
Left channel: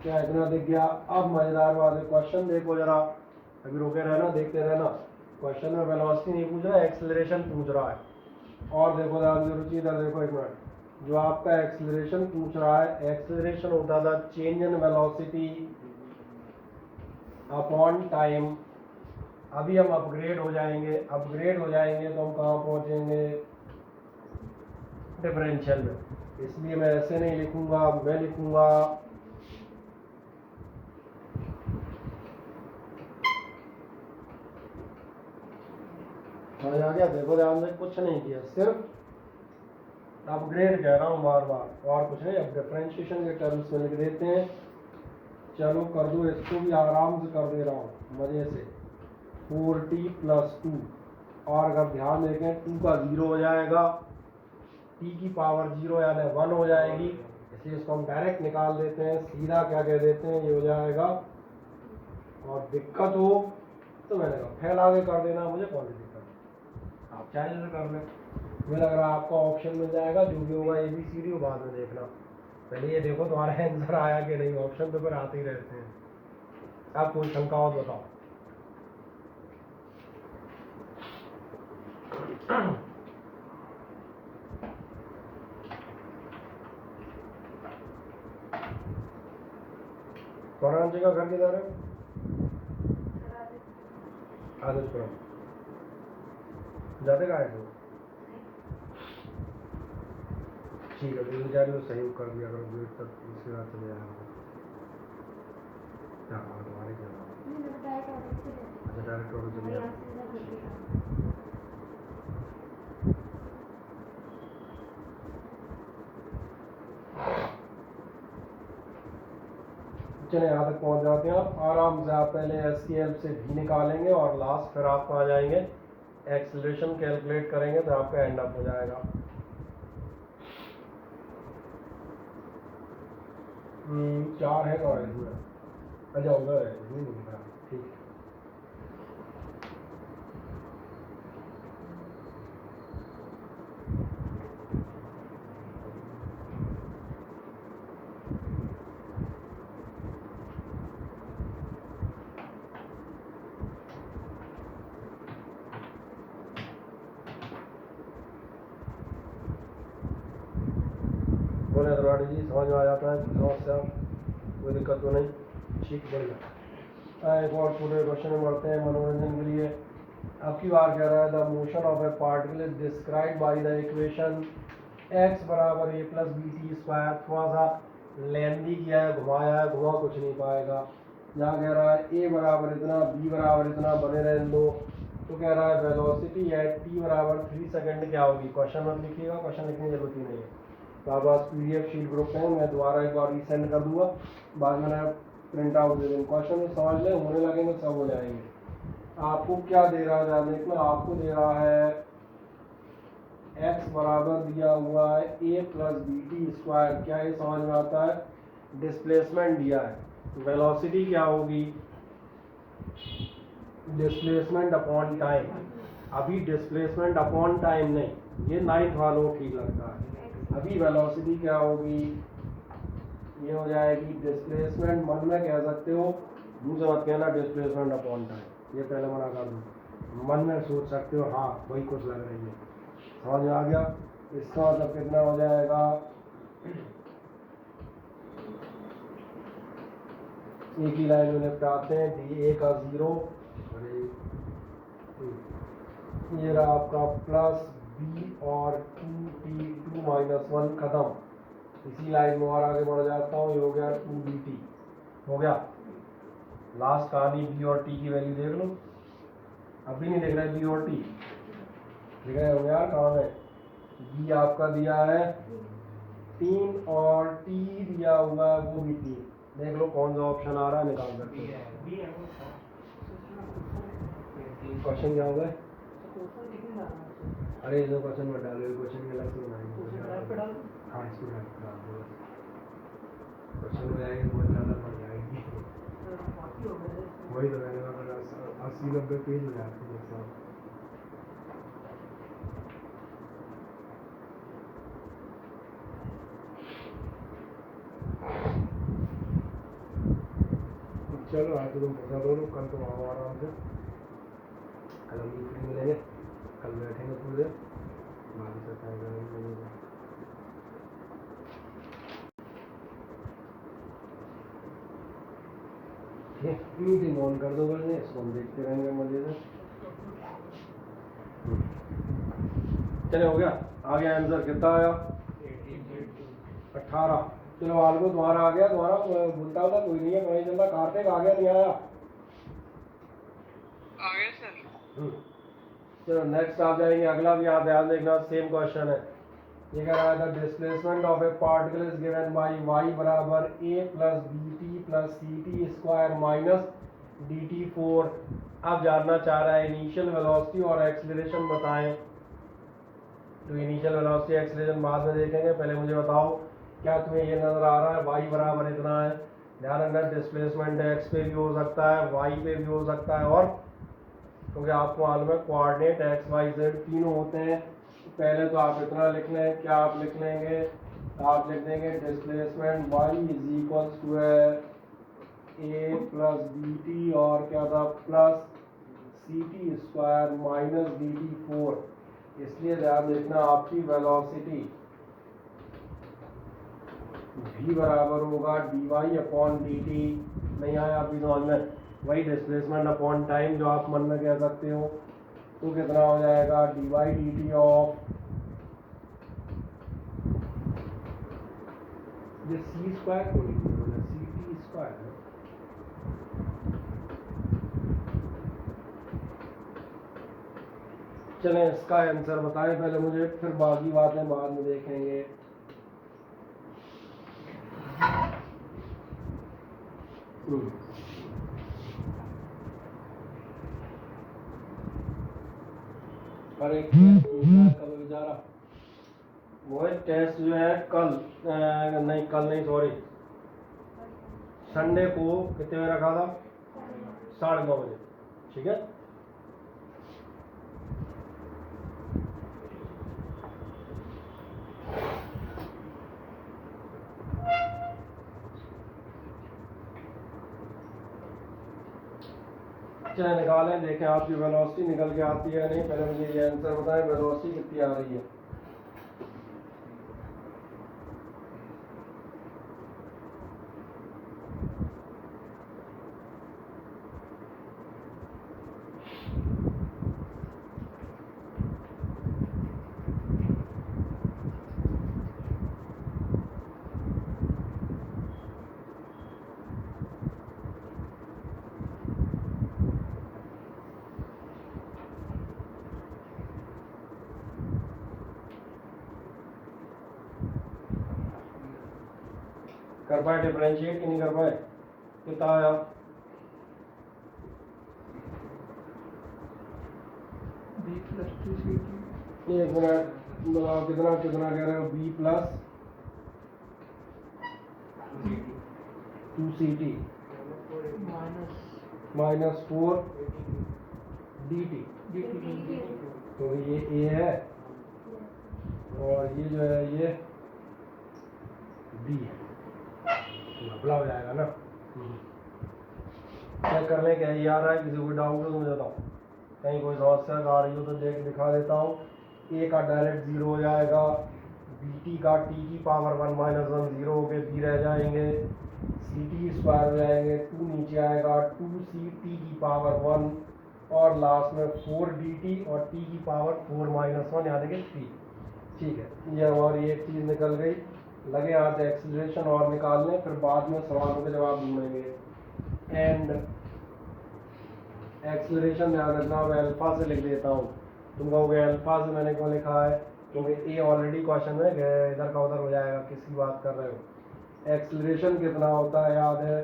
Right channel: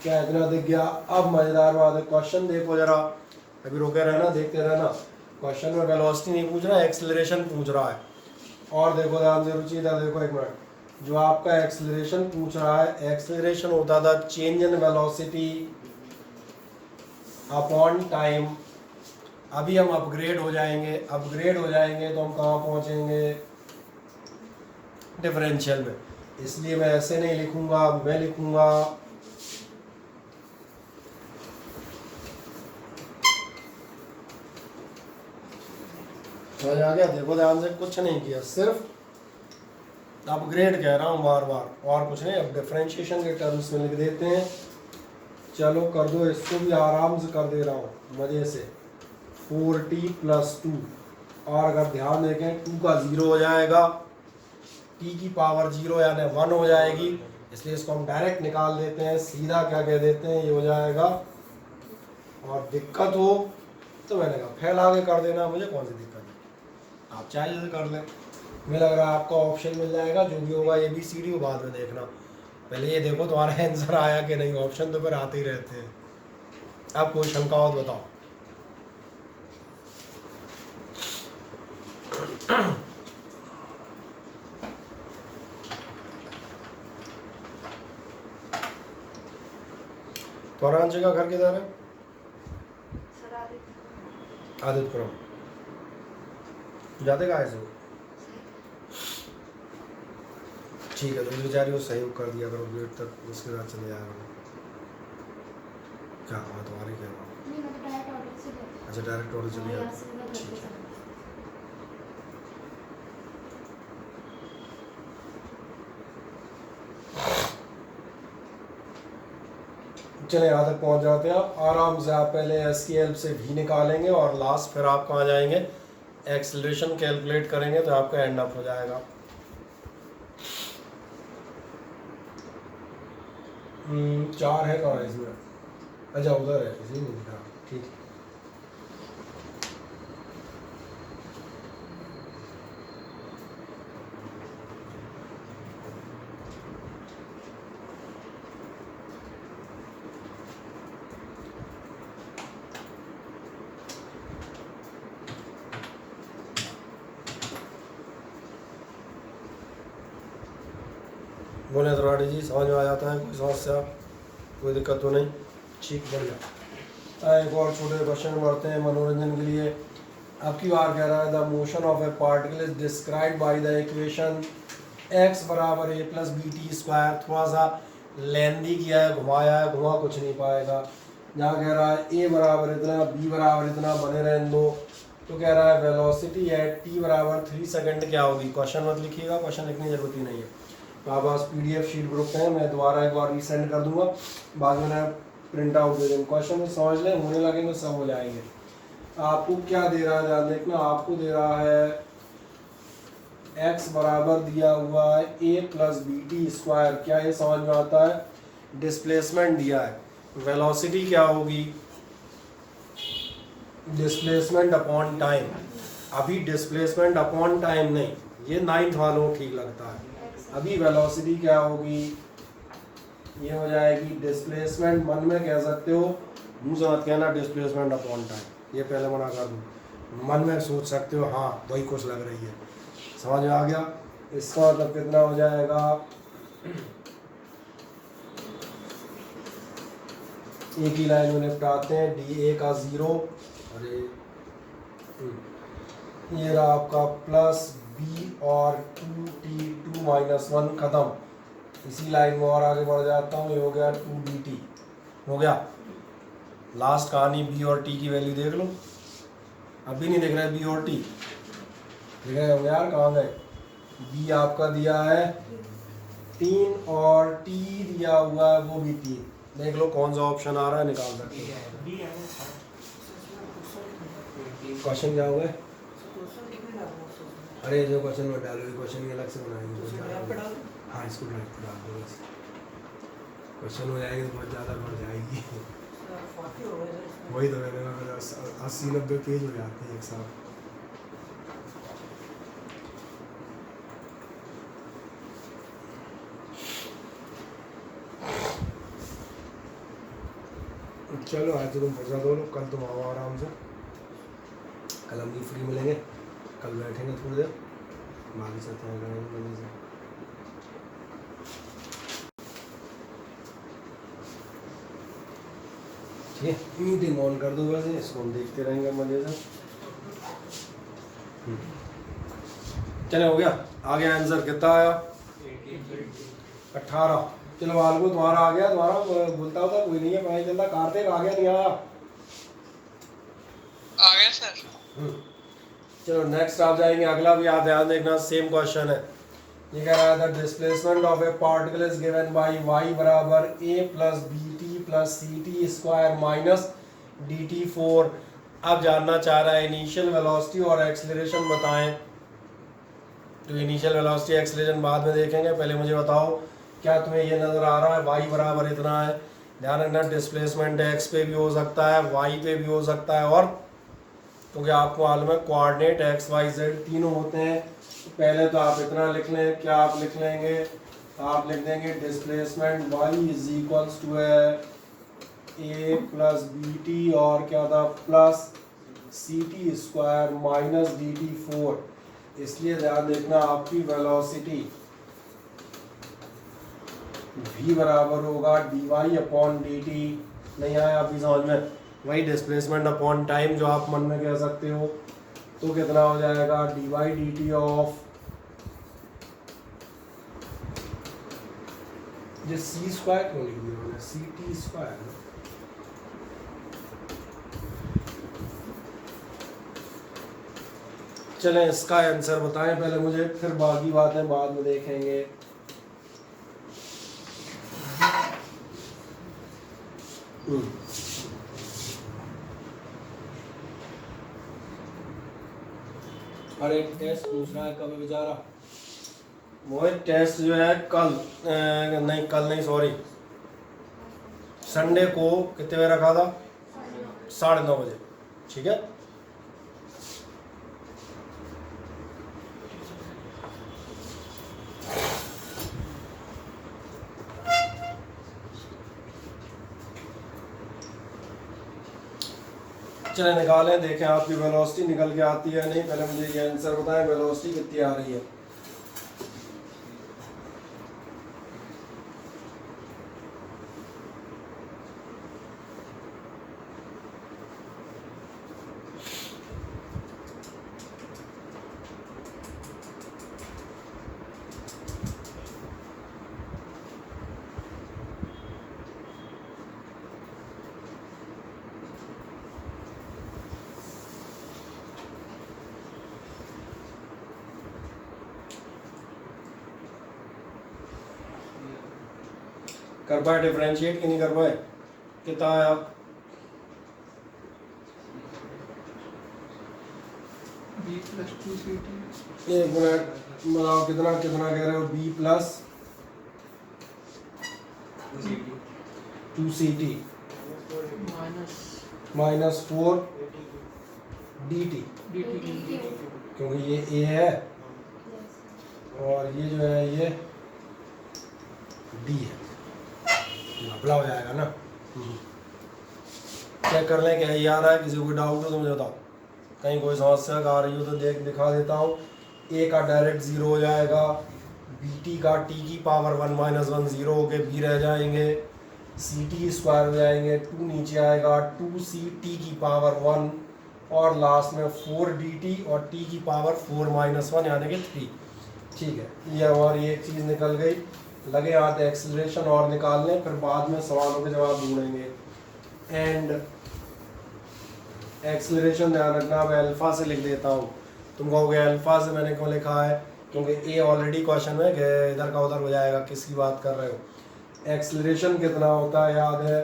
क्या इतना दिख गया? अब मज़ेदार बात है, क्वेश्चन देखो जरा, अभी रुके रहना, देखते रहना। क्वेश्चन में वेलोसिटी नहीं पूछ रहा है, एक्सेलरेशन पूछ रहा है। और देखो ध्यान से रुचि, इधर देखो एक मिनट, जो आपका एक्सेलरेशन पूछ रहा है, एक्सेलरेशन होता था change in velocity upon time. अभी हम अपग्रेड हो जाएंगे तो हम कहाँ पहुँचेंगे, डिफरेंशियल में। इसलिए मैं ऐसे नहीं लिखूंगा, मैं लिखूंगा समझ आ गया। देखो ध्यान से, कुछ नहीं किया, सिर्फ अपग्रेड कह रहा हूँ बार बार, और कुछ नहीं। अब डिफरेंशिएशन के टर्म्स में लिख देते हैं, चलो कर दो, इसको भी आराम से कर दे रहा हूँ मज़े से। 4t + 2, और अगर ध्यान देखें 2 का 0 हो जाएगा, t की पावर 0 यानी 1 हो जाएगी, इसलिए इसको हम डायरेक्ट निकाल देते हैं, सीधा क्या कह देते हैं, ये हो जाएगा। और दिक्कत हो तो मैंने कहा फैला के कर देना, मुझे कौन सी दिक्कत है, आप चाहे जैसे कर लें। मुझे लग रहा है आपका ऑप्शन मिल जाएगा, जो भी होगा ABCD को बाद में देखना, पहले ये देखो तुम्हारा आंसर आया कि नहीं। ऑप्शन तो फिर आते ही रहते हैं। अब क्वेश्चन का और बताओ। तुम्हारा का घर किधर है? आदित्यपुरम। जाते कहाँ से? ठीक है, तो इस बेचारी को सही कर दिया करो, गेट तक उसके साथ चले जाएगा। क्या हुआ तुम्हारे, क्या हुआ? अच्छा, डायरेक्ट ऑर्डर चले जाओ। चले यहाँ तक पहुँच जाते हैं आप आराम से। आप पहले एस की हेल्प से भी निकालेंगे और लास्ट फिर आप कहाँ जाएंगे, एक्सेलरेशन कैलकुलेट करेंगे, तो आपका एंड अप हो जाएगा। चार है कहाँ इसमें? अच्छा उधर है, इसी में दिखा। ठीक, बोले त्रिपाठी जी समझ में आ जाता है, कोई समस्या कोई दिक्कत तो नहीं? ठीक, बढ़िया। एक और छोटे क्वेश्चन में बढ़ते हैं मनोरंजन के लिए। आपकी बार कह रहा है the motion of a particle is describe by the equation x बराबर a plus B T square. थोड़ा सा लेंदी किया है, घुमाया है, घुमा कुछ नहीं पाएगा। जहाँ कह रहा है a बराबर इतना, b बराबर इतना, बने रहे इन दो, तो कह रहा है वेलोसिटी एट t बराबर 3 सेकंड क्या होगी। क्वेश्चन मत लिखिएगा, क्वेश्चन लिखने की जरूरत ही नहीं है। तो आप पास PDF शीट ग्रुप है, मैं दोबारा एक बार रीसेंड कर दूंगा, बाद में प्रिंट आउट दे देंगे। क्वेश्चन समझ लें, होने लगेंगे सब हो जाएंगे। आपको क्या दे रहा है ध्यान देखना, आपको दे रहा है x बराबर दिया हुआ है a plus B T square. क्या ये समझ में आता है? डिस्प्लेसमेंट दिया है, वेलोसिटी क्या होगी, डिस्प्लेसमेंट अपॉन टाइम। अभी डिस्प्लेसमेंट अपॉन टाइम नहीं, ये 9th वालों को ठीक लगता है। अभी वेलोसिटी क्या होगी, ये हो जाएगी डिस्प्लेसमेंट, मन में कह सकते हो, मुंह से मत कहना डिस्प्लेसमेंट अपॉन टाइम, ये पहले मना कर दूँ। मन में सोच सकते हो, हाँ वही कुछ लग रही है। समझ में आ गया? इसका मतलब कितना हो जाएगा, एक ही लाइन में निपटाते हैं, dA का 0 और ये रहा आपका प्लस b और 2t 2 माइनस 1 खत्म। इसी लाइन में और आगे बढ़ जाता हूँ, ये हो गया 2dt हो गया। लास्ट कहानी b और t की वैल्यू देख लो, अभी नहीं दिख रहा है b और t, दिख रहे होंगे यार, कहाँ है b आपका दिया है 3 और t दिया हुआ है वो भी 3। देख लो कौन सा ऑप्शन आ रहा है, निकाल सकते हो। क्वेश्चन क्या हुआ है? अरे जो क्वेश्चन में डालो, क्वेश्चन अलग से बनाएंगे। हाँ इसको डाल दो बस, क्वेश्चन हो जाएंगे तो बहुत ज़्यादा बढ़ जाएगी। वही तो मैंने 80-90 पेज हो जाते हैं एक साथ। चलो आज तो तुम फंसा दो लोग, कल तुम आओ आराम से, कल हम भी फ्री मिलेंगे, कल बैठेंगे थोड़ी देर, बाकी से ठीक है। मीटिंग ऑन कर दो बस, इसको हम देखते रहेंगे मजे से। चले हो गया, आगे आंसर कितना आया? 18। चलो वाल को तुम्हारा आ गया, तुम्हारा बोलता होता कोई नहीं है, पता नहीं चलता। कार्तिक आ गया नहीं आया? आ गया सर। चलो नेक्स्ट आप जाएंगे, अगला भी आप ध्यान देखना, सेम क्वेश्चन है। ये कह रहा है the displacement of a particle is given by y बराबर a plus B T plus C T square minus D T 4। अब जानना चाह रहा है इनिशियल वेलोसिटी और एक्सेलरेशन बताएं। तो इनिशियल वेलोसिटी एक्सेलरेशन बाद में देखेंगे, पहले मुझे बताओ क्या तुम्हें ये नज़र आ रहा है y बराबर इतना है। ध्यान रखना डिस्प्लेसमेंट x पे भी हो सकता है, y पे भी हो सकता है, और क्योंकि आपको मालूम है कोऑर्डिनेट x y z तीनों होते हैं, पहले तो आप इतना लिख लें, क्या आप लिख लेंगे, आप लिख देंगे displacement y is equals to A plus B T और क्या था plus C T square minus D T 4। इसलिए ध्यान देखना आपकी वेलोसिटी v बराबर होगा D Y upon D T. नहीं आया अभी समझ में, वही डिस्प्लेसमेंट अपॉन टाइम जो आप मन में कह सकते हो। तो कितना हो जाएगा D Y D T of जो सी स्क्वायर क्यों लिख दिया सी टी स्क्वायर। चलें इसका आंसर बताएं पहले मुझे, फिर बाकी बातें बाद में देखेंगे। और एक टेस्ट पूछ रहा है कब बेचारा, वो एक टेस्ट जो है कल नहीं कल नहीं सॉरी संडे को कितने बजे रखा था, 9:30 बजे, ठीक है। चले निकालें, देखें आपकी वेलोसिटी निकल के आती है नहीं। पहले मुझे ये आंसर बताएं वेलोसिटी कितनी आ रही है। कर पाए डिफरेंशिएट कि नहीं कर पाए, कितना है आप बी प्लस 2ct। एक मिनट बताओ कितना कितना कह रहे हो, B plus 2ct minus 4 dt, क्योंकि ये a है और ये जो है ये d है, घपला हो जाएगा ना। चेक कर लें क्या ये आ रहा है, किसी को कोई डाउट हो तो मुझे बताओ, कहीं कोई समस्या आ रही हो तो दिखा देता हूँ। a का डायरेक्ट 0 हो जाएगा, bt का t की पावर 1 माइनस 1 0 हो के b रह जाएंगे, ct स्क्वायर हो जाएंगे, 2 नीचे आएगा 2ct की पावर 1 और लास्ट में 4dt और t की पावर 4 माइनस 1 यानी कि 3। ठीक है, ये और ये एक चीज़ निकल गई। लगे हाथ एक्सीलरेशन और निकाल लें, फिर बाद में सवालों के जवाब ढूंढेंगे। एंड एक्सीलरेशन ध्यान रखना, मैं अल्फा से लिख देता हूँ। तुम कहोगे अल्फा से मैंने क्यों लिखा है, क्योंकि ए ऑलरेडी क्वेश्चन में इधर का उधर हो जाएगा, किसकी बात कर रहे हो। एक्सीलरेशन कितना होता है याद है,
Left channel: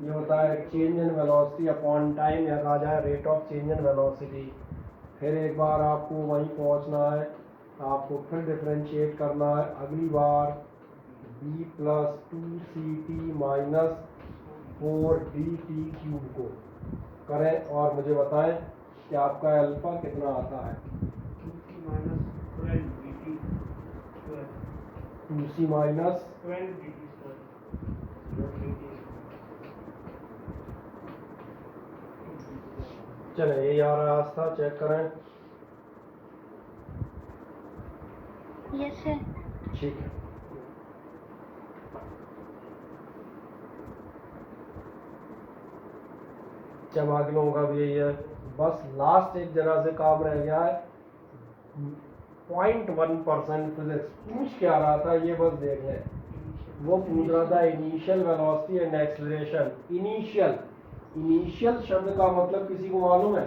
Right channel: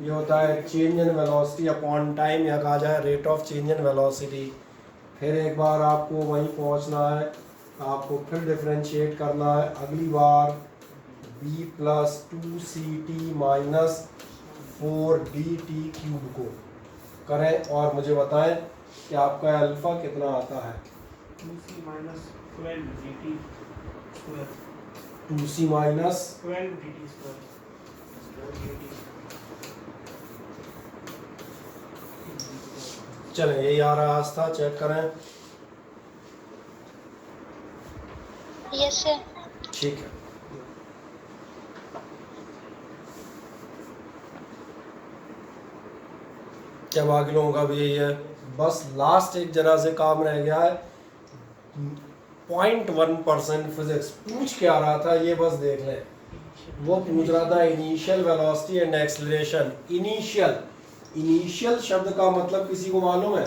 ये होता है change in velocity upon time, या कहा जाए rate of change in velocity. फिर एक बार आपको वहीं पहुँचना है, आपको फिर डिफ्रेंशिएट करना है। अगली बार b plus 2ct minus 4dt cube को करें और मुझे बताएं कि आपका अल्फा कितना आता है। 2c minus 12dt square, 2c minus 12dt square, चलें यही आ रहा रास्ता, चेक करें। Yes sir. ठीक है, क्या बाकी लोगों का भी यही है। बस लास्ट एक जरा से काम रह गया है, 0.1% फिजिक्स पूछ क्या रहा था ये बस देख लें। वो पूछ रहा था initial velocity and acceleration. Initial शब्द का मतलब किसी को मालूम है,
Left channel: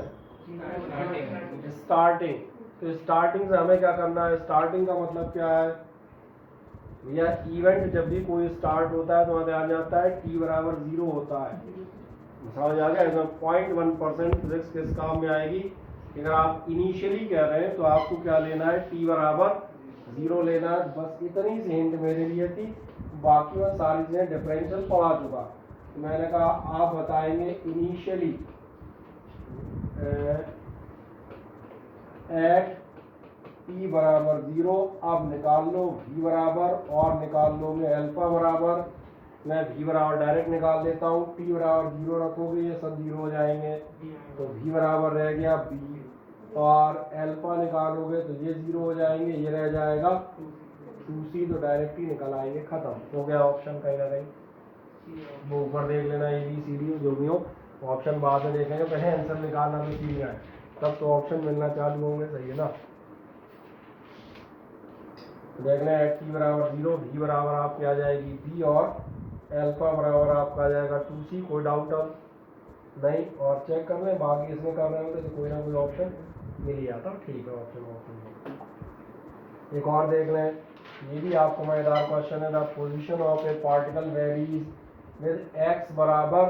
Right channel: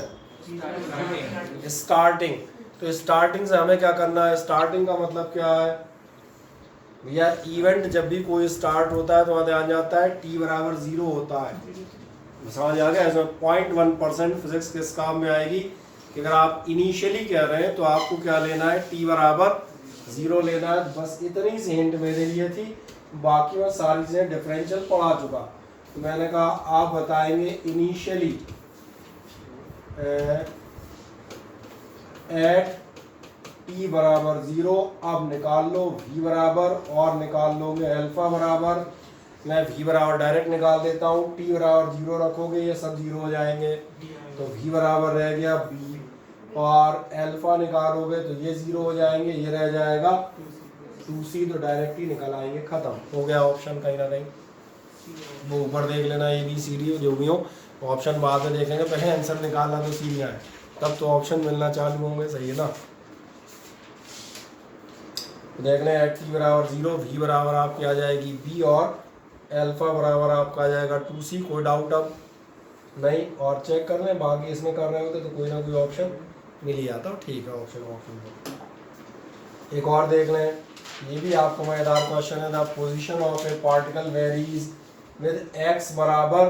स्टार्टिंग। तो स्टार्टिंग से हमें क्या करना है, स्टार्टिंग का मतलब क्या है भैया, इवेंट जब भी कोई स्टार्ट होता है तो वहाँ ध्यान जाता है t बराबर 0 होता है। समझ आ गया, इसमें 0.1% फिजिक्स किस काम में आएगी कि अगर आप इनिशियली कह रहे हैं तो आपको क्या लेना है, t बराबर 0 लेना है। बस इतनी सी हिंट मेरे लिए थी, बाकी मैं सारी चीज़ें डिफरेंशियल पढ़ा चुका। तो मैंने कहा आप बताएंगे इनिशियली एट t बराबर 0। अब निकाल लो v बराबर और निकाल लोगे अल्फा बराबर, मैं v बराबर डायरेक्ट निकाल देता हूँ, t बराबर 0 रखोगे ये सब 0 हो जाएंगे, तो v बराबर रह गया b और अल्फा निकालोगे तो ये 0 हो जाएंगे, ये रह जाएगा 2c, तो डायरेक्ट ही निकल आएंगे, खत्म हो गया ऑप्शन कहीं ना कहीं। वो ऊपर देख लेना ABCD जो भी हो, ऑप्शन बाद में देखेंगे, पहले आंसर निकालना तो सीधी है, तब तो ऑप्शन मिलना चालू होंगे, सही है ना। देख लें t बराबर 0, v बराबर आपकी आ जाएगी b और अल्फा बराबर आपका आ जाएगा 2c, कोई डाउट अब नहीं। और चेक कर लें, बाकी इसमें कर रहे होते तो कोई ना कोई ऑप्शन मिल ही जाता, ठीक है ऑप्शन। एक और देख लें, ये भी आपको मजेदार क्वेश्चन है। The position of a particle varies with x बराबर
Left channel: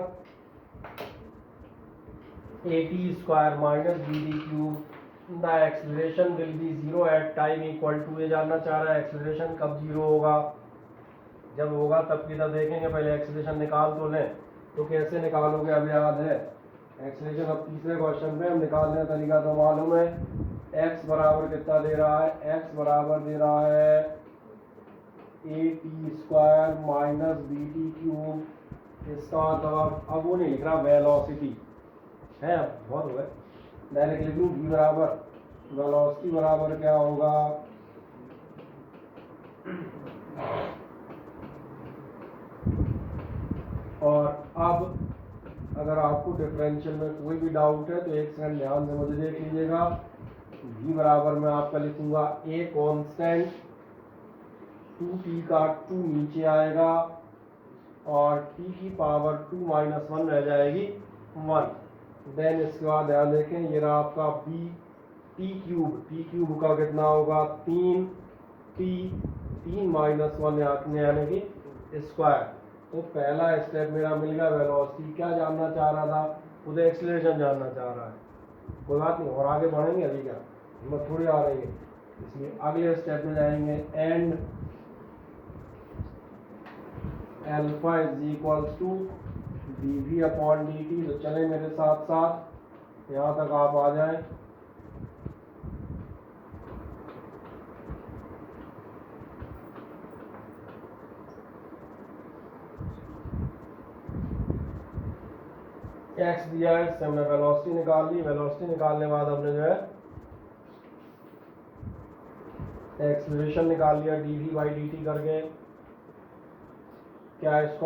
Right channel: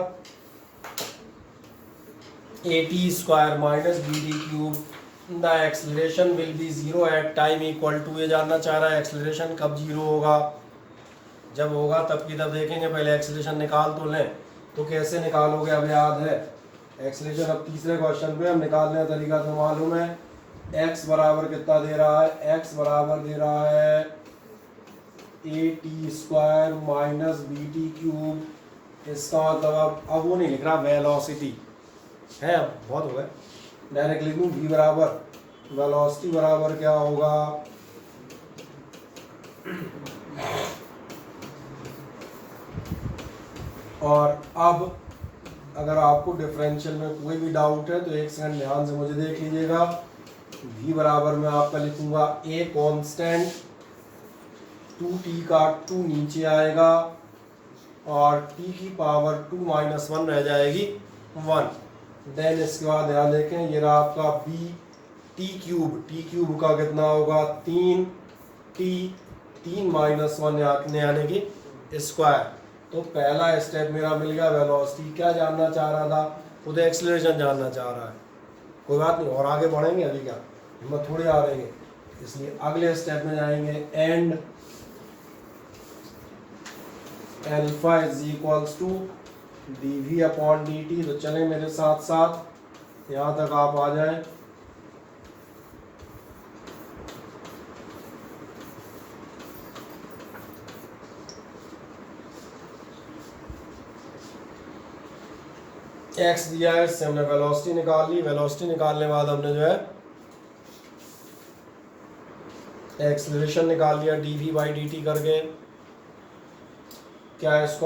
at square minus bd cube, the acceleration will be 0 at time equal to, ये जानना चाह रहा है एक्सेलरेशन कब 0 होगा, जब होगा तब की तब देखेंगे, पहले एक्सेलरेशन निकाल तो लें। तो कैसे निकालोगे अब याद है एक्सेलरेशन, अब तीसरे क्वेश्चन पे हम निकालने का तरीका तो मालूम है। x बराबर कितना दे रहा है, x बराबर दे रहा है at square minus bt cube, इसका मतलब अब वो नहीं लिख रहा वेलोसिटी है, बहुत हो गया, डायरेक्ट लिख लूँ v बराबर वेलोसिटी बराबर क्या होगा, और अब अगर आपको डिफरेंशियल में कोई भी डाउट है तो एक सेकंड ध्यान से मुझे देख लीजिएगा। v बराबर मैं आपका लिखूंगा a कांस्टेंट, 2t का 2 नीचे आएगा और t की पावर 2 माइनस 1 रह जाएगी 1। देन इसके बाद ध्यान देखें, ये रहा आपका b t क्यूब का कितना होगा 3t, 3 माइनस 1 यानी कि स्क्वायर। तो पहला स्टेप मेरा मिल गया, वेलोसिटी क्या जानना चाह रहा था, खुद एक्सेलरेशन जानना चाह रहा है, कोई बात नहीं और आगे बढ़ेंगे, अभी क्या हिम्मत थोड़ी आ रही है, इसलिए अगले स्टेप में जाएंगे। And alpha is equals to dv upon dt, तो चले मेरे साथ साथ यहाँ तक आप आ जाएं। x दिया है, इससे हमने वेलोसिटी निकाल ली, वेलोसिटी निकालने के बाद हमने जो है एक्सेलरेशन निकाल लिया dv बाई dt करके। क्या इसको